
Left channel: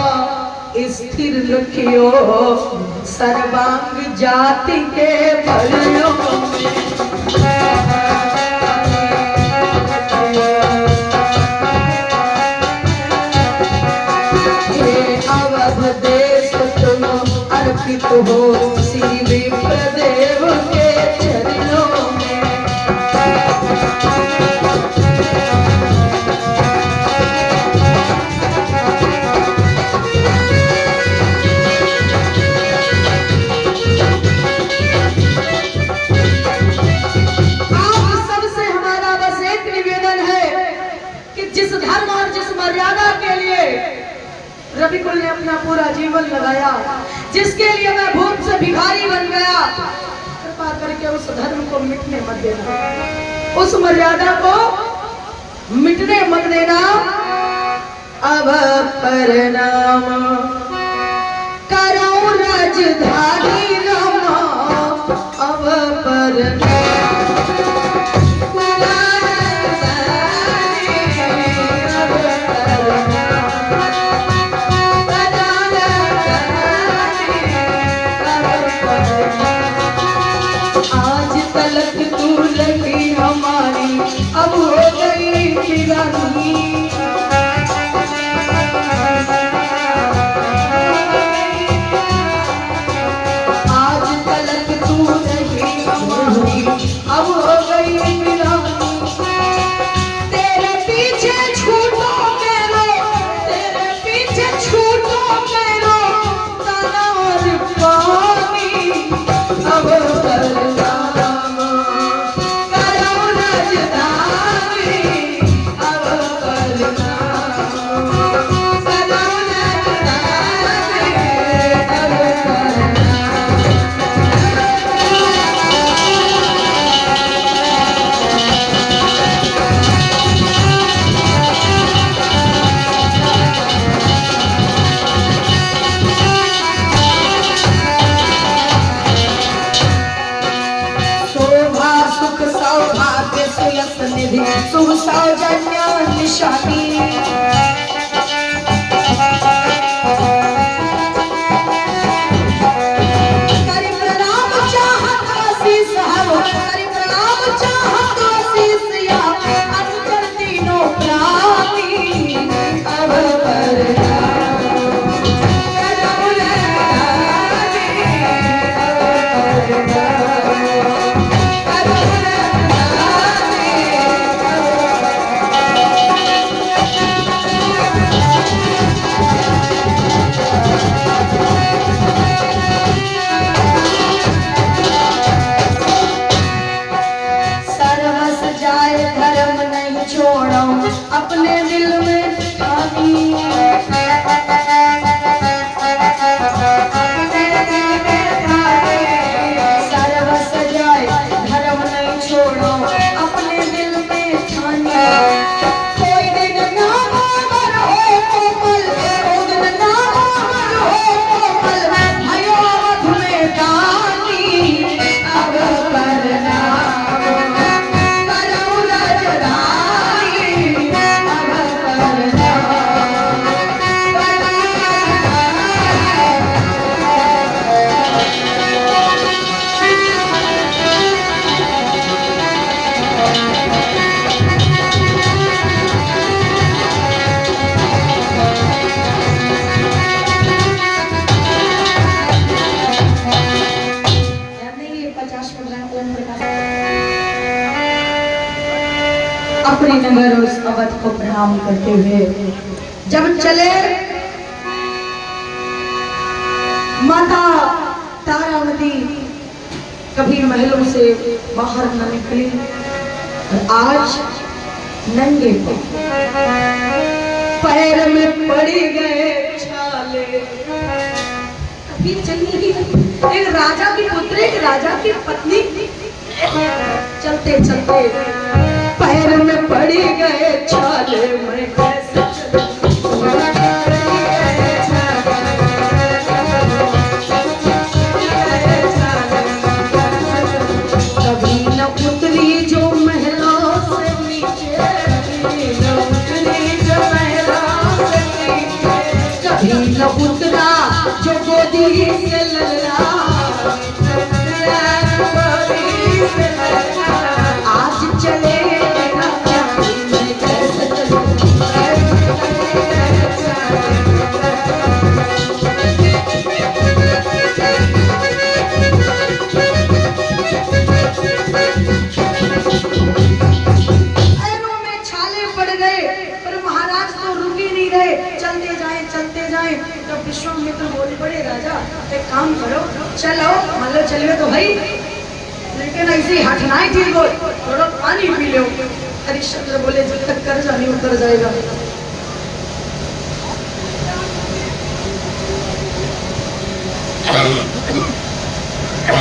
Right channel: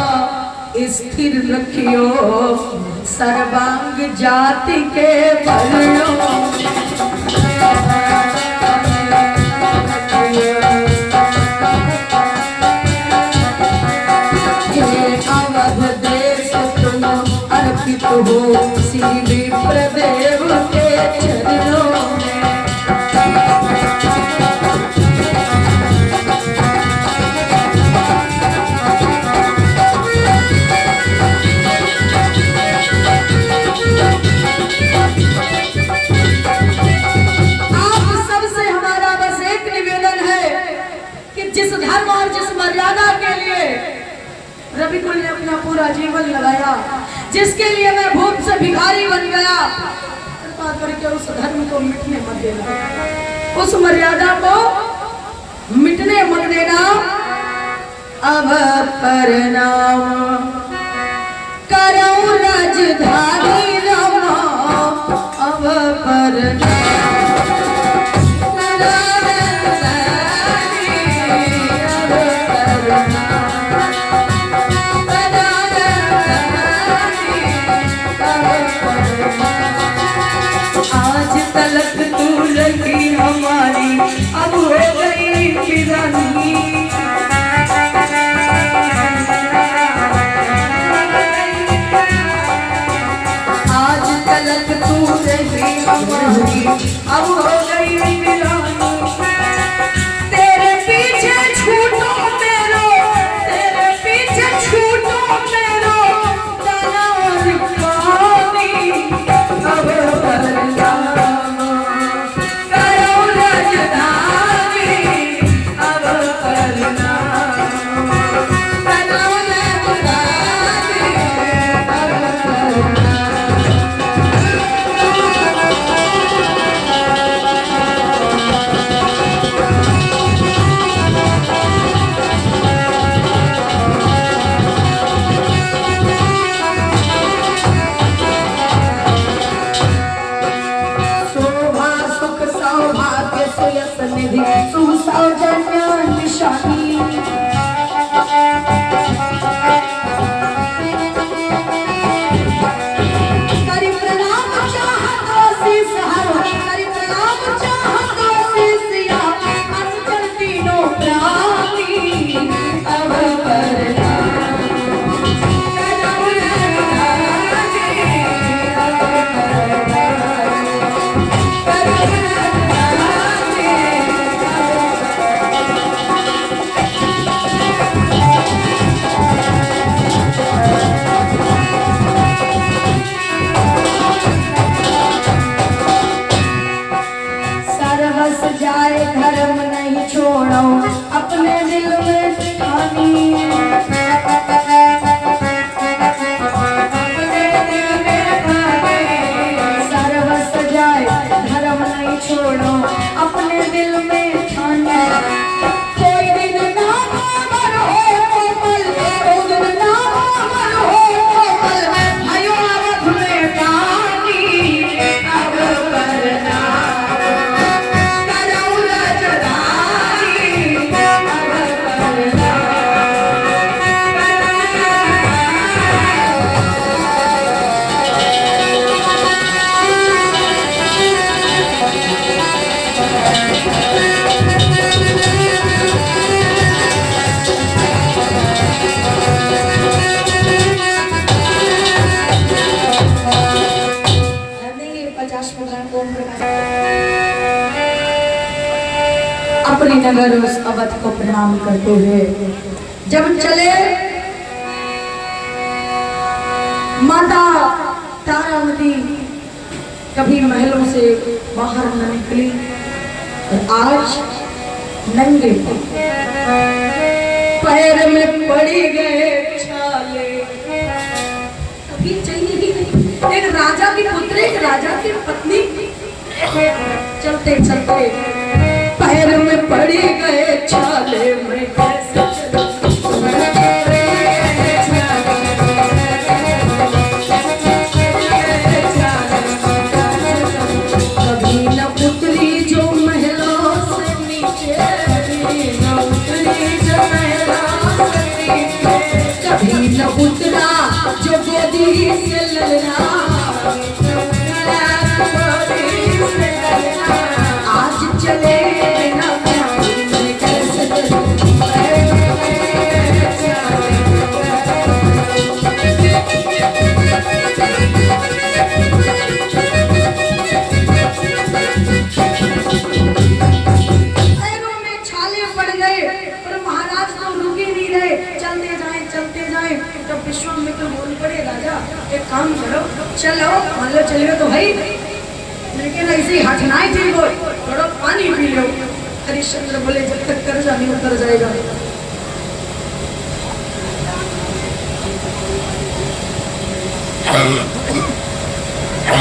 स्थिर रखियो, सर्वांग जाति के वर्णों अर्पित हो श्री विप्रदेव के चरणों में। आप सबसे हमारा बस एक निवेदन है कि जिस धर्म और जिस मर्यादा के लिए रवि कुल ने अपना पूरा जीवन लगाया, जिसके लिए मैं भूप से भिखारी बन गया, कृपा करके उस धर्म को मिटने मत देना, उस मर्यादा को मिटने मत देना। अब प्रणाम करो रजधारी रमा, अब प्रणाम तलक तू लगी हमारी, अब हो गई किरानी। साजन्य निशानी छोड़ो अपने दिल में ठानी सर्वस जाए धर्म नहीं छोड़ो अपने दिल में ठानी कोई दिन ना अमर हो कोमल कोई दिन ना अमर हो कोमल भयो अवध में पानी अब करना अपने नगर उस अवध को प्रणाम करते हुए जब चले माता तारावती कभी महलों से बाहर न निकली और आज नंगे पैर में पड़ी गए छाले कभी चली गई एक राजा की पुत्री एक राजा की पत्नी चलते चलते पैर में पड़ी गए छाले में कैसे कभी न पुत्री जो महलों से नीचे न उतरी जो महलों से नीचे कभी न उतरा जो गोदी से ललरा आज चले विश्वामित्र बोल पड़े राजा एक काम करो चलो मान लो चलवे तो भाई लेकिन ऐसे हाथ ना ही ठीक हो थोड़ा पानी पी लो हरिश्चंद्र बोले जब तक कर्जा नहीं उतर जाएगा